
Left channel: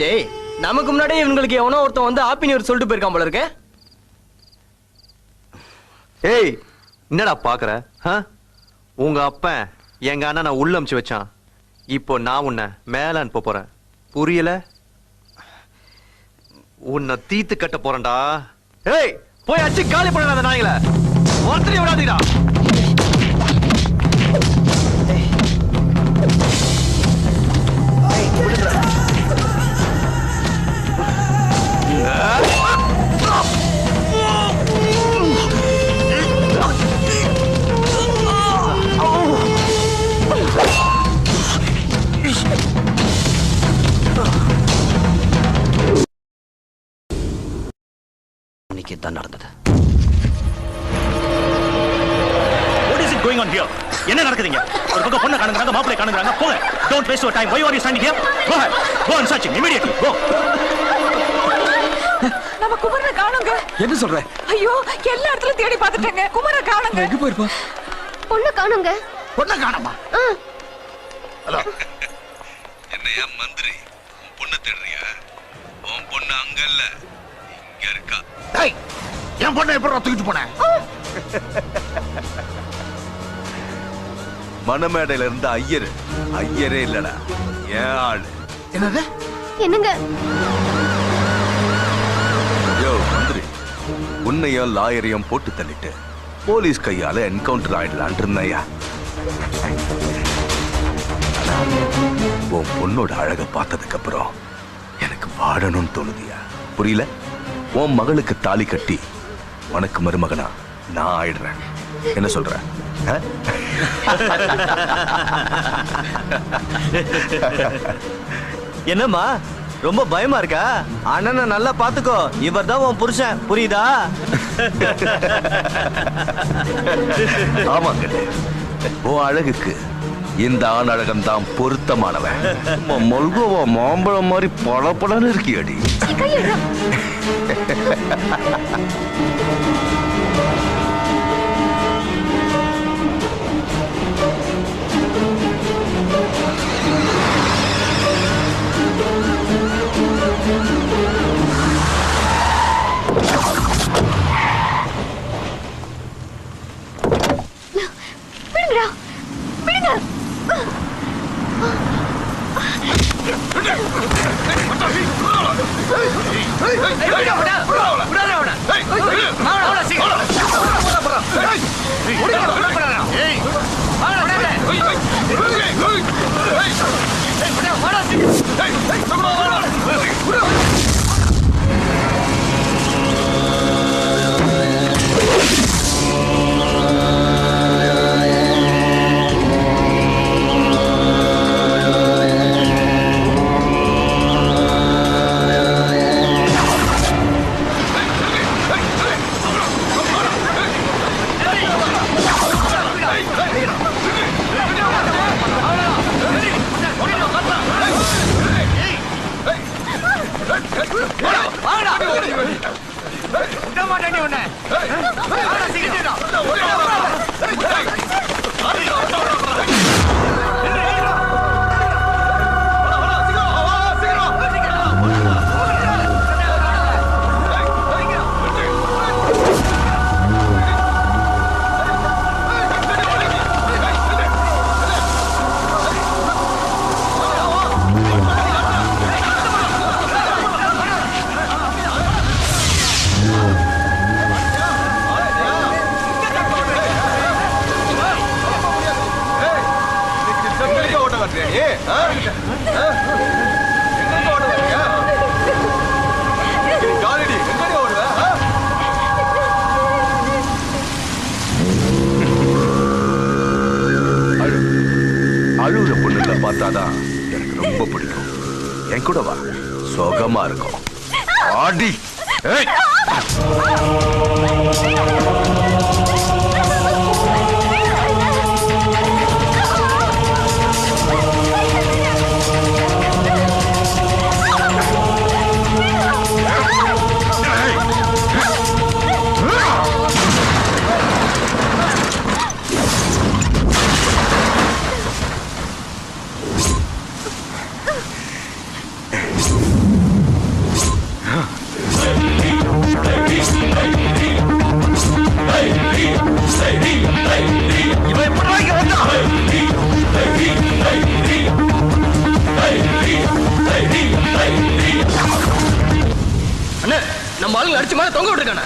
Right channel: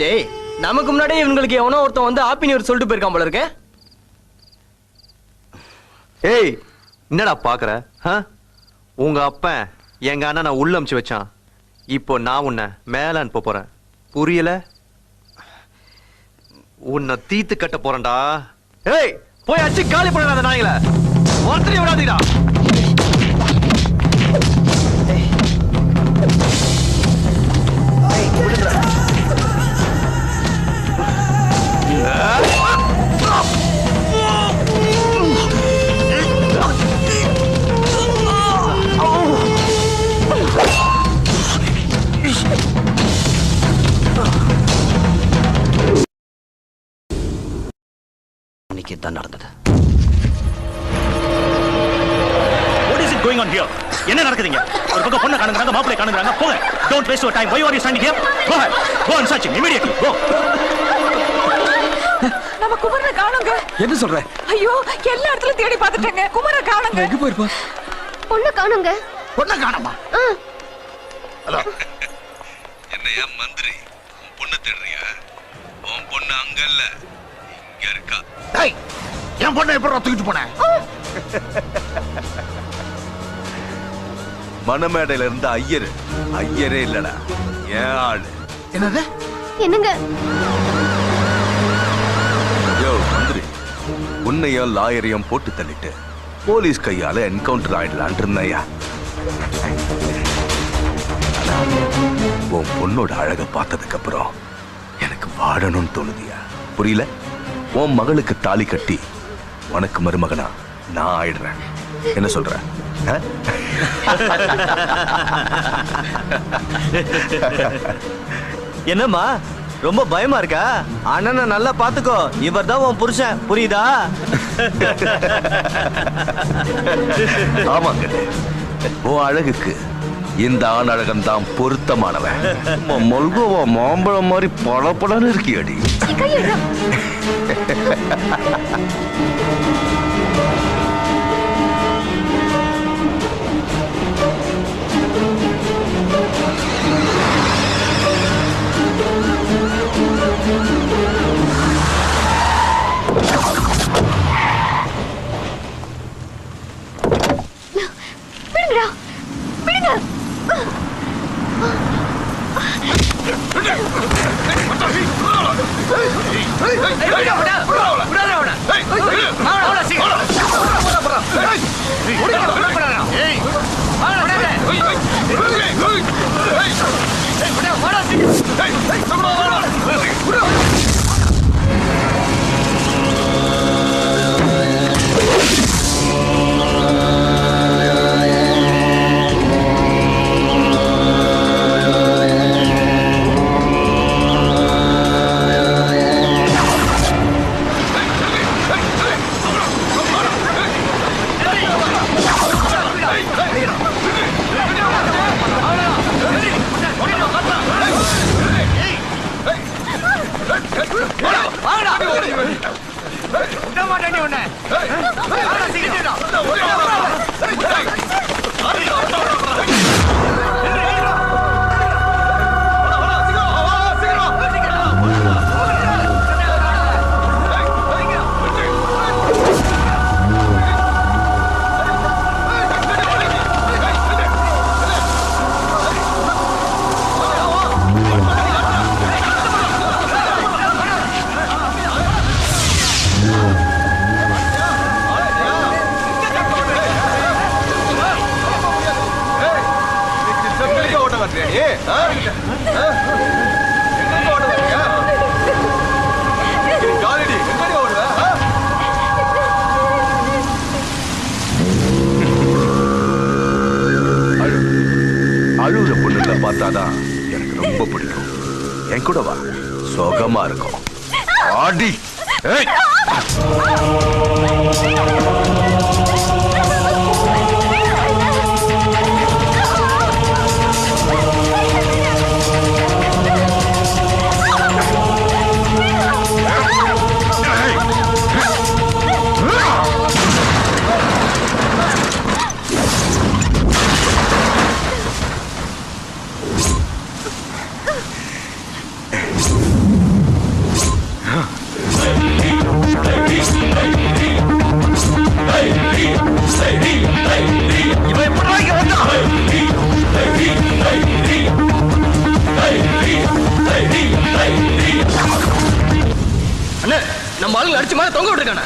ஜெய், நமக்கு முன்னாடி இவங்களுக்கு எவனோ ஒருத்தன் வந்து ஹாப்பி நியூ இயர் சொல்லிட்டு போயிருக்கான் போல இருக்கு. ஏய், என்னடா பாக்குற? உங்க அப்பன் எங்க அண்ணனை உள்ள அமுச்சு வச்சான். இப்போ நான் உன்னை மேல அனுப்ப போறேன். புரியல? உன்னை தீத்து கட்ட போறேன்டா. ஏய், போய் அச்சு காலி பண்ணாத நாய்கள. ஒருத்தரையும் விடாதீடா. அன்னைக்கு தான் நடந்தது. What is it going on here? என்ன நடக்குதுங்க? ஒரு பக்கம் பொண்ணை காணுங்கறாங்க, மாப்பிளை காணுங்கறாங்க. போங்க. Don't waste your time. Why are you standing here? Go ahead. Go and search him immediately. Go. நம்ம குமரனை காணுங்க. என்ன சொல்ற? ஐயோ, எல்லா இடத்துலயும் தேடி பார்த்துட்டேங்க. குமரனை காணுங்க. எங்க போயிருப்பா? பொண்ணு காணுங்க. பொண்ணு காணுமா? ஹலோ, என்னையா மந்திரி, உன் பொண்ணை தேடுறியா? உன் பொண்ணு அங்க இல்ல, இங்க இருக்கா. டேய், என் பொண்ணை எப்படி தூக்கிட்டு போனேன்? மணமேடையில இருந்த ஐயரே இல்லடா, ஏன் ஆளு. என்னது? என்னங்க? யோ மந்திரி, உன்னையும் லாயரையும் போட்டு தள்ளிட்டு போலீஸ் கையால என்கவுண்டர் ஆயிடலான் இருந்தையா. உன் பொண்ணோட அழக பார்த்ததுக்கு அப்புறம் எனக்கு வாழணும்னு தோணுதியா? புரியல? உன் மகளுக்கு தாலி கட்டி உனக்கு மருமகனா நான் ஆயிடுறேன். என்ன சொல்ற? என்னம்மா ரொம்ப பயமா இருக்கா? அண்ணனை நல்லா பாத்துக்கோ, இவர் தான் உன் புருஷன், புரியுதா? ஆமாங்க, உன் அழகுக்கு இந்த ஆண் அழகன் தான் பொருத்தமானவன். மல்கோவா மாம்பழம் மாதிரி பளபளன்னு இருக்கியடி. அழுகுற பொண்ணுங்களை பார்த்தாதான் எனக்கு ரொம்ப பிடிக்கும். என் கூட வா, சுகமா இருக்கும். ஆடி நம்ம ஆளுங்க அடிச்சு மேல தொங்க விட்டுருக்கானே.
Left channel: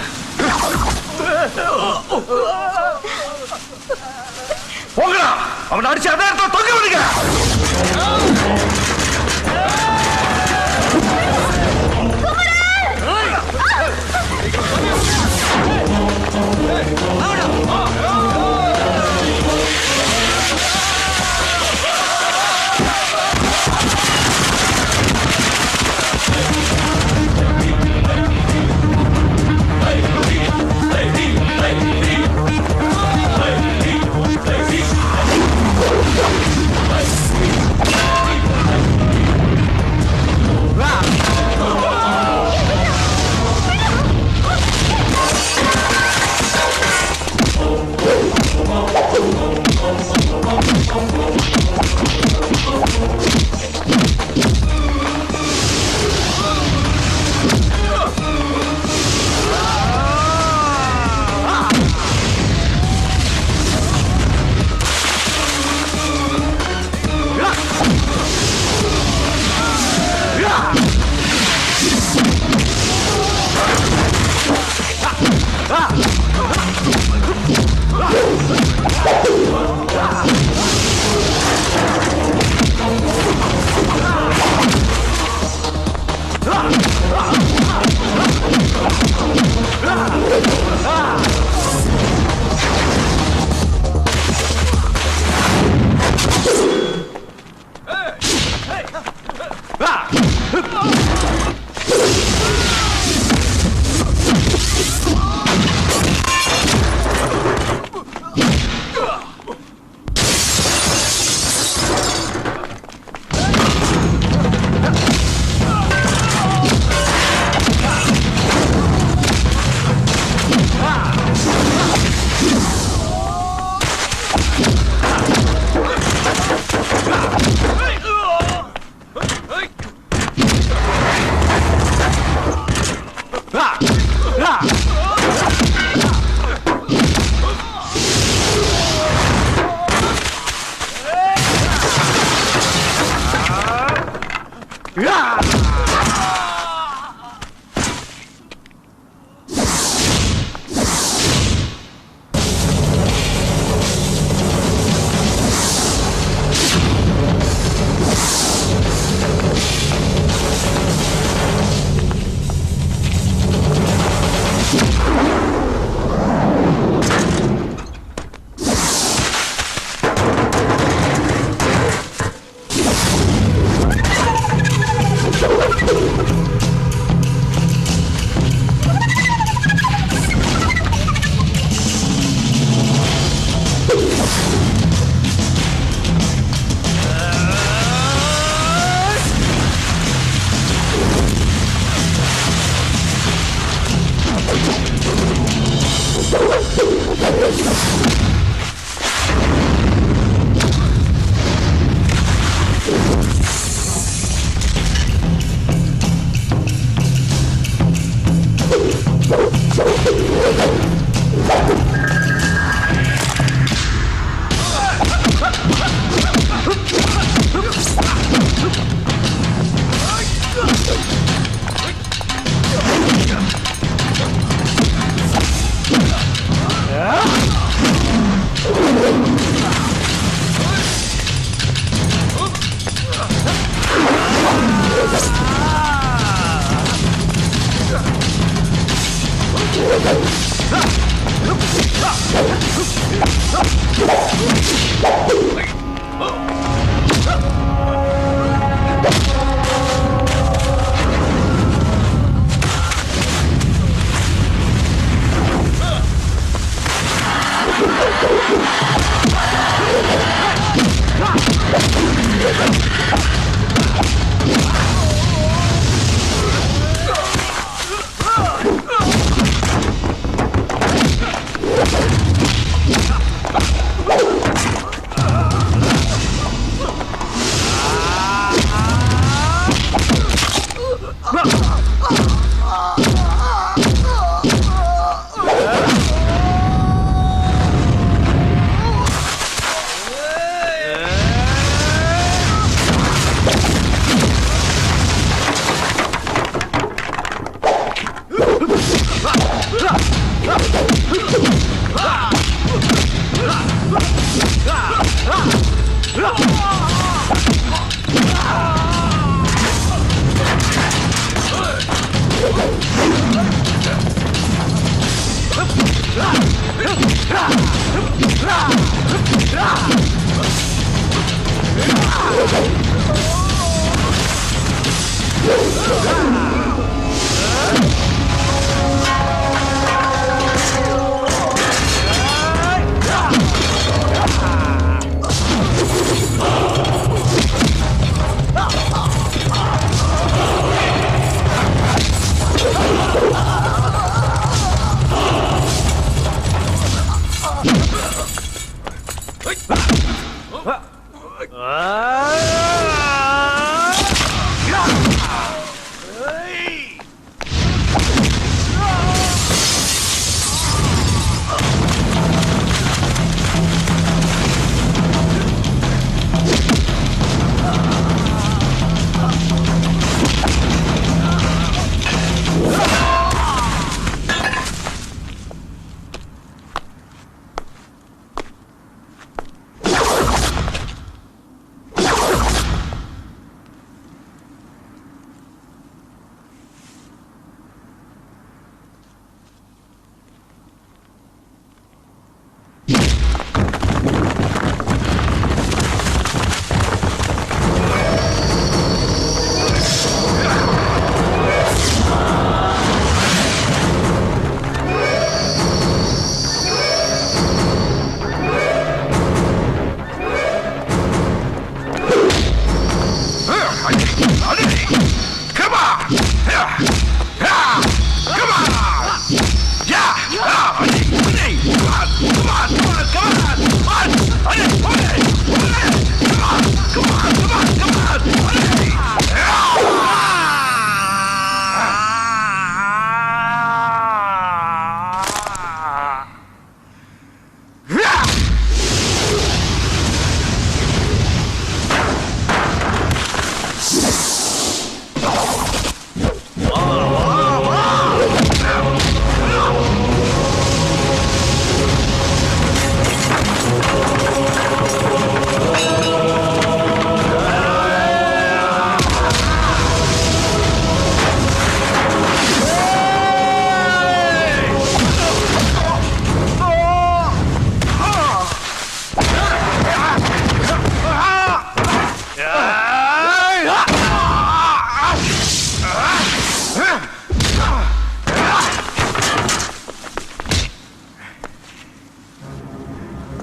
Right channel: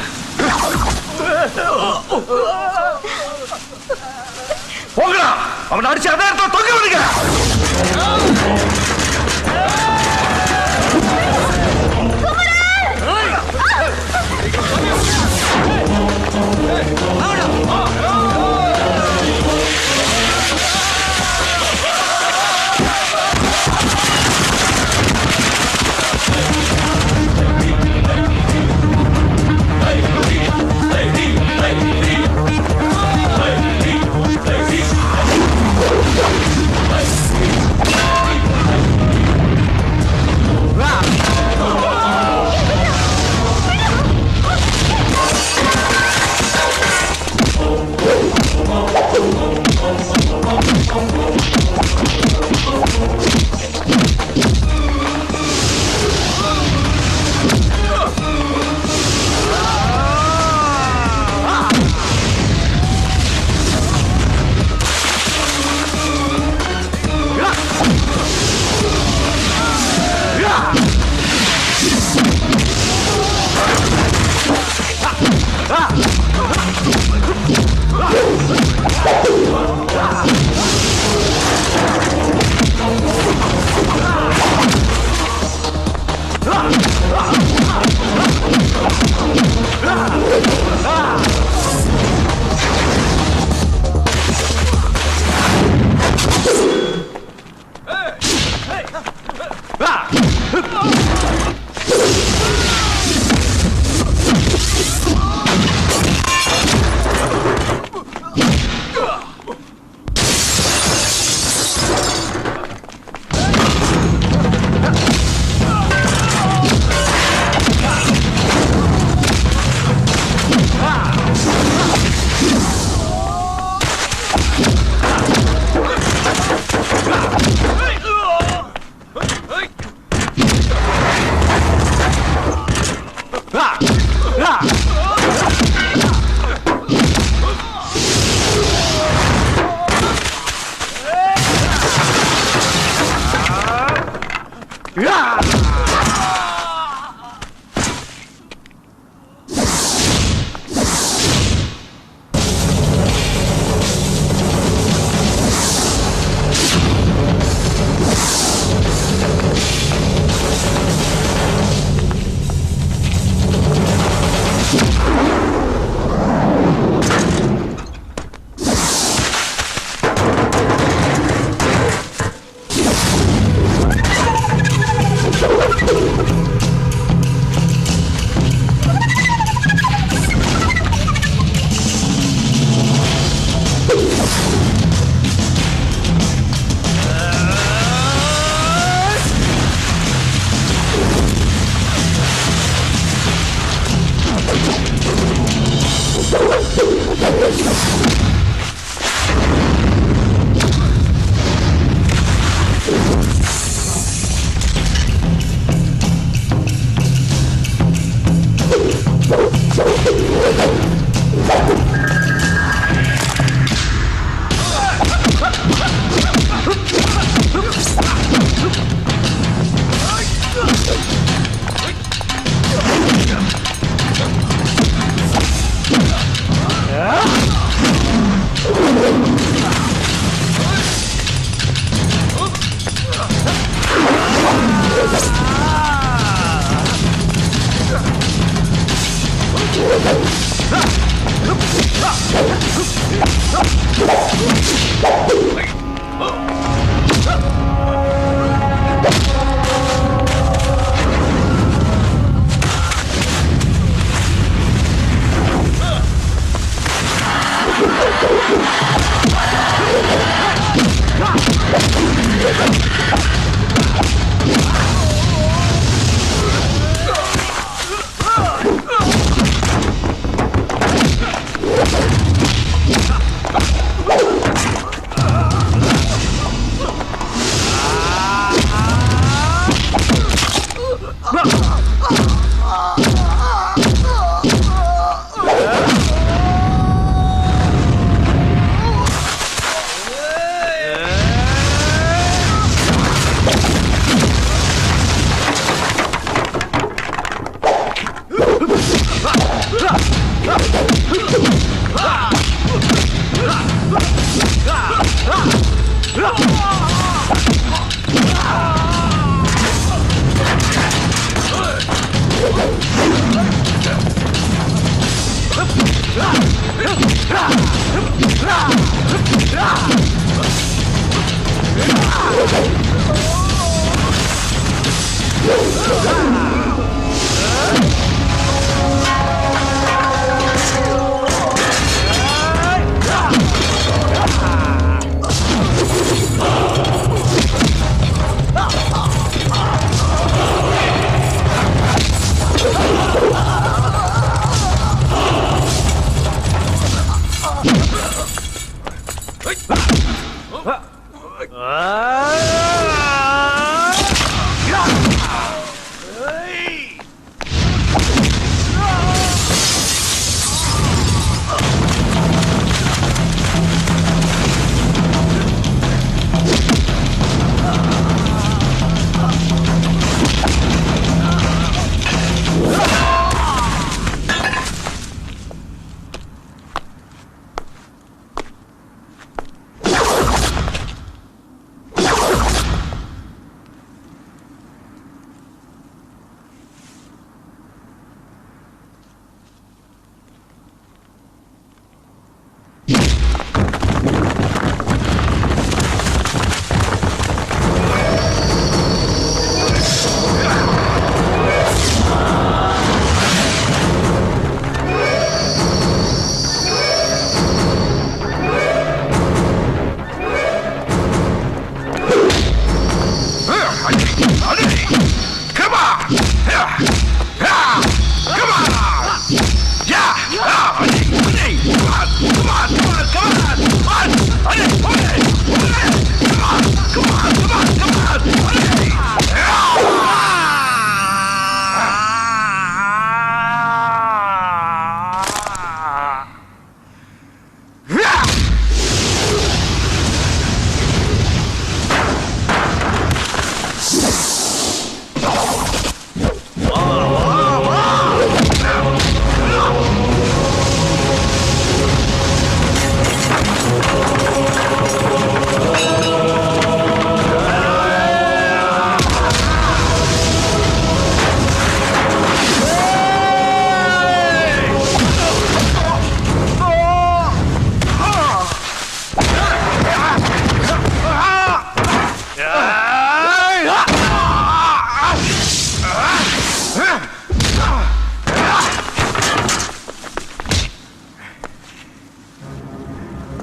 போங்கடா, அவன் அடிச்சு அதே இடத்துல தொங்க விடுங்க.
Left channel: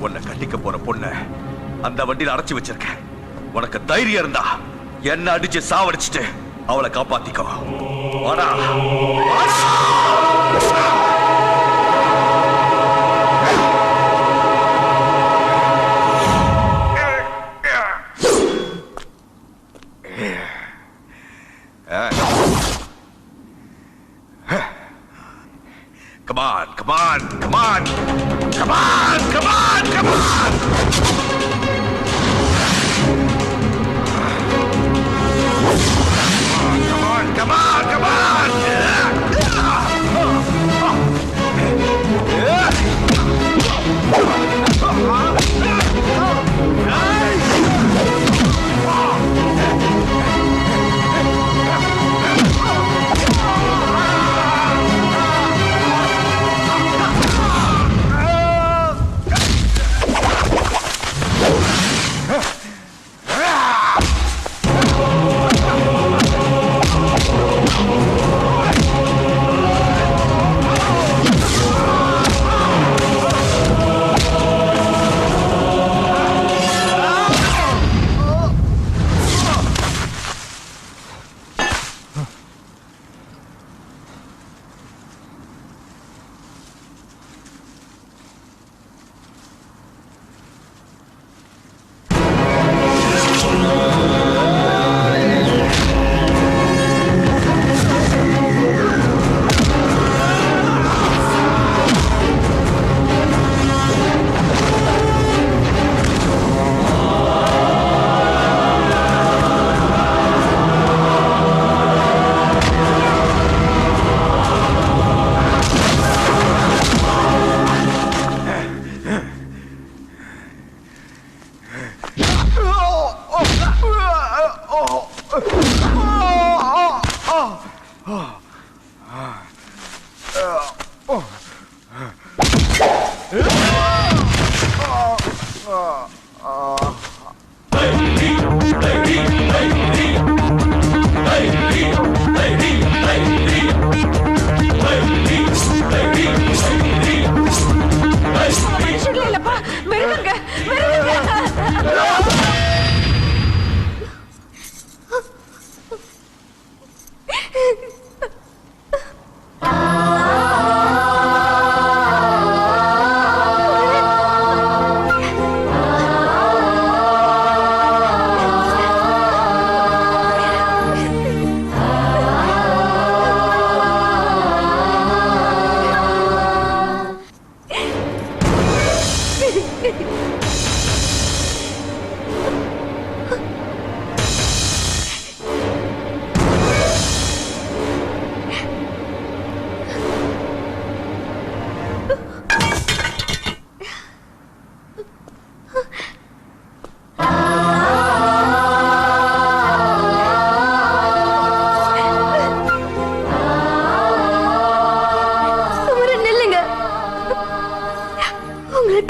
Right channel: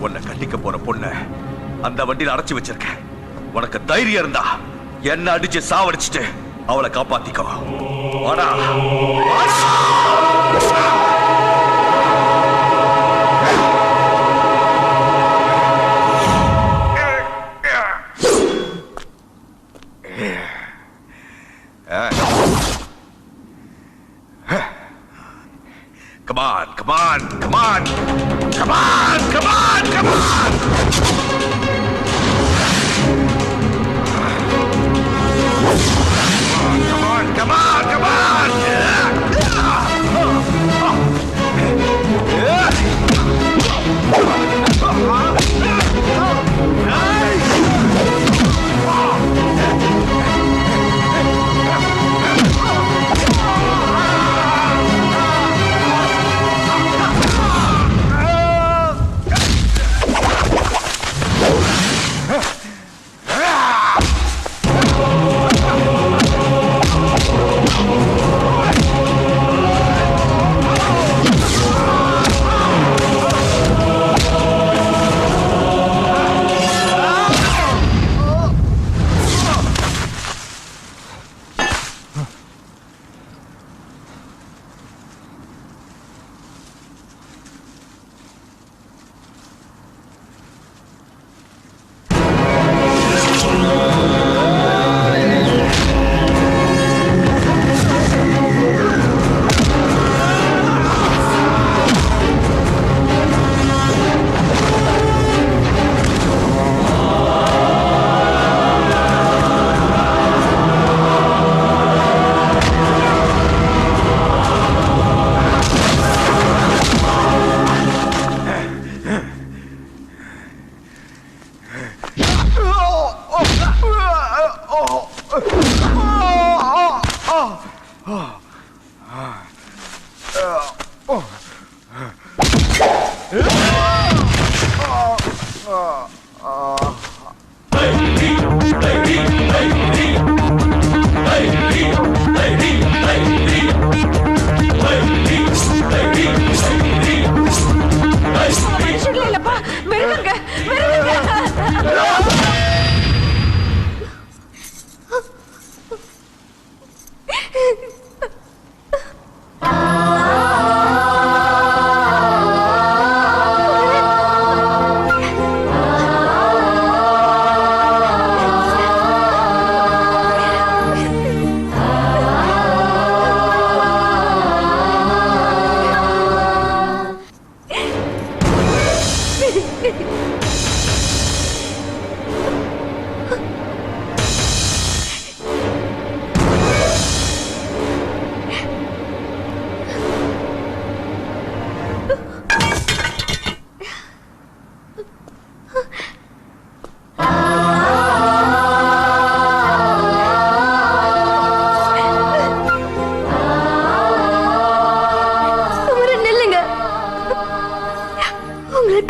உன்னை கட்டிக்க போற பொண்ண அந்த வண்டியில அடைச்சு வச்சிருக்கேன். உனக்கு தைரியம் இருந்தா என்ன அடிச்சு சாவடிச்சுட்டு அவளை காப்பாத்திக்கோ. வாடா. Come on, come on, come on. Come on, come on, come on. Come on, come on.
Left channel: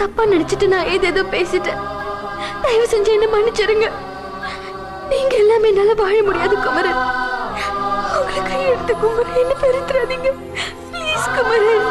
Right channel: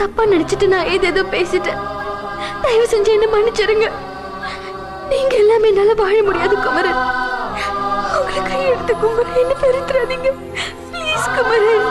தப்பா நினைச்சிட்டு நான் ஏதேதோ பேசிட்டேன். தயவு செஞ்சு என்ன மன்னிச்சிருங்க. நீங்க எல்லாமே என்னால வாழ முடியாது குமரன். உங்களை கையெடுத்து குமரன், என்ன பெருத்துறாதீங்க ப்ளீஸ் குமரன்.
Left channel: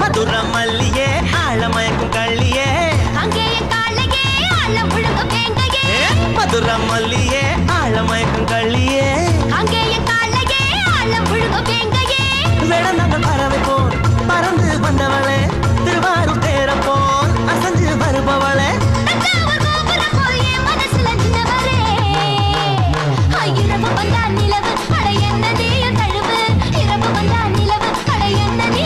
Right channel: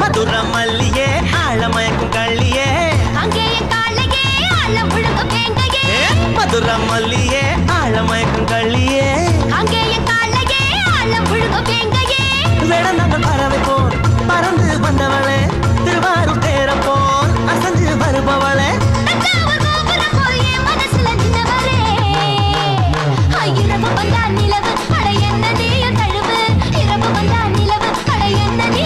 மதுர மல்லியே ஆழமயக்கும் கள்ளியே மதுர மல்லியே ஆழமயக்கும் கள்ளியே வேடந்த பறவை போல் பறந்து வந்தவளே, திருவாரூர் தேர போல் அசஞ்சு வருபவளே, நிலவு அட என்ன நீ தழுவு, இரவு வந்தா நிலவு அட என்ன நீ